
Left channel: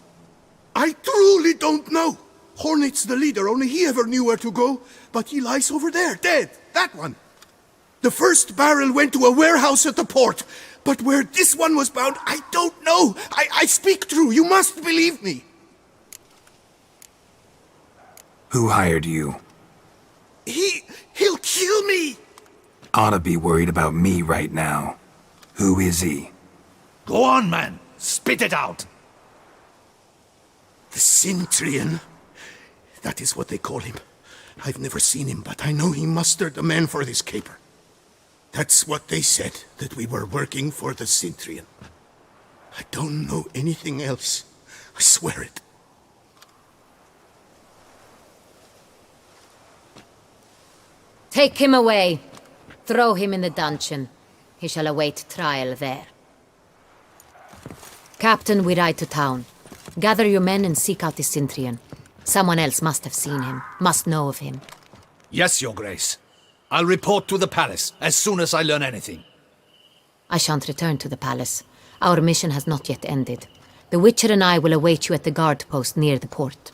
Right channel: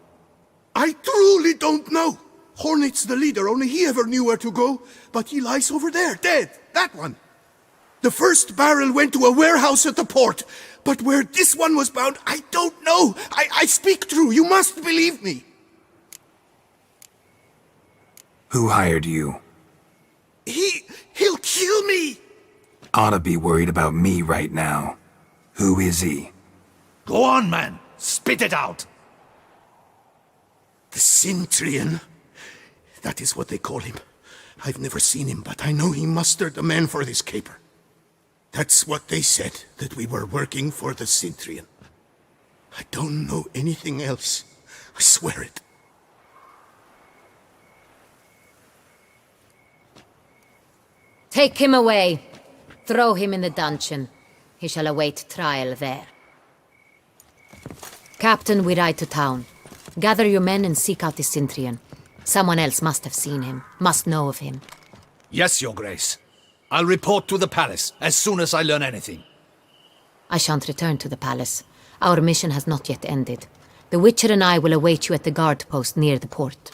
I truly don't know. Hornet's the leader, only he ever knew where to go. But he lies over there, dead. That one. The first barrel went to a warehouse at the port. But where this one was bound, I don't know. I speak true. You must believe me. Who hired you? He'll kill me. Oughta be worried about me right now. Who is he? Go on, man. Spit it out. The Cintrian. That is what they call him. I've never seen him, but I know he mustered the men for this caper. That's what they said, that we were working for the Cintrian. I don't know anything else. I swear it. Take him away. Throw him in the dungeon. He shall await trial there. Captain, we ride to town. Gather your men and seek out the Cintrian. Someone else must have seen him, must know of him. Yes, Your Grace. I'll report to the palace as soon as I learn anything. I shan't return to the palace. Our mission has not yet ended. The Witcher and I will await you at the guard post near the port.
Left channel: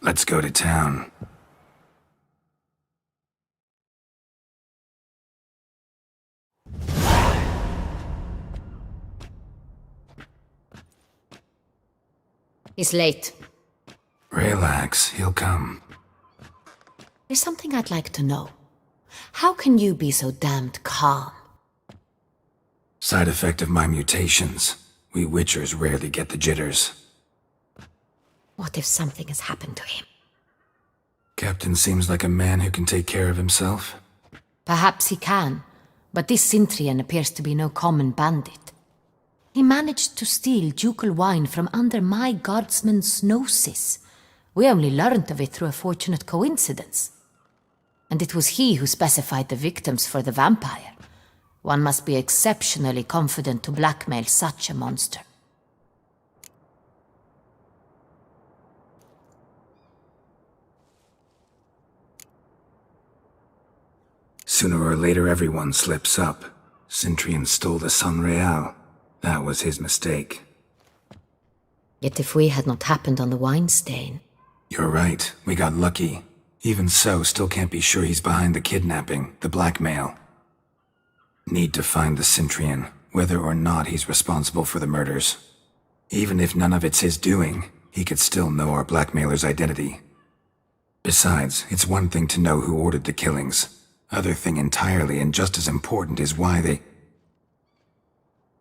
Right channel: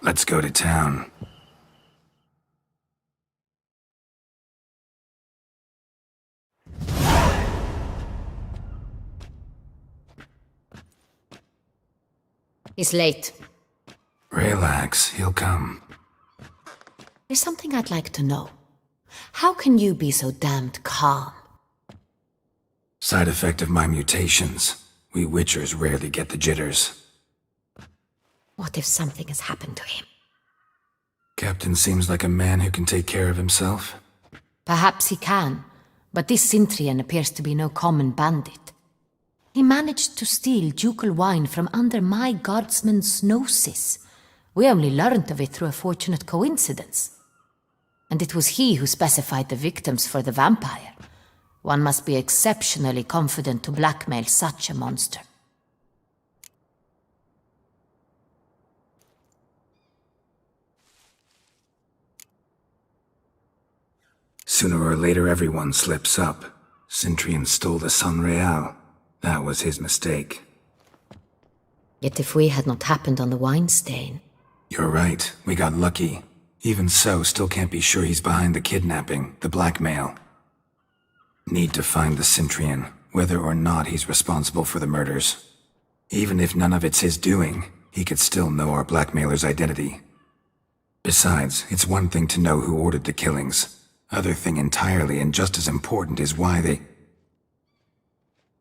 Let's go to town. He's late. Relax, he'll come. There's something I'd like to know. How can you be so damned calm? Side effect of my mutations. We Witchers rarely get the jitters. What if something has happened to him? Captain seems like a man who can take care of himself. Perhaps he can, but this Cintrian appears to be no common bandit. He managed to steal ducal wine from under my guardsman's noses. We only learned of it through a fortunate coincidence. And it was he who specified the victims for the vampire. One must be exceptionally confident to blackmail such a monster. Sooner or later everyone slips up. Cintrian stole the Sun Real. That was his mistake. Yet if we had not happened on the wine stain... You're right, we got lucky. Even so, still can't be sure he's behind the kidnapping, the blackmail. Need to find the Cintrian, whether or not he's responsible for the murders. Even if none of it's his doing, he could still know our blackmailer's identity. Besides, it's one thing to know who ordered the killings. Other thing entirely, and just as important, is why they...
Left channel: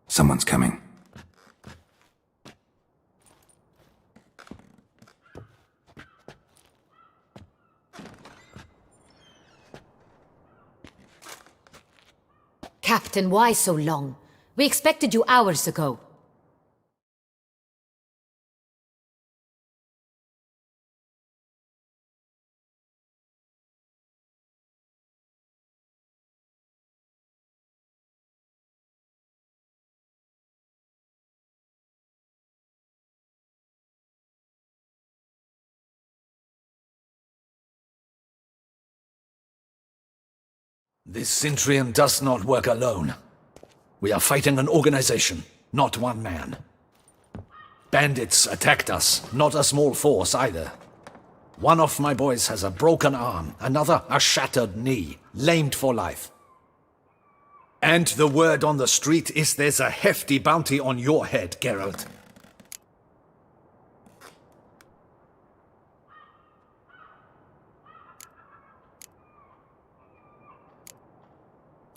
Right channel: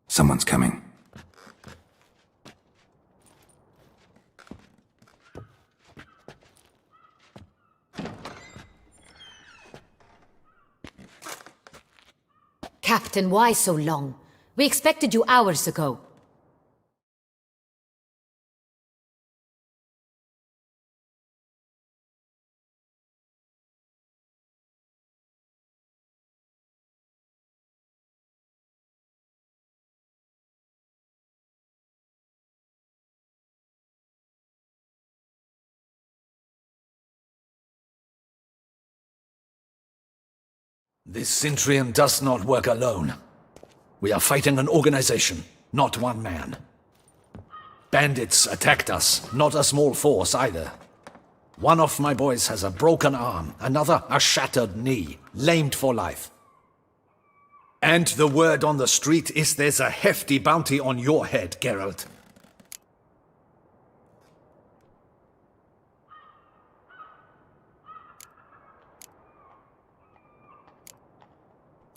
Someone's coming. Captain, why so long? We expected you hours ago. This Cintrian does not work alone. We are fighting an organization, not one man. Bandits attacked us, not a small force either. One of my boys has a broken arm, another a shattered knee, lamed for life. And the word on the street is there's a hefty bounty on your head, Geralt.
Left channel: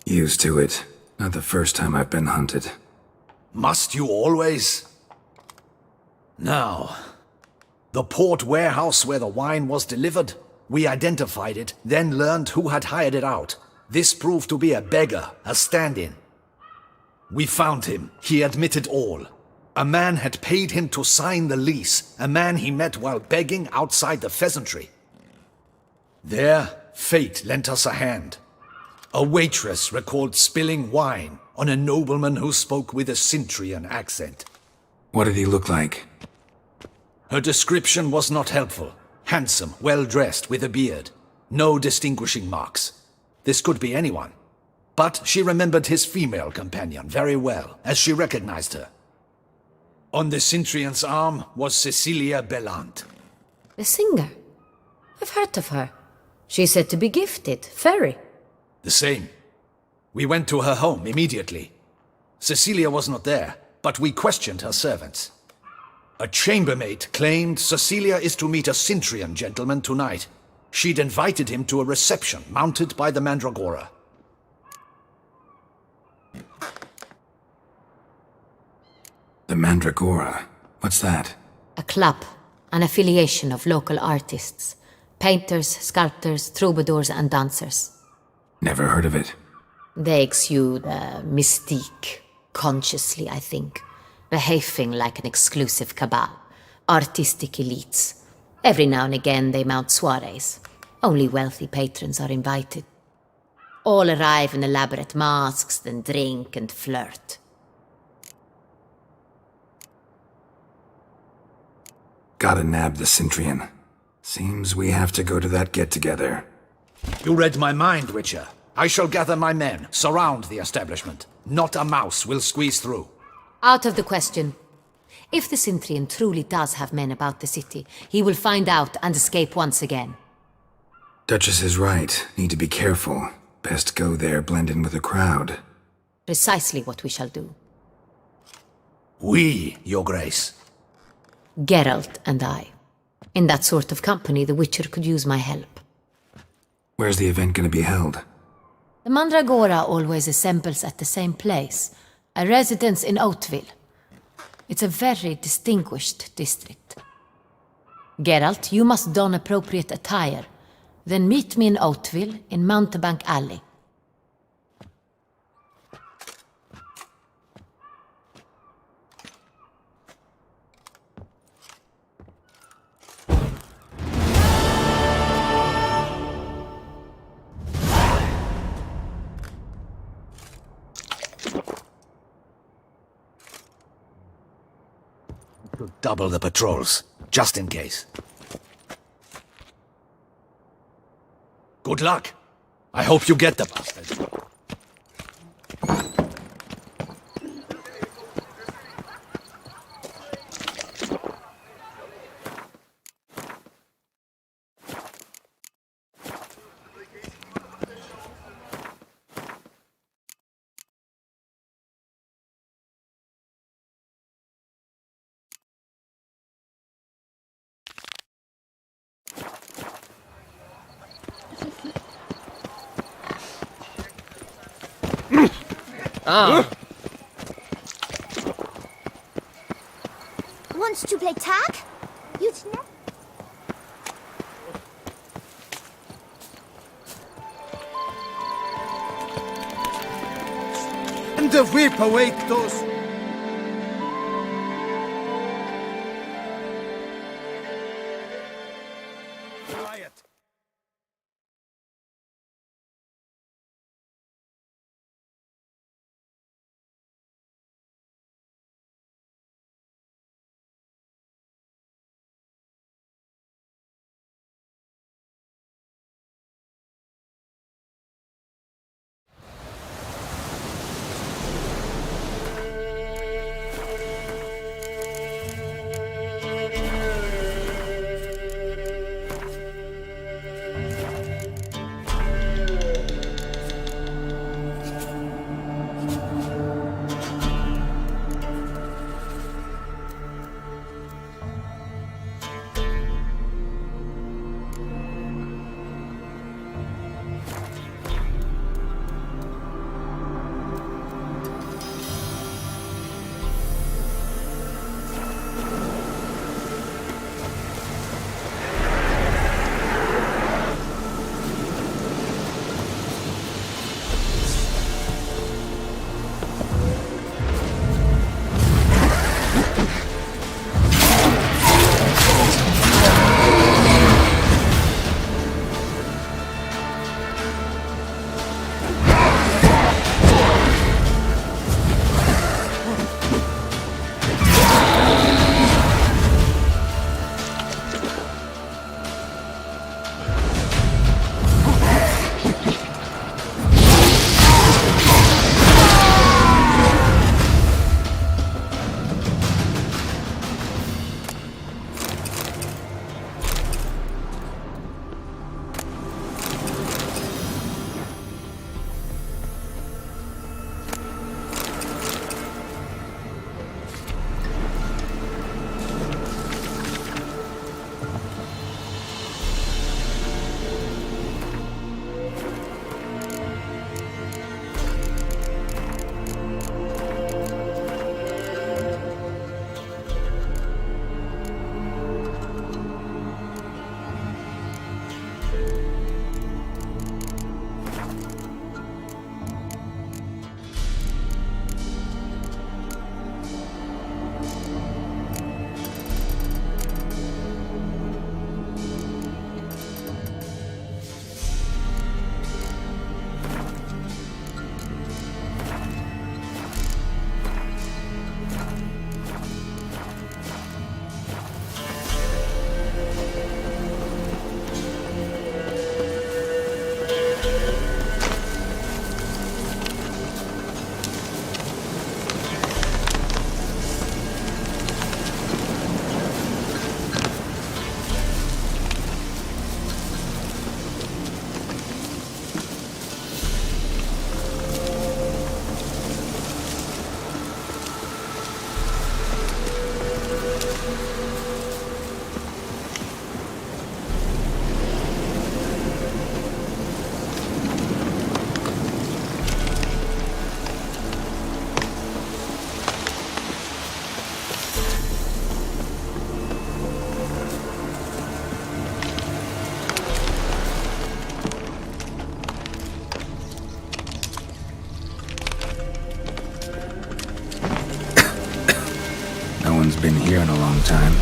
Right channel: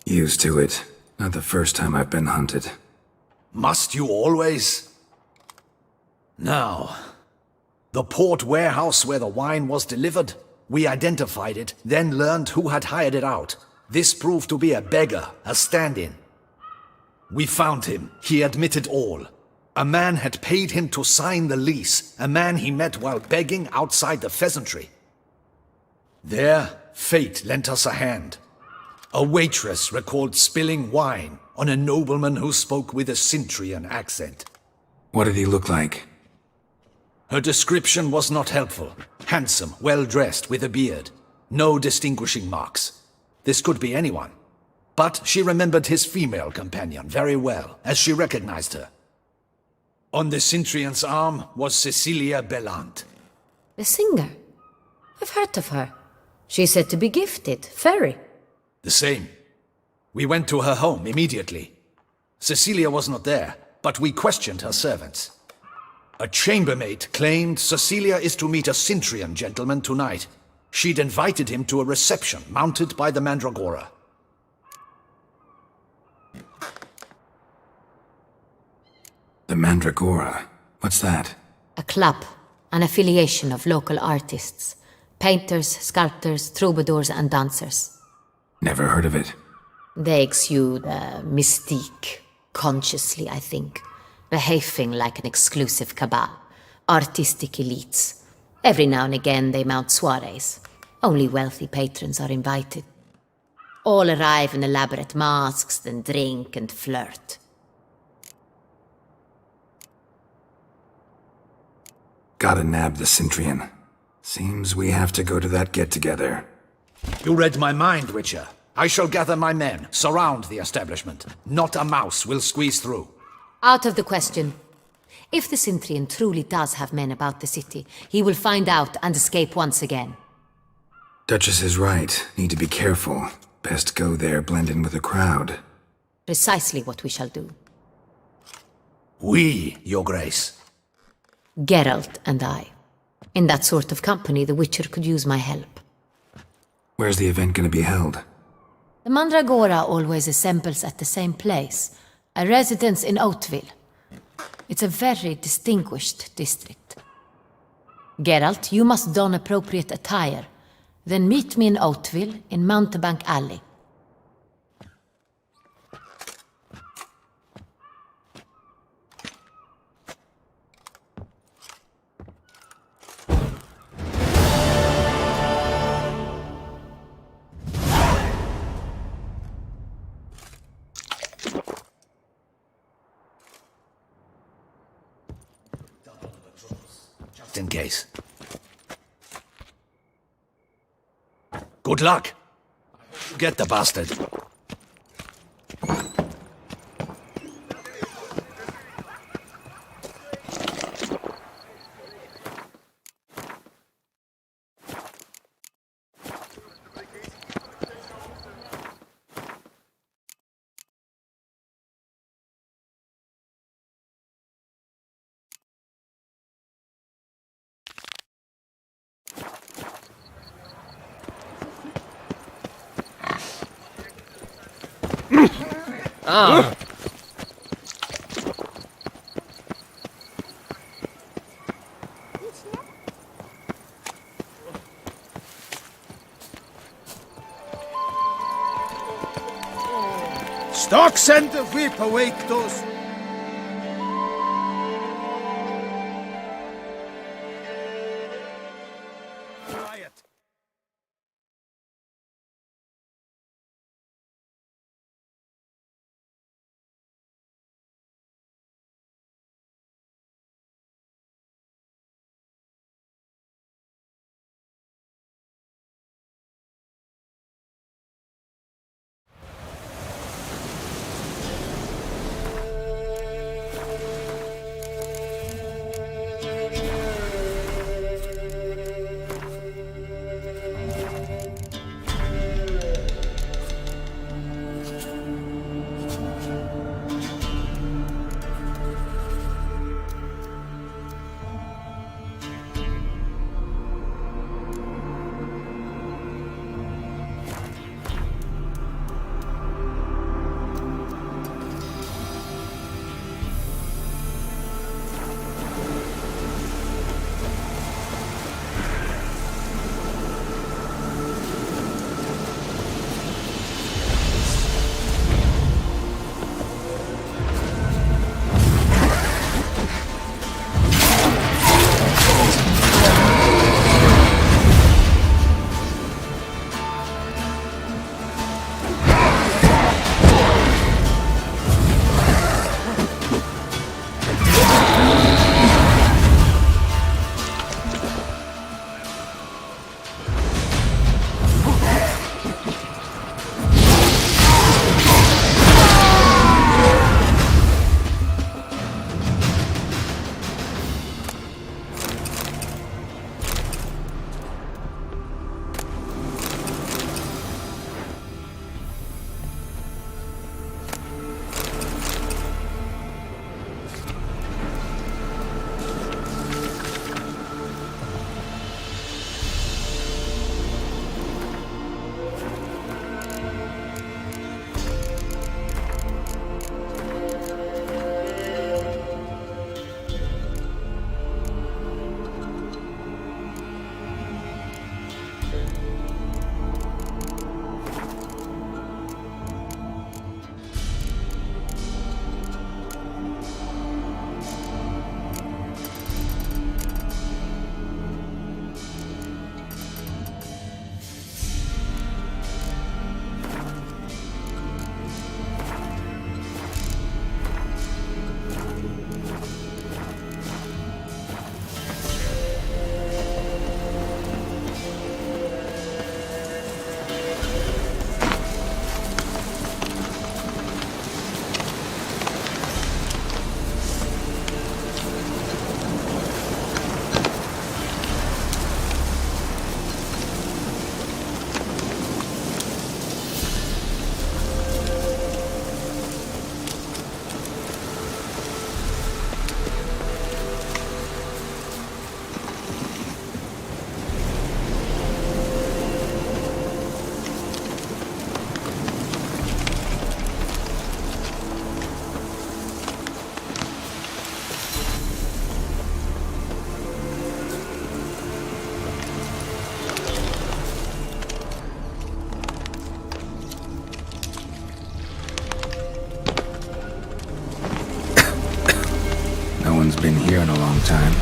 Used to it. Not the first time I've been hunted. Must you always? Now, the port warehouse where the wine was delivered, we identified it, then learned who had hired it out. This proved to be a beggar, a stand-in. We found him. He admitted all. A man had paid him to sign the lease, a man he met while begging outside the pheasantry. There, fate lent us a hand. A waitress recalled spilling wine on a nobleman who spoke with a Cintrian accent. What did he look like? Her description was not helpful. Handsome, well-dressed, with a beard. No distinguishing marks. This could be anyone. But she remembered his female companion very well, as she recognized her. On the Cintrian's arm was Cecilia Bellant. The singer? I've heard of her. She's said to be gifted, fairy. The same. We went to her home immediately. Cecilia was not there, but we questioned her servants. A chambermaid claimed Cecilia is to meet a Cintrian gentleman tonight. She'd invited him to a reception mounted by the Mandragora. The Mandragora? What's that? A club, an affiliation of local artists. Painters, sculptors, troubadours and dancers. Never heard of it. They exude mystique, consciously, I think. Behaving like an exclusive cabal. Artistic elites. Every now and again they mount soirees. Only wealthy patrons are invited. All arrive in elaborate masks, then drink and flirt. Gotta nab the Cintrian. Seems we have to go to that get-together. You read my mind, Witcher. I shall gather my men, surround the establishment. Not a mouse will squeeze through. Out of the question. If the Cintrian truly does have men about the city, he will find out and escape once again. Duchess is right. Need to be careful. Best go there, blend in with the crowd. Precisely what we shall do. We, Your Grace. Geralt and I. In that sort of company, the Witcher could use my help. Where's the event gonna be held? The Mandragora always assembles at the same place, a residence in Oatville. It's a very distinguished district. Geralt, you must don appropriate attire. Then meet me in Oatville, in Mountebank Alley. double the patrols, just in case. Good luck. I hope you get the bastard. Wants to play tag? You'd never. Stocks and the whip awake those. Quiet. one's been here in a long time.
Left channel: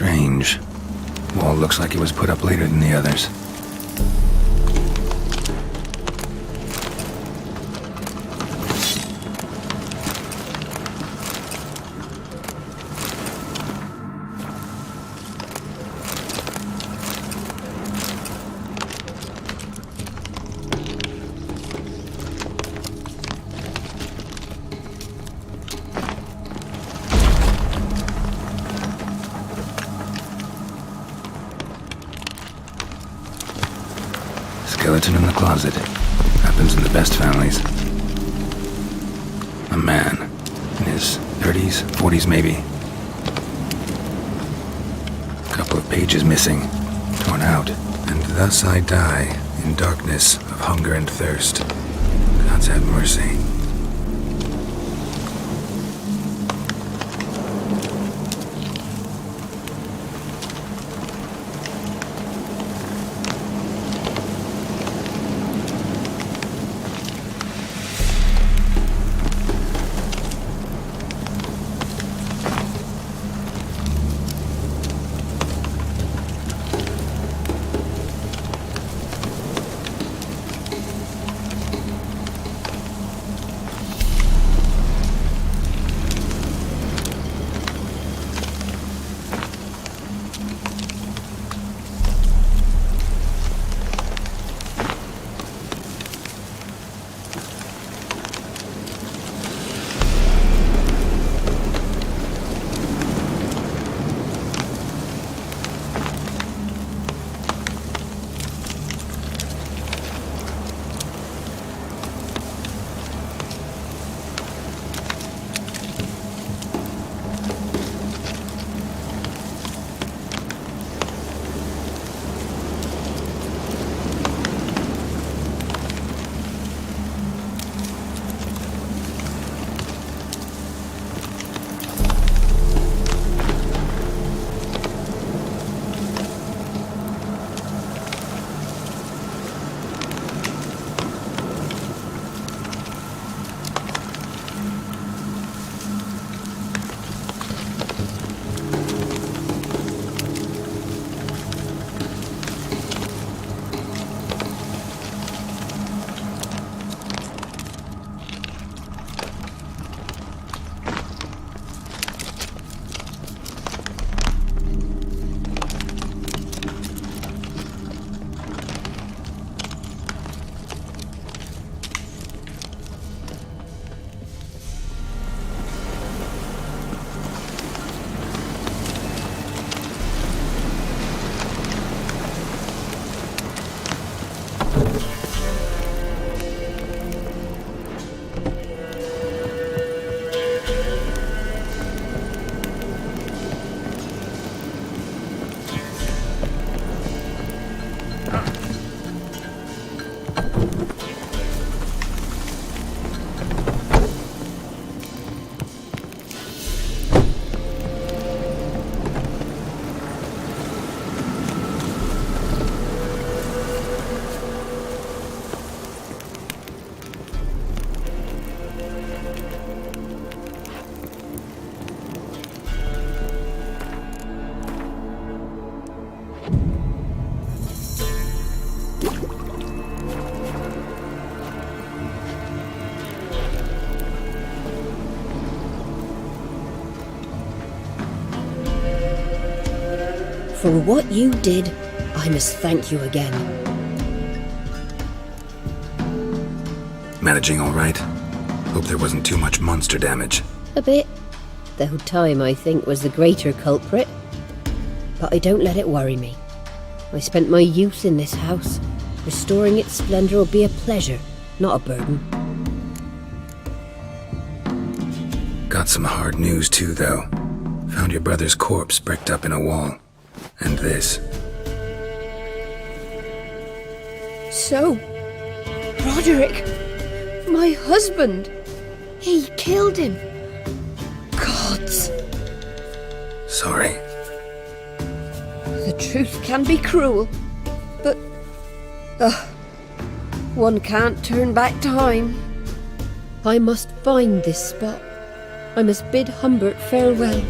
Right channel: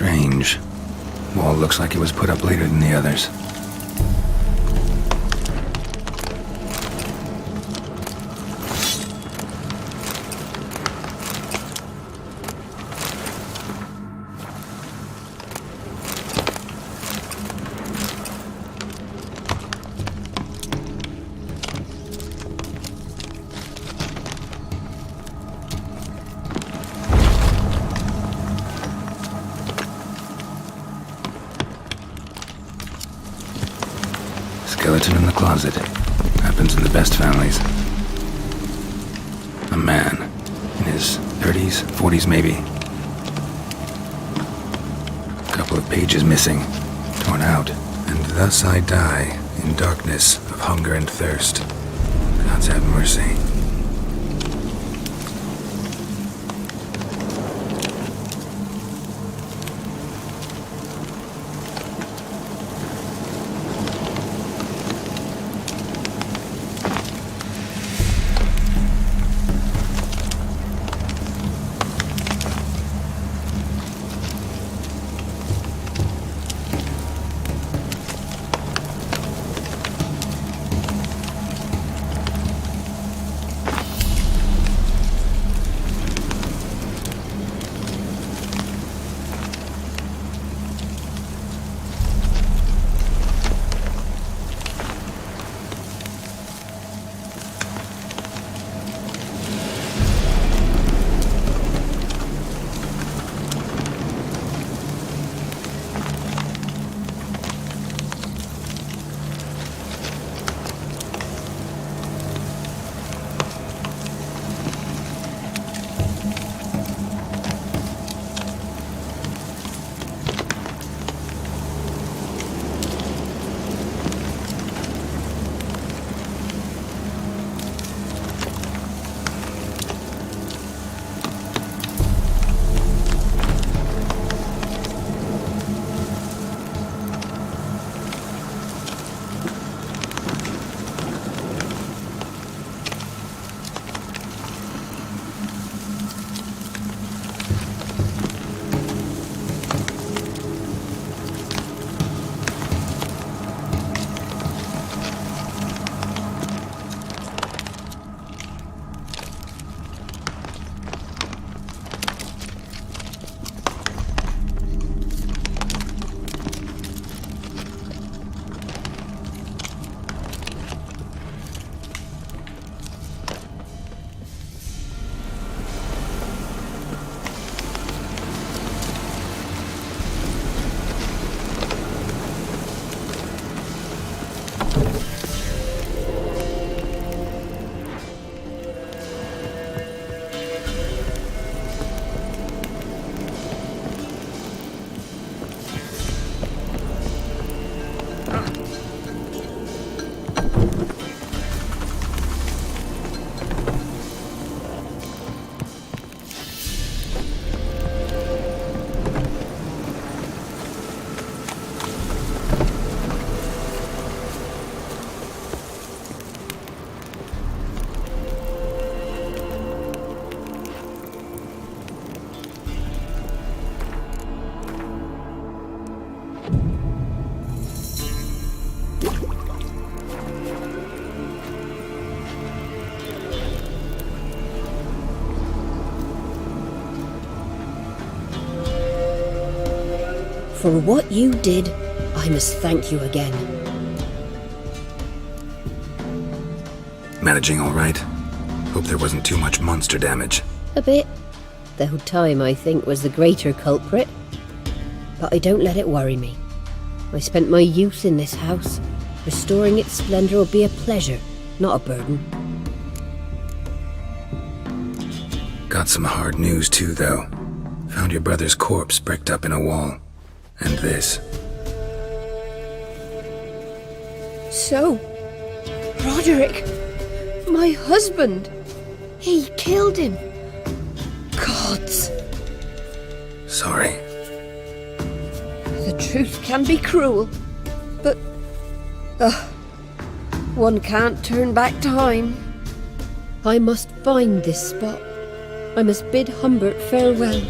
Strange. Wall looks like it was put up later than the others. Skeleton in the closet. Happens in the best families. A man. In his 30s, 40s maybe. A couple of pages missing. Torn out. And thus I die in darkness of hunger and thirst. Gods have mercy. For what you did, I must thank you again. Managing all right? Hope there wasn't too much monster damage. A bit. Though time, I think, was the greater culprit. But I don't let it worry me. I spent my youth in this house. Restoring its splendor will be a pleasure, not a burden. Got some hard news too, though. Found your brother's corpse bricked up in a wall. And this. So, Roderick, my husband, he killed him. Gods. Sorry. The truth can be cruel, but one can't turn back time. I must find this spot. I must bid Humbert farewell.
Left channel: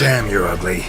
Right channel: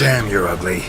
Damn, you're ugly.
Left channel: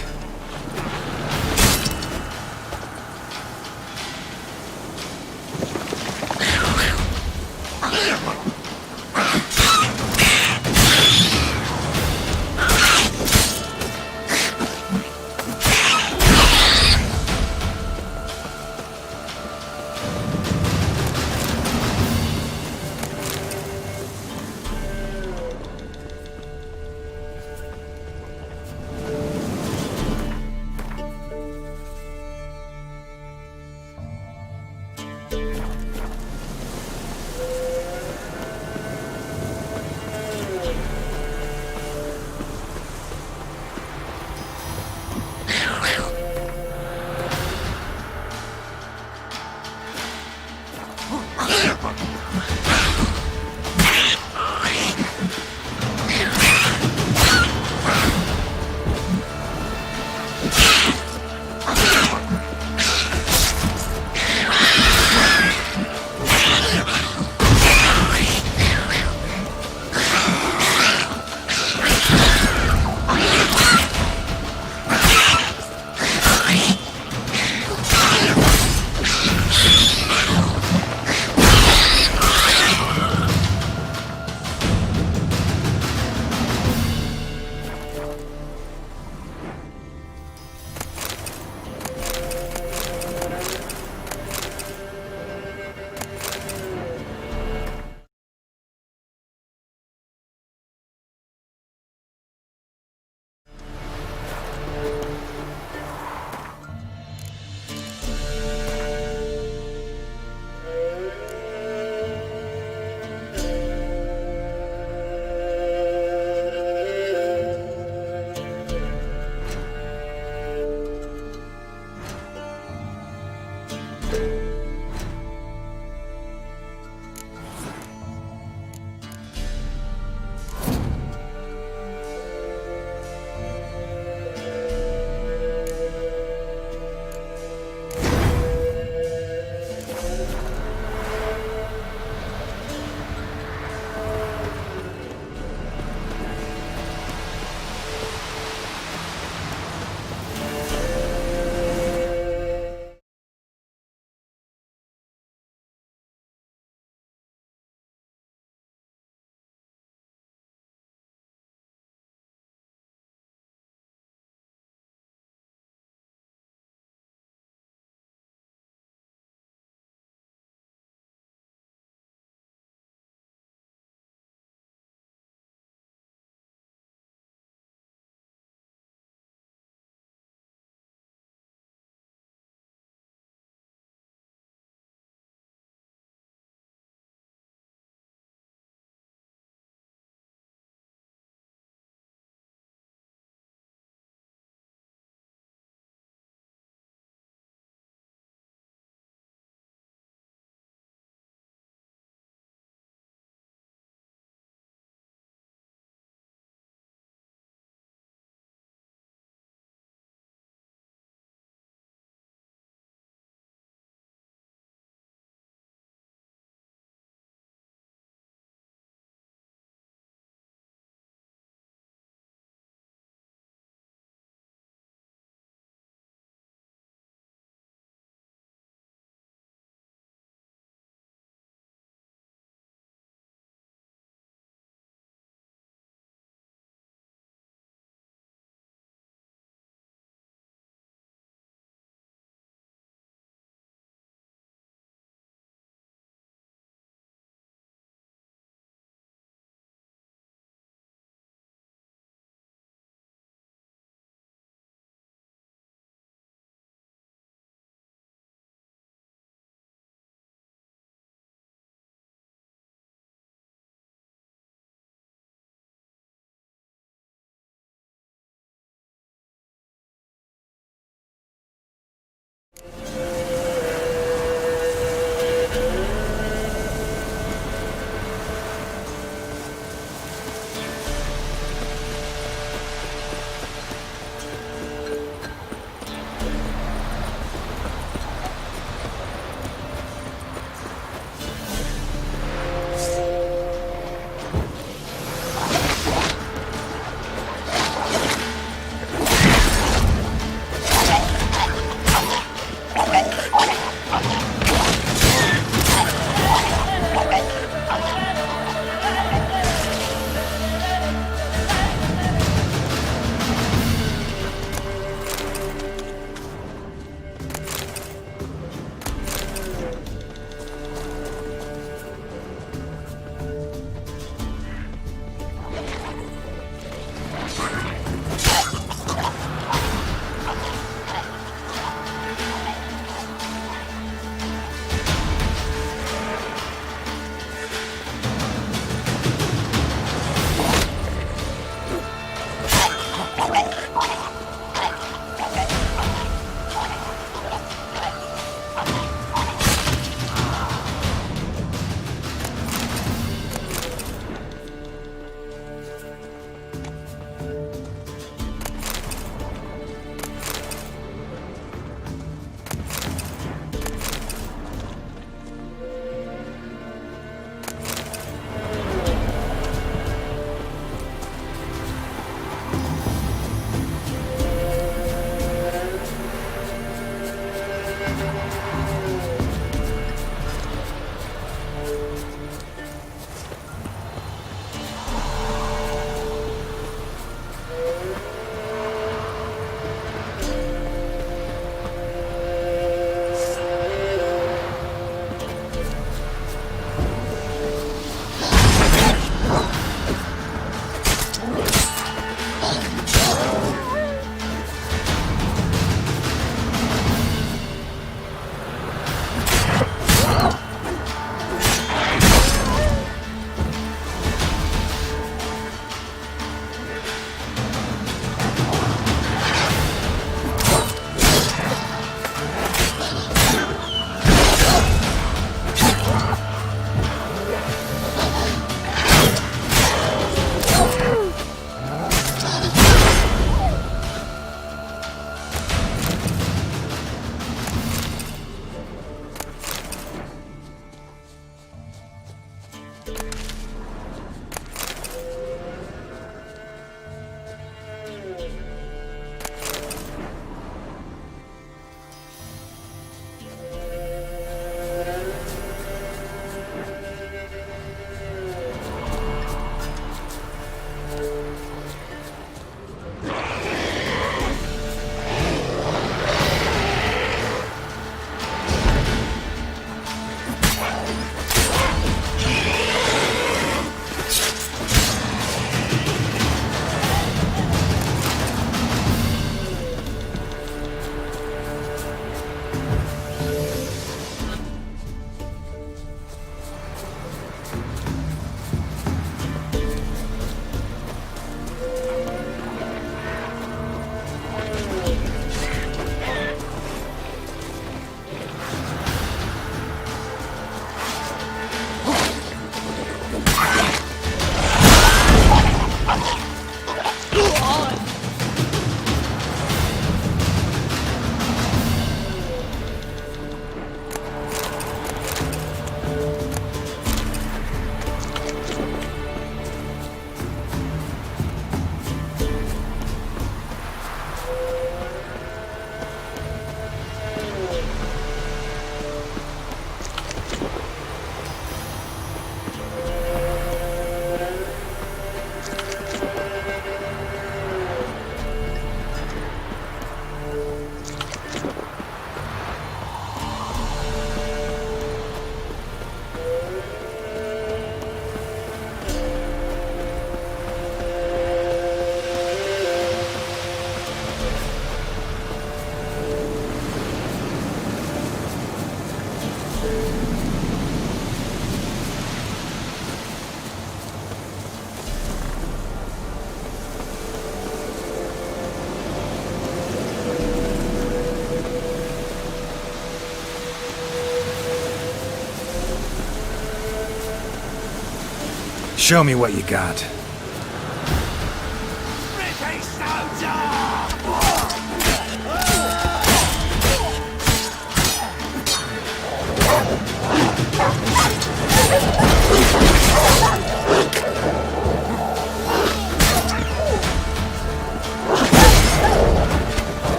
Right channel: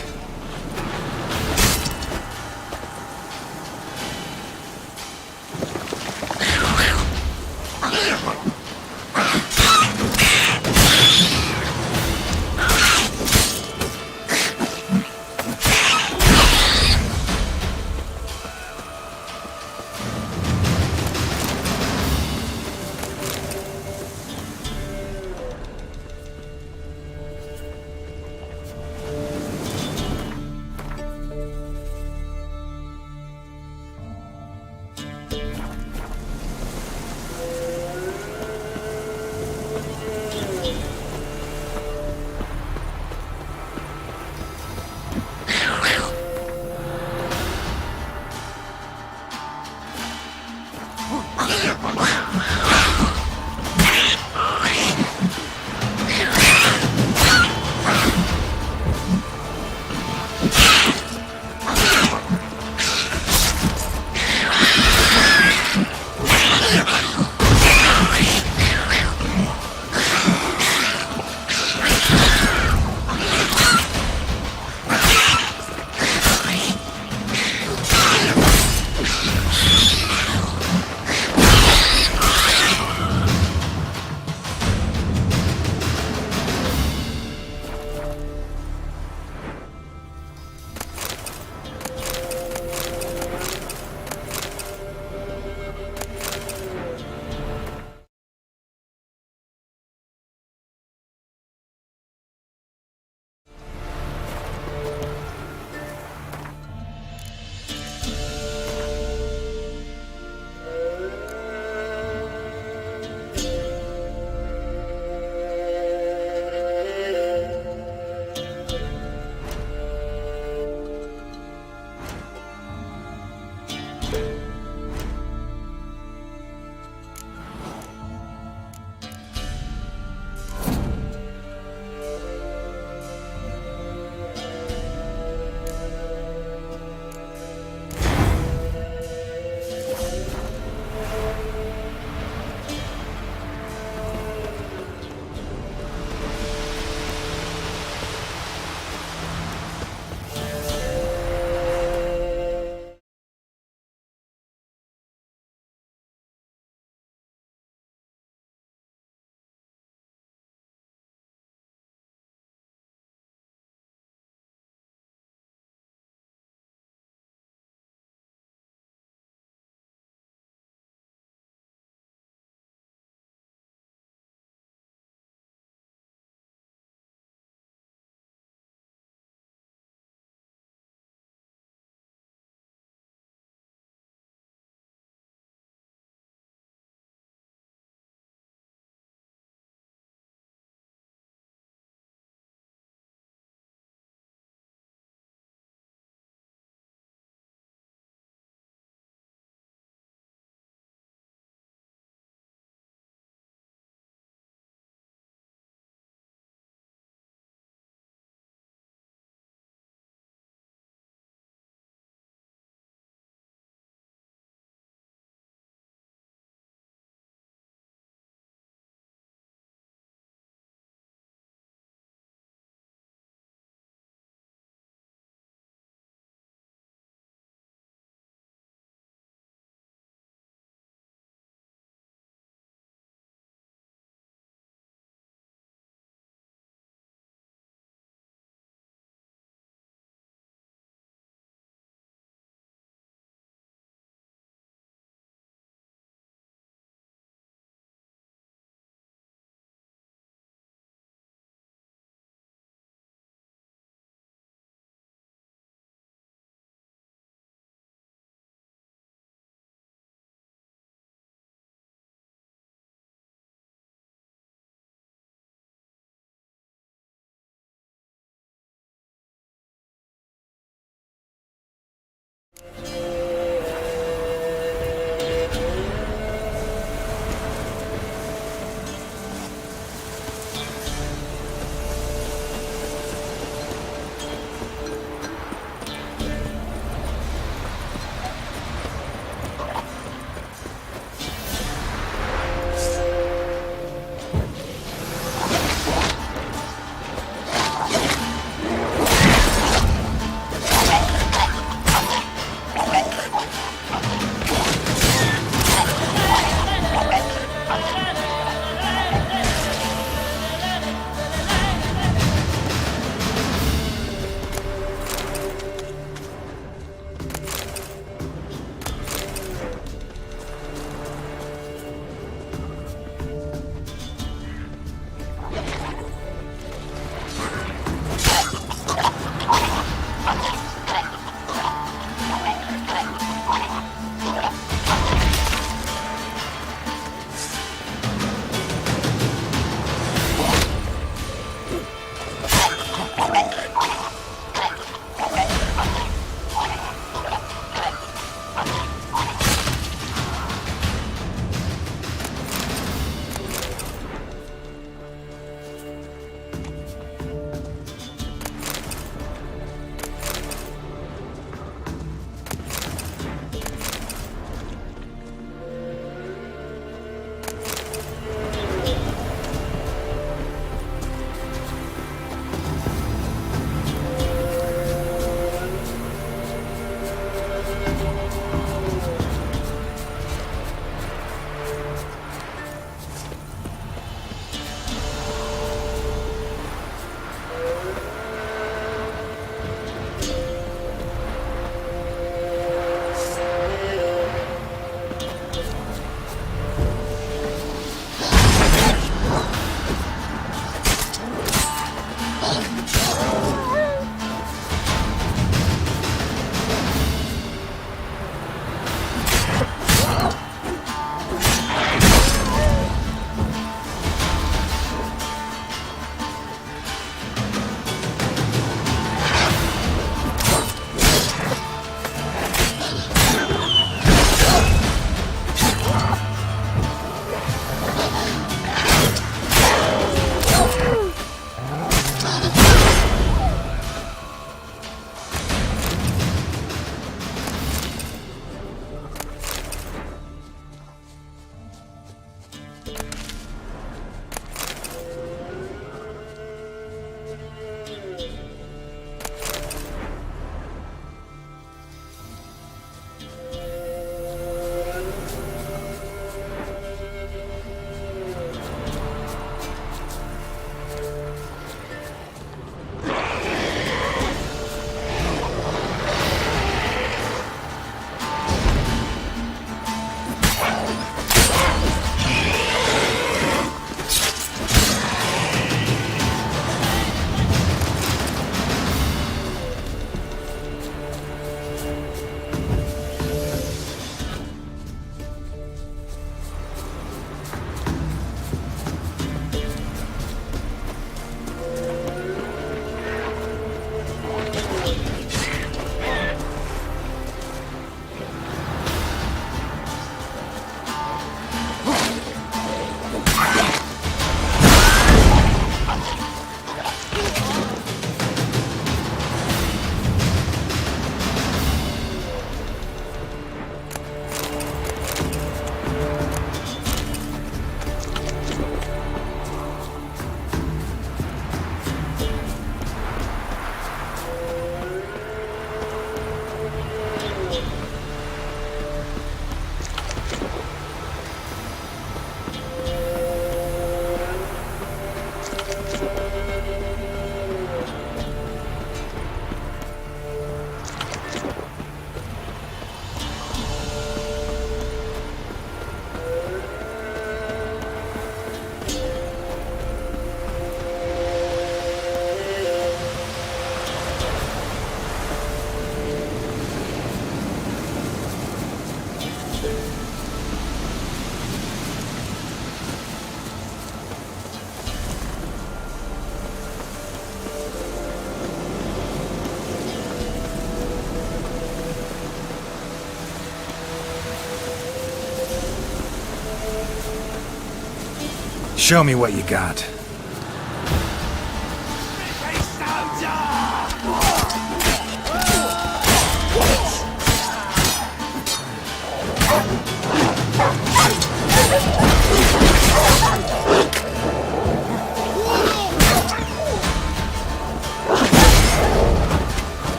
Show me what you got.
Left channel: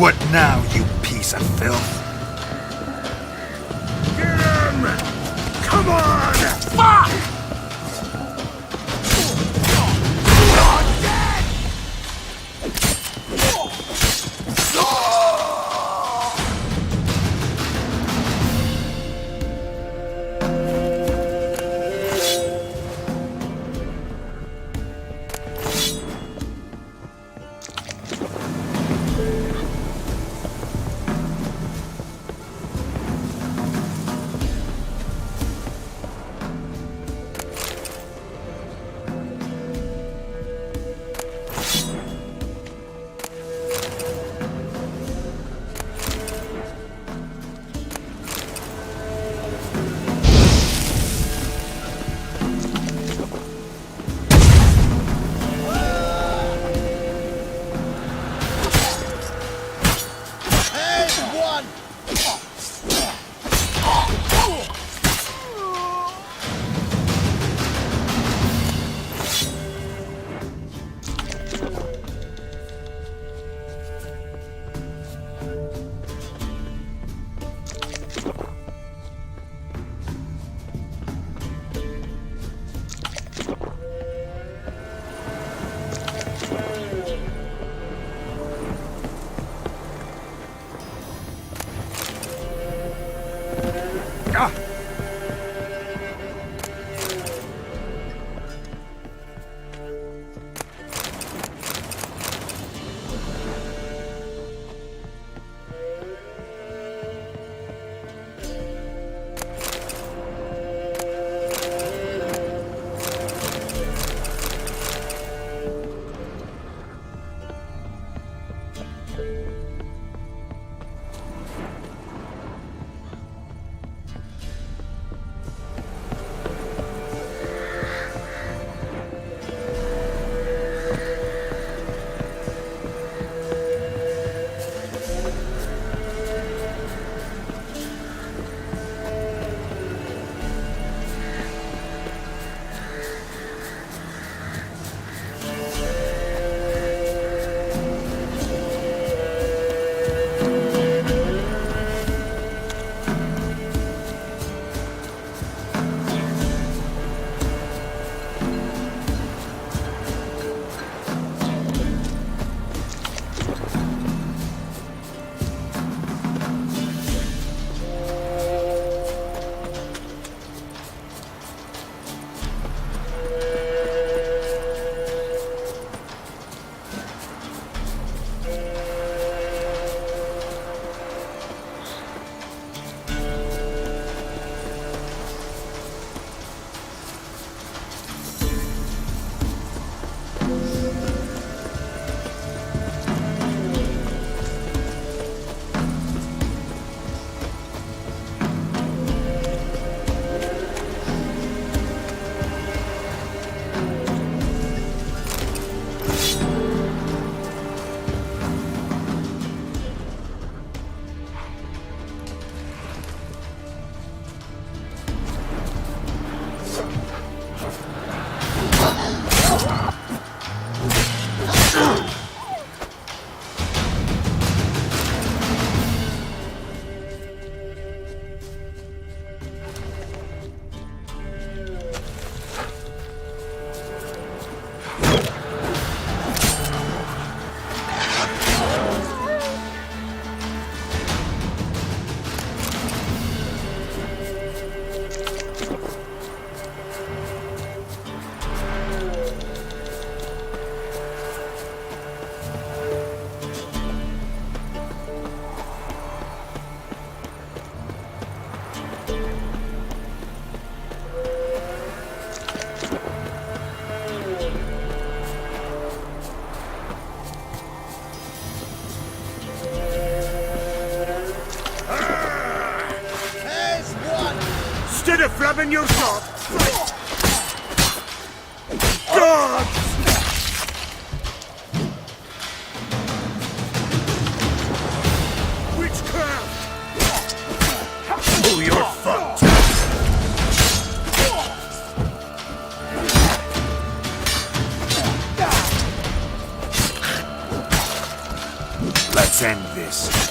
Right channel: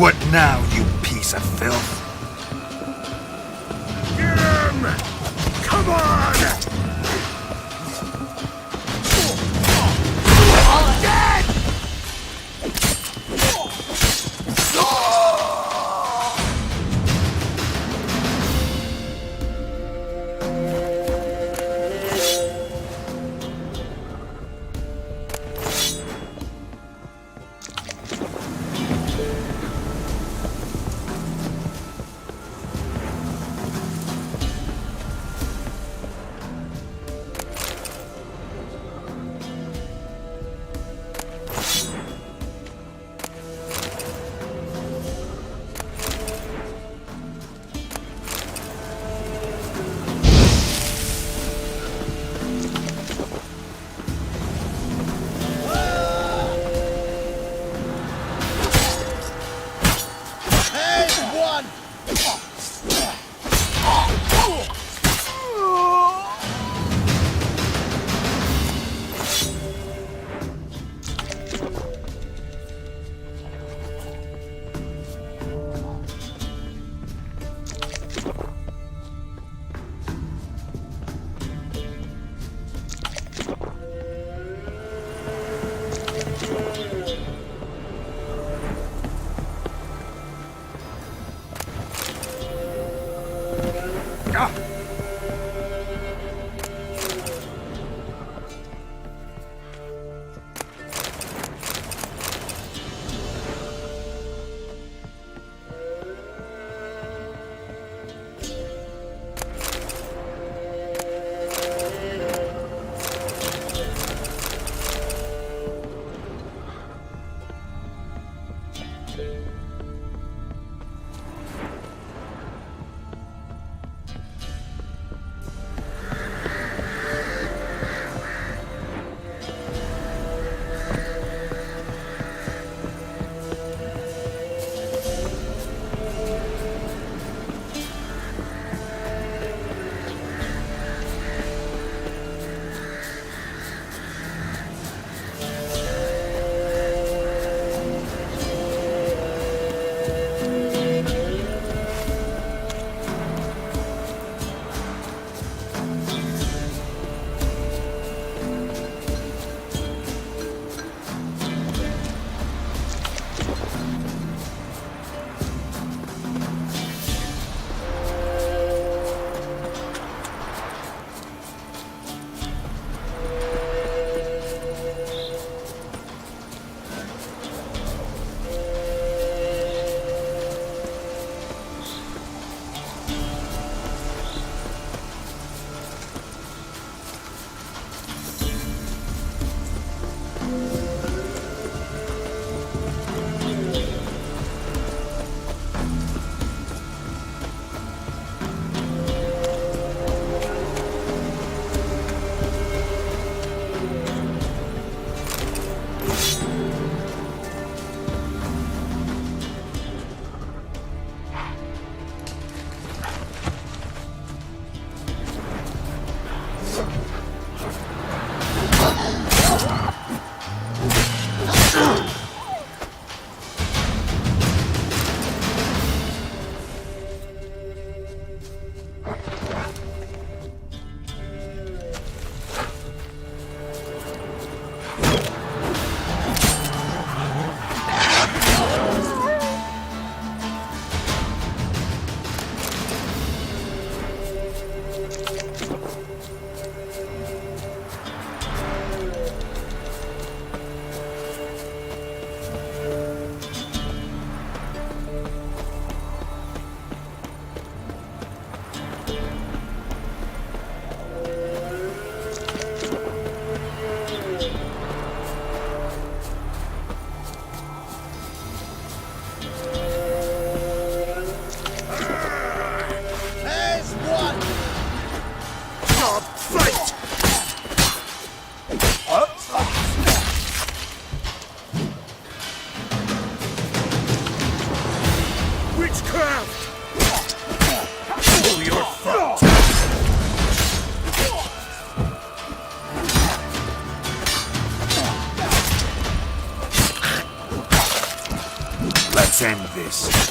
What now, you piece of filth? Get him! Come on! Fuck! I'm dead! having your job. Fight! Ah! Witchcraft! Oh, you're fucked! Let's end this.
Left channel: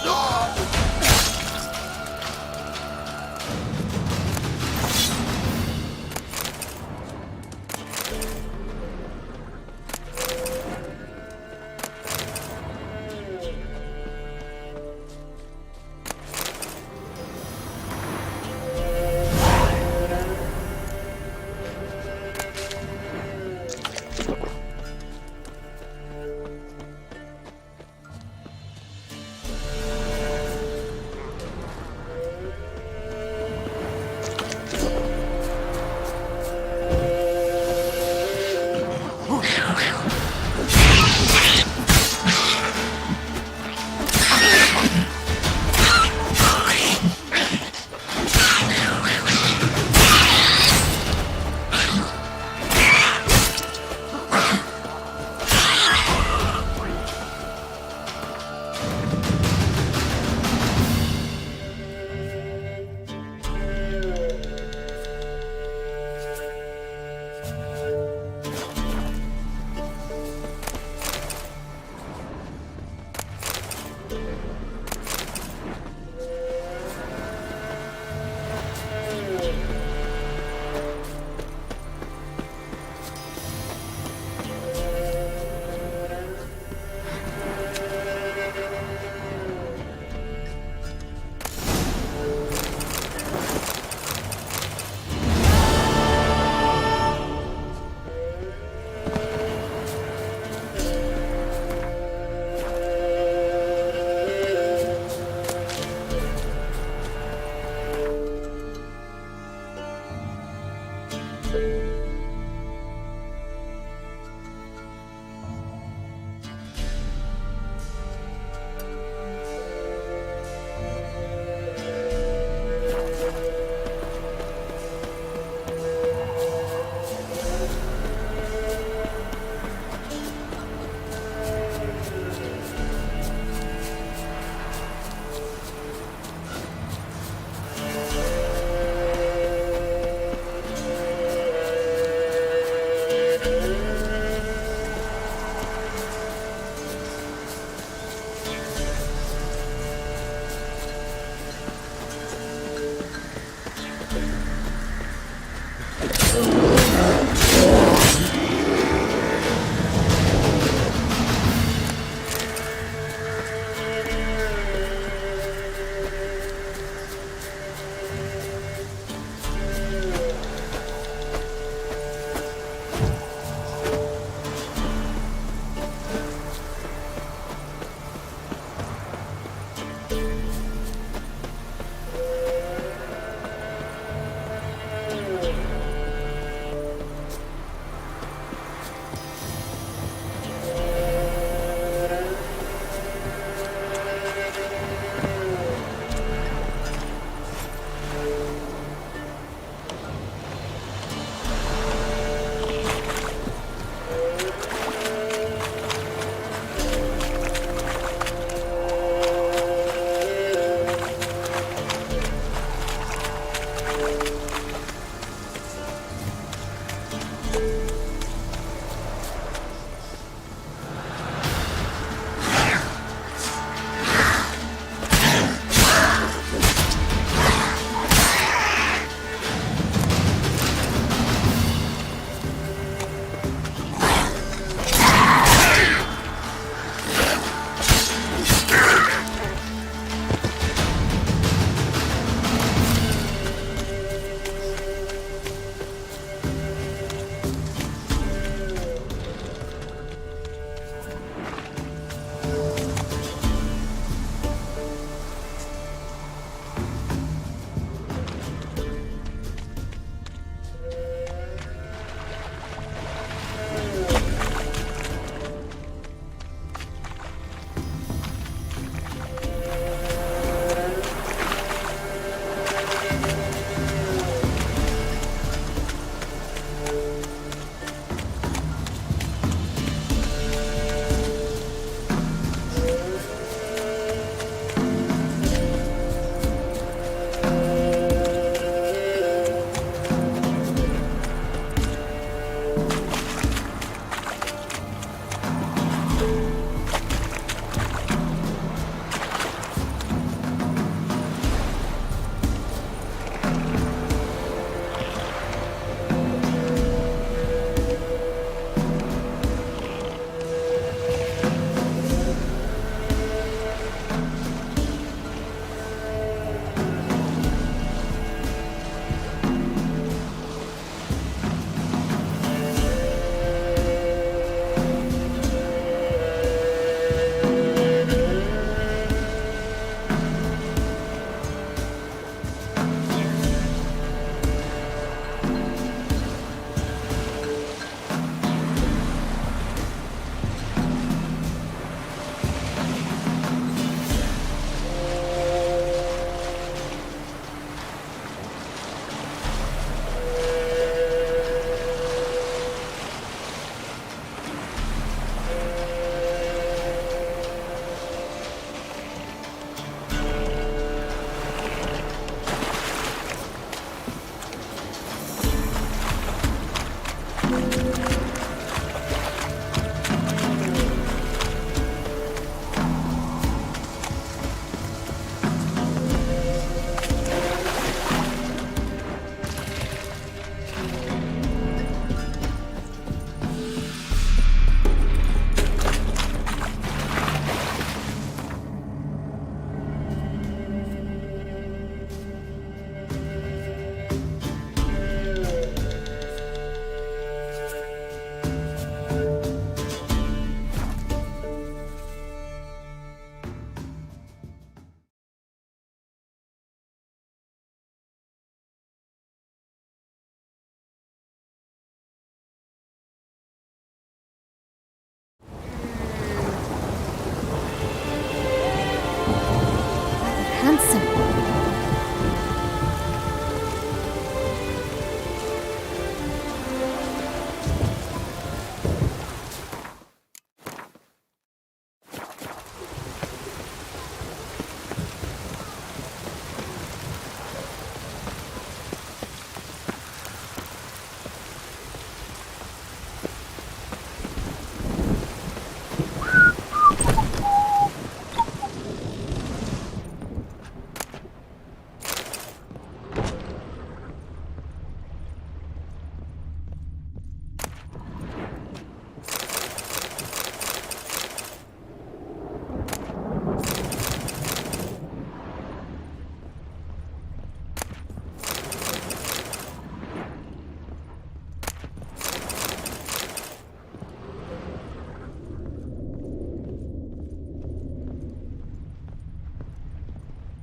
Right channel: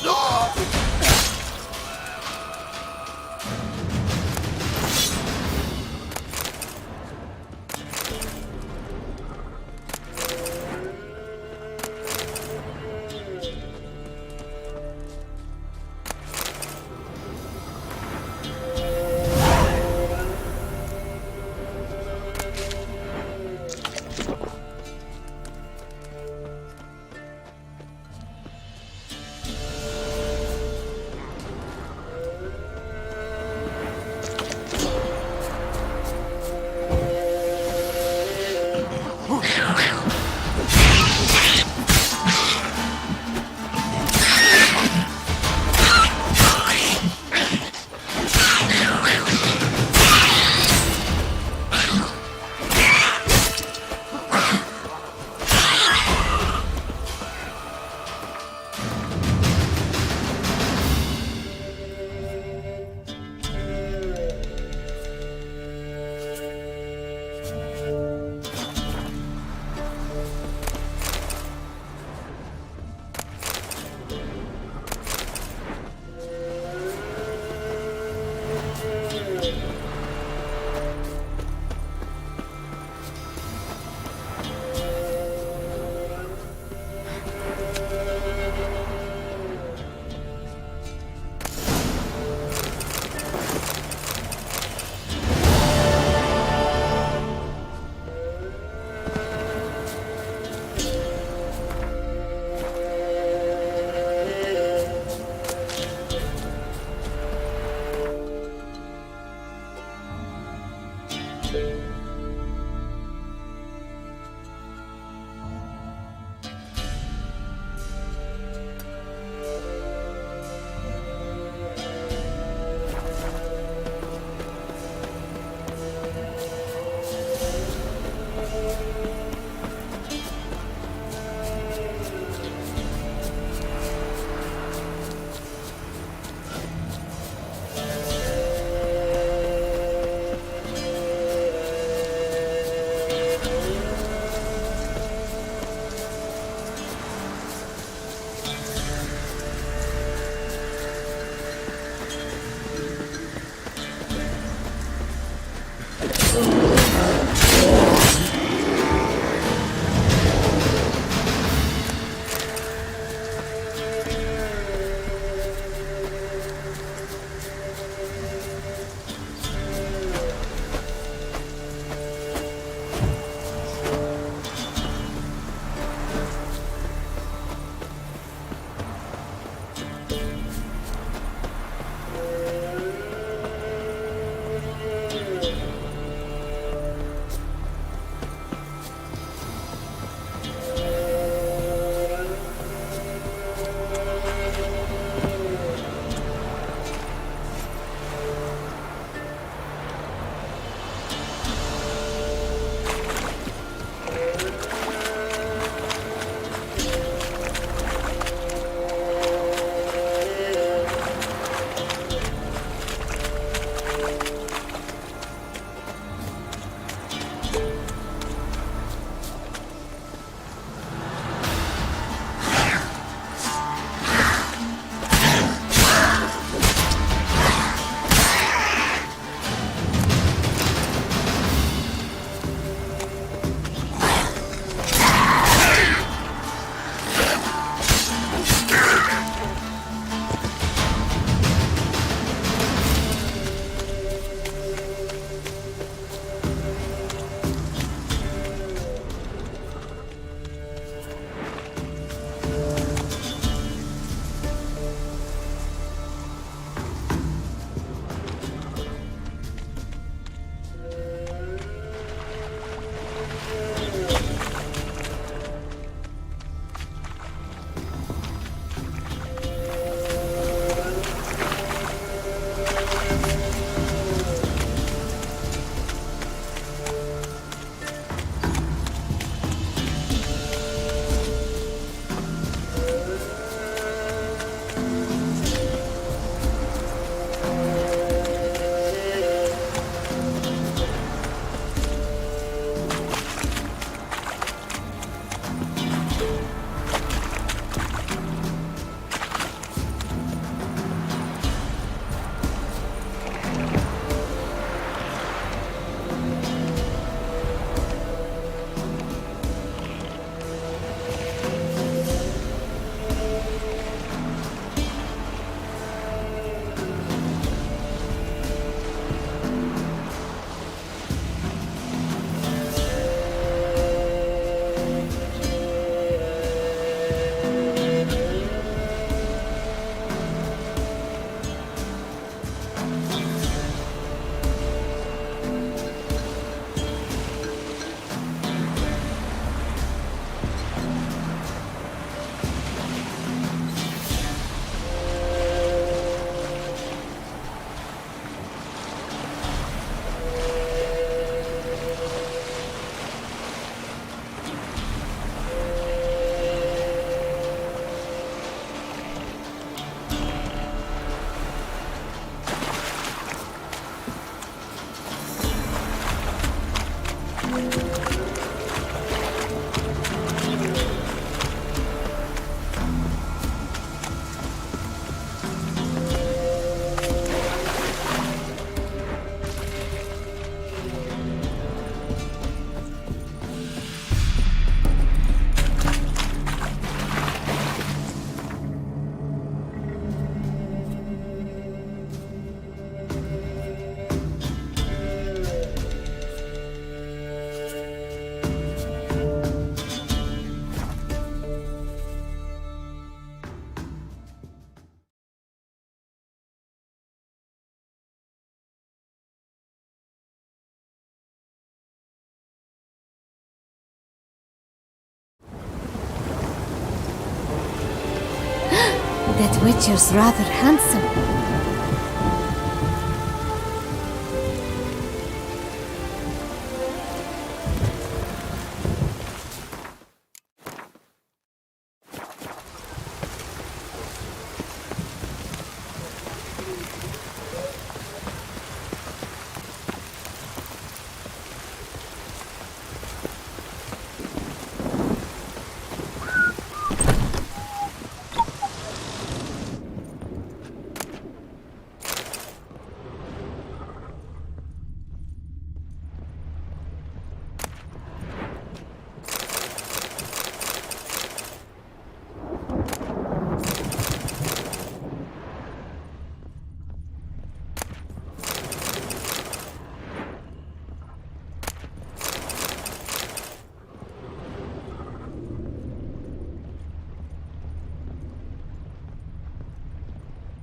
creature's rather handsome.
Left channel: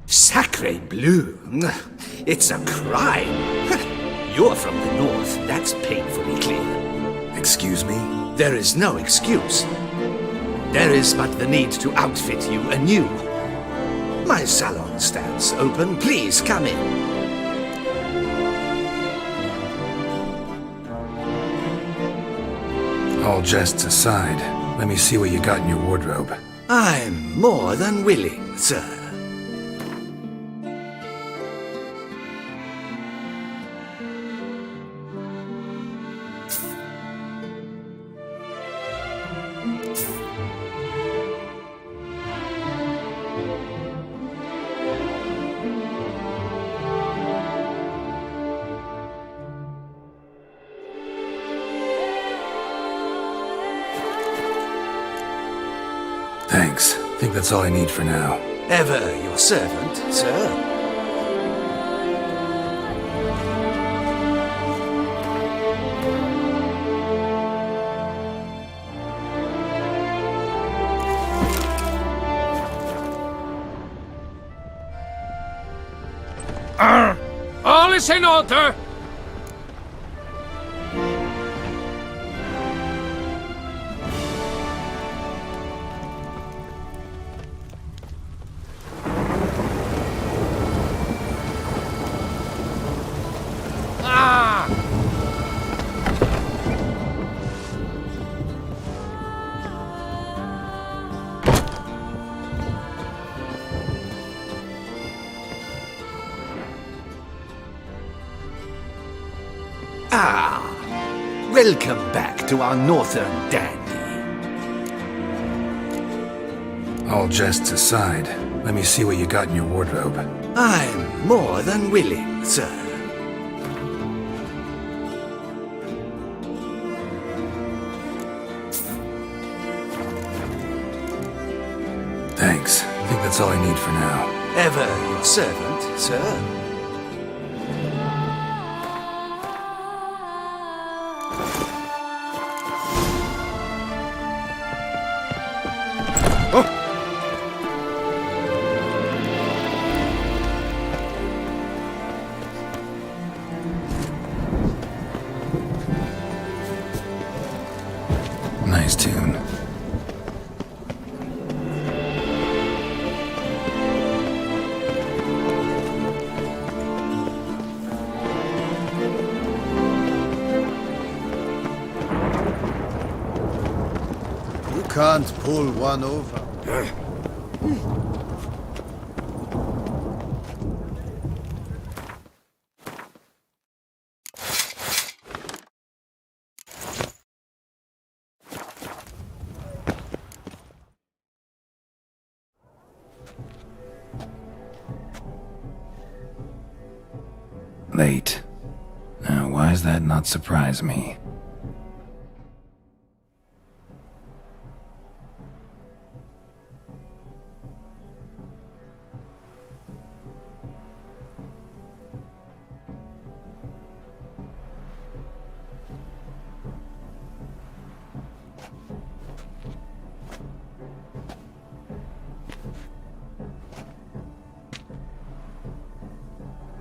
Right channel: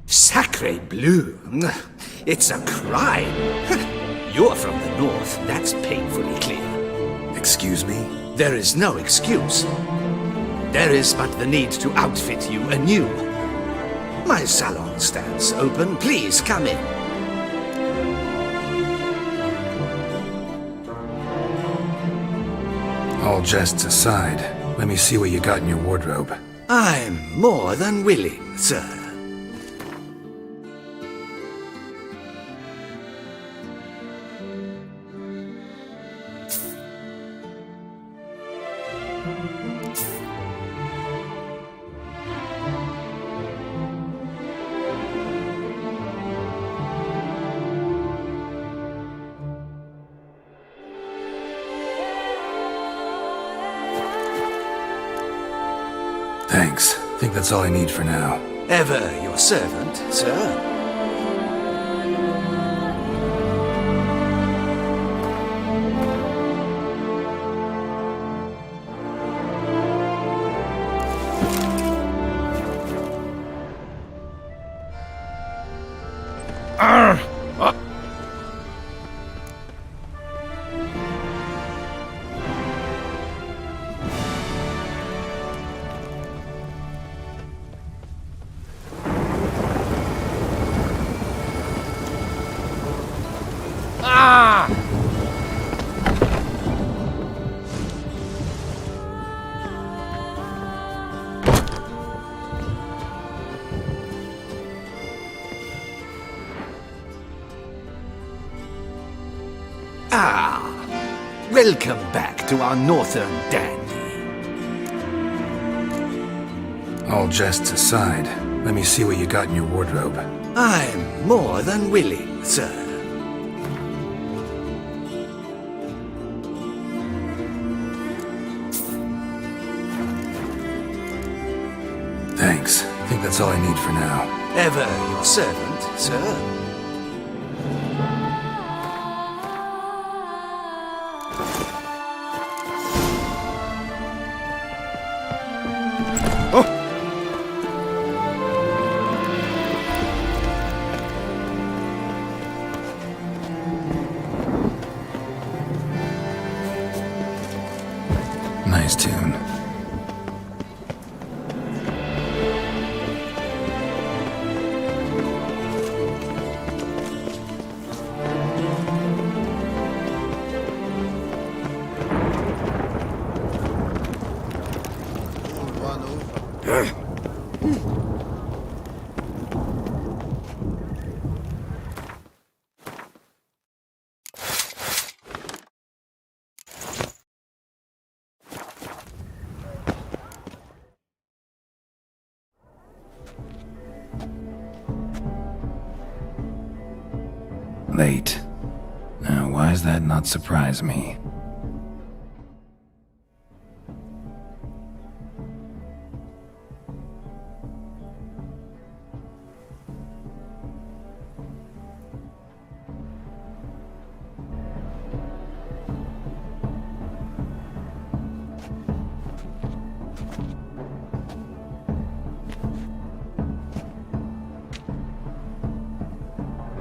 Sacre bleu! It's a crime! You're from the north, that's painfully clear. Excuse me? There is no excuse. There is but the need to outfit you anew. My salon stands open. Please come in. All jests aside, let me see what you got in your wardrobe. I'm more than willing, sir. Thanks. I think that's all I need for now. Ever your servant, sir. All is in order. Welcome back to our northern dandy. All jests aside, let me see what you got in your wardrobe. I'm more than willing, sir. Thanks. I think that's all I need for now. Ever your servant, sir. Nice tune. You can't pull one over. Late. Now, why does that not surprise me?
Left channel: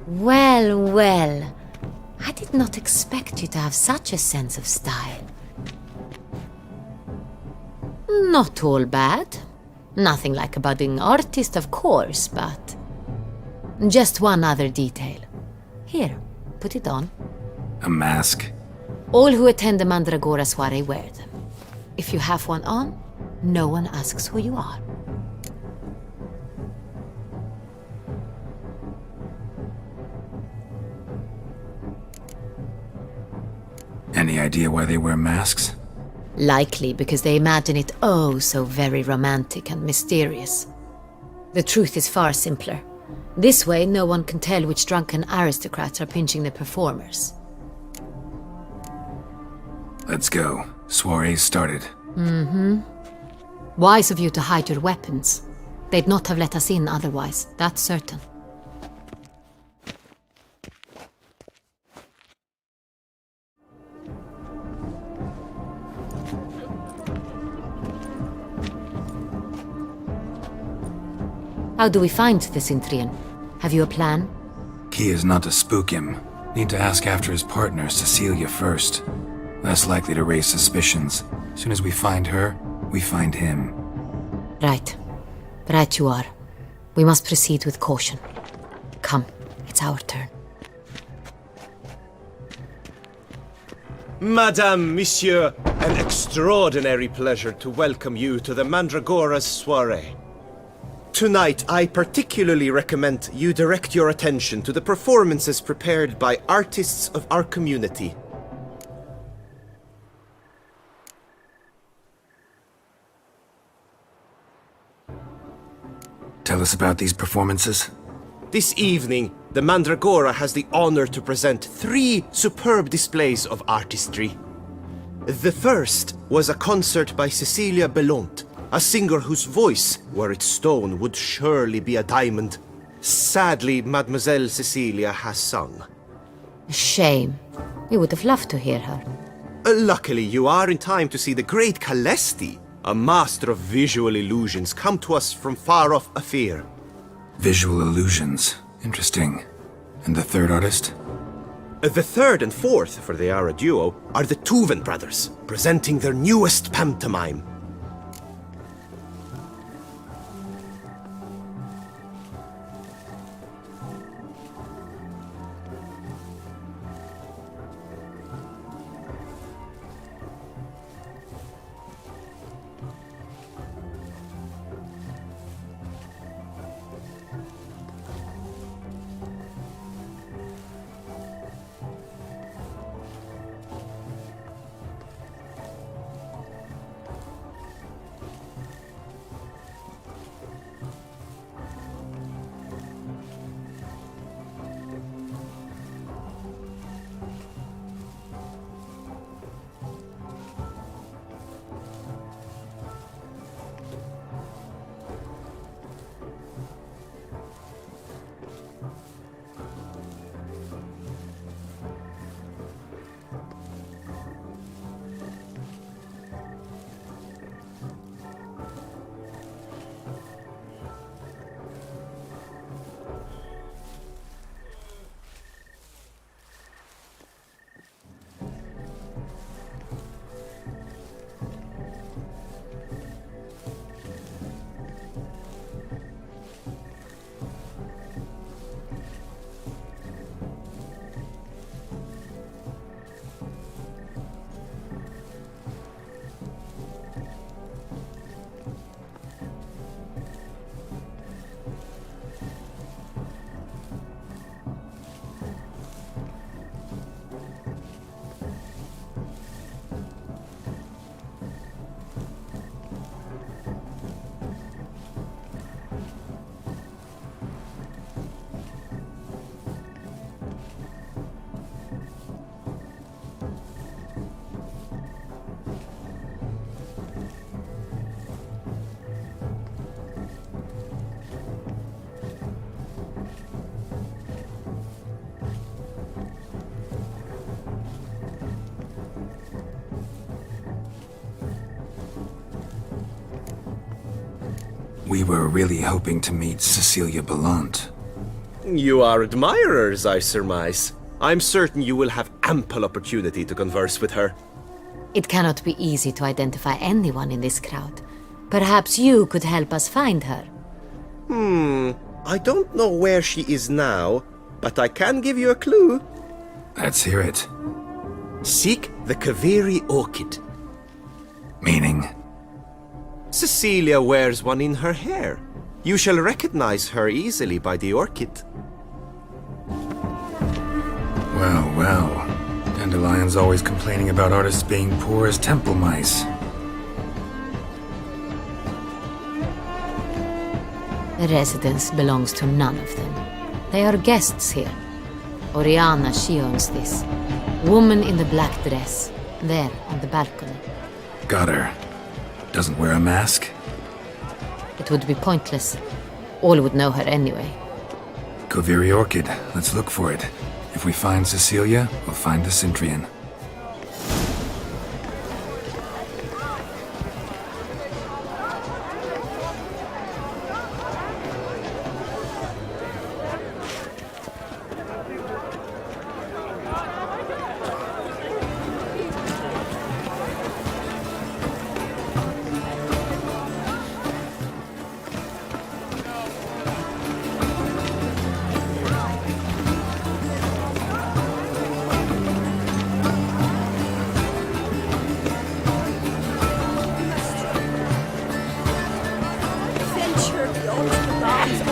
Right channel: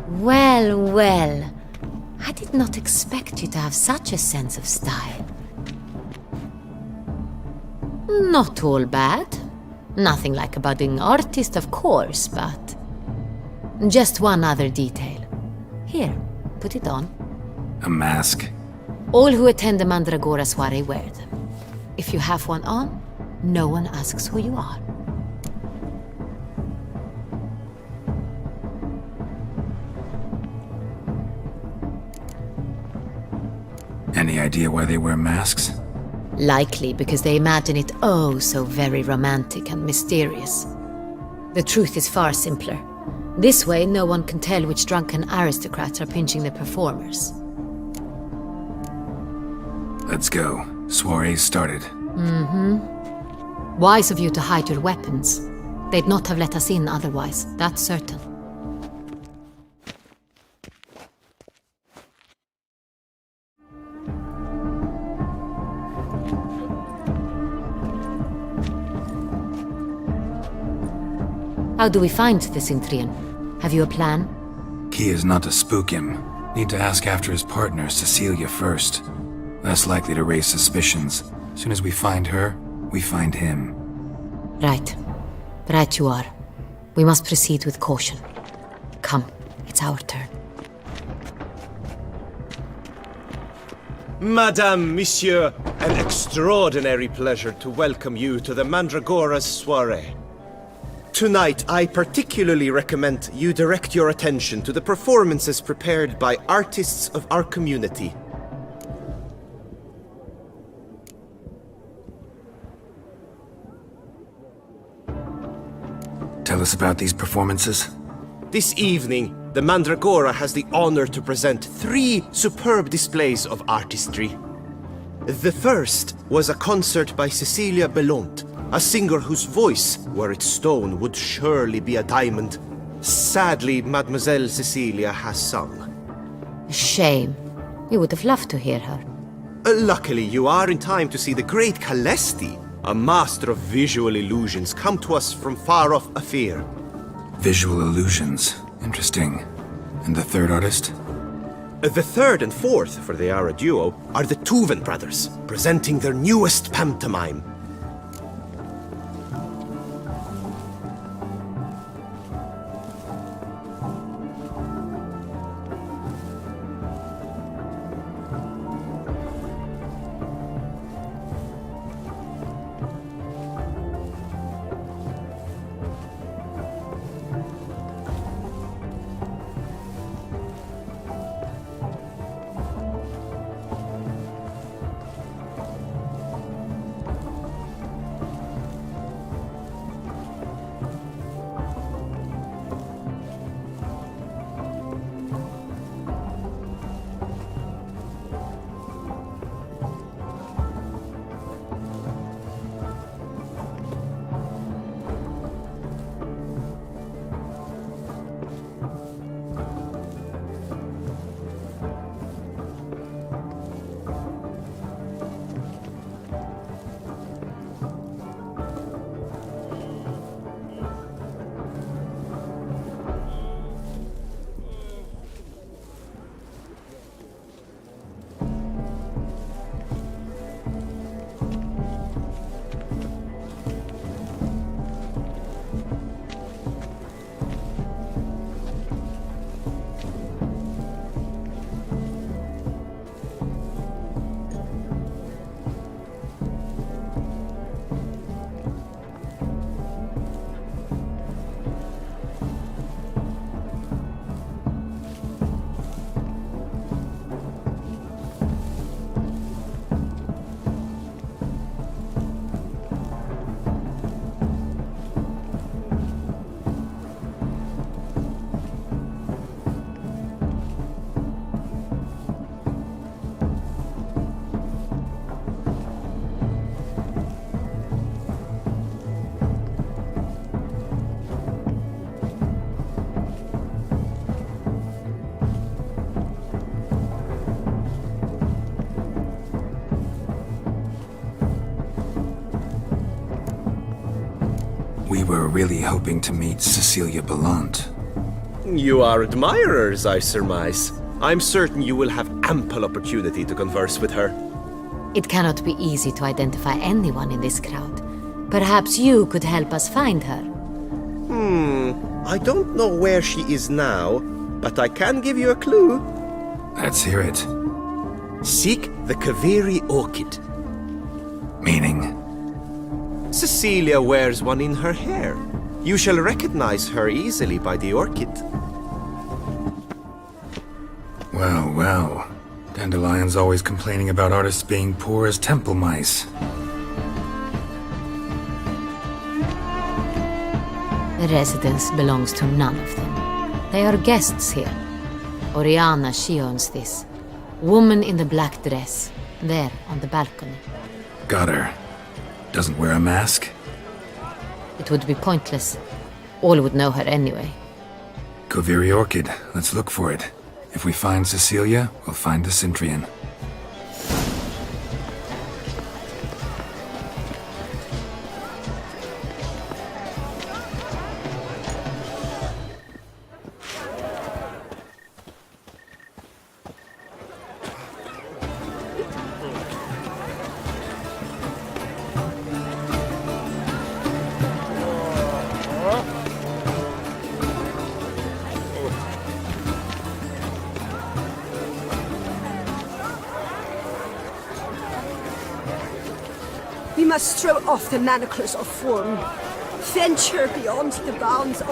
Well, well. I did not expect you to have such a sense of style. Not all bad. Nothing like a budding artist, of course, but... Just one other detail. Here, put it on. A mask? All who attend the Mandragora soiree wear them. If you have one on, no one asks who you are. Any idea why they wear masks? Likely because they imagine it oh so very romantic and mysterious. The truth is far simpler. This way, no one can tell which drunken aristocrats are pinching the performers. Let's go. Soiree's started. Mm-hmm. Wise of you to hide your weapons. They'd not have let us in otherwise, that's certain. How do we find the Cintrian? Have you a plan? Key is not to spook him. Need to ask after his partner, Cecilia, first. Less likely to raise suspicions. As soon as we find her, we find him. Right. Right you are. We must proceed with caution. Come, it's our turn. Madame, Monsieur, an extraordinary pleasure to welcome you to the Mandragora's soiree. Tonight, I particularly recommend you direct your attention to the performances prepared by artists of our community. Tell us about these performances. This evening, the Mandragora has the honor to present 3 superb displays of artistry. The first was a concert by Cecilia Belont, a singer whose voice, were it stone, would surely be a diamond. Sadly, Mademoiselle Cecilia has sung. Shame. We would have loved to hear her. Luckily, you are in time to see the great Calesti, a master of visual illusions, come to us from far off Afir. Visual illusions. Interesting. And the third artist? The third and fourth, for they are a duo, are the Tuven brothers, presenting their newest pantomime. We were really hoping to meet Cecilia Belont. You are admirers, I surmise. I'm certain you will have ample opportunity to converse with her. It cannot be easy to identify anyone in this crowd. Perhaps you could help us find her. I don't know where she is now, but I can give you a clue. Let's hear it. Seek the Kaveri orchid. Meaning? Cecilia wears one in her hair. You shall recognize her easily by the orchid. Well, well. Dandelion's always complaining about artists being poor as temple mice. The residence belongs to none of them. They are guests here. Oriana, she owns this. Woman in the black dress. There, on the balcony. Got her. Doesn't wear a mask? It would be pointless. All would know her anyway. Kaveri orchid. Let's look for it. If we find Cecilia, we'll find the Cintrian. We must throw off the manacles of form, venture beyond the bounds of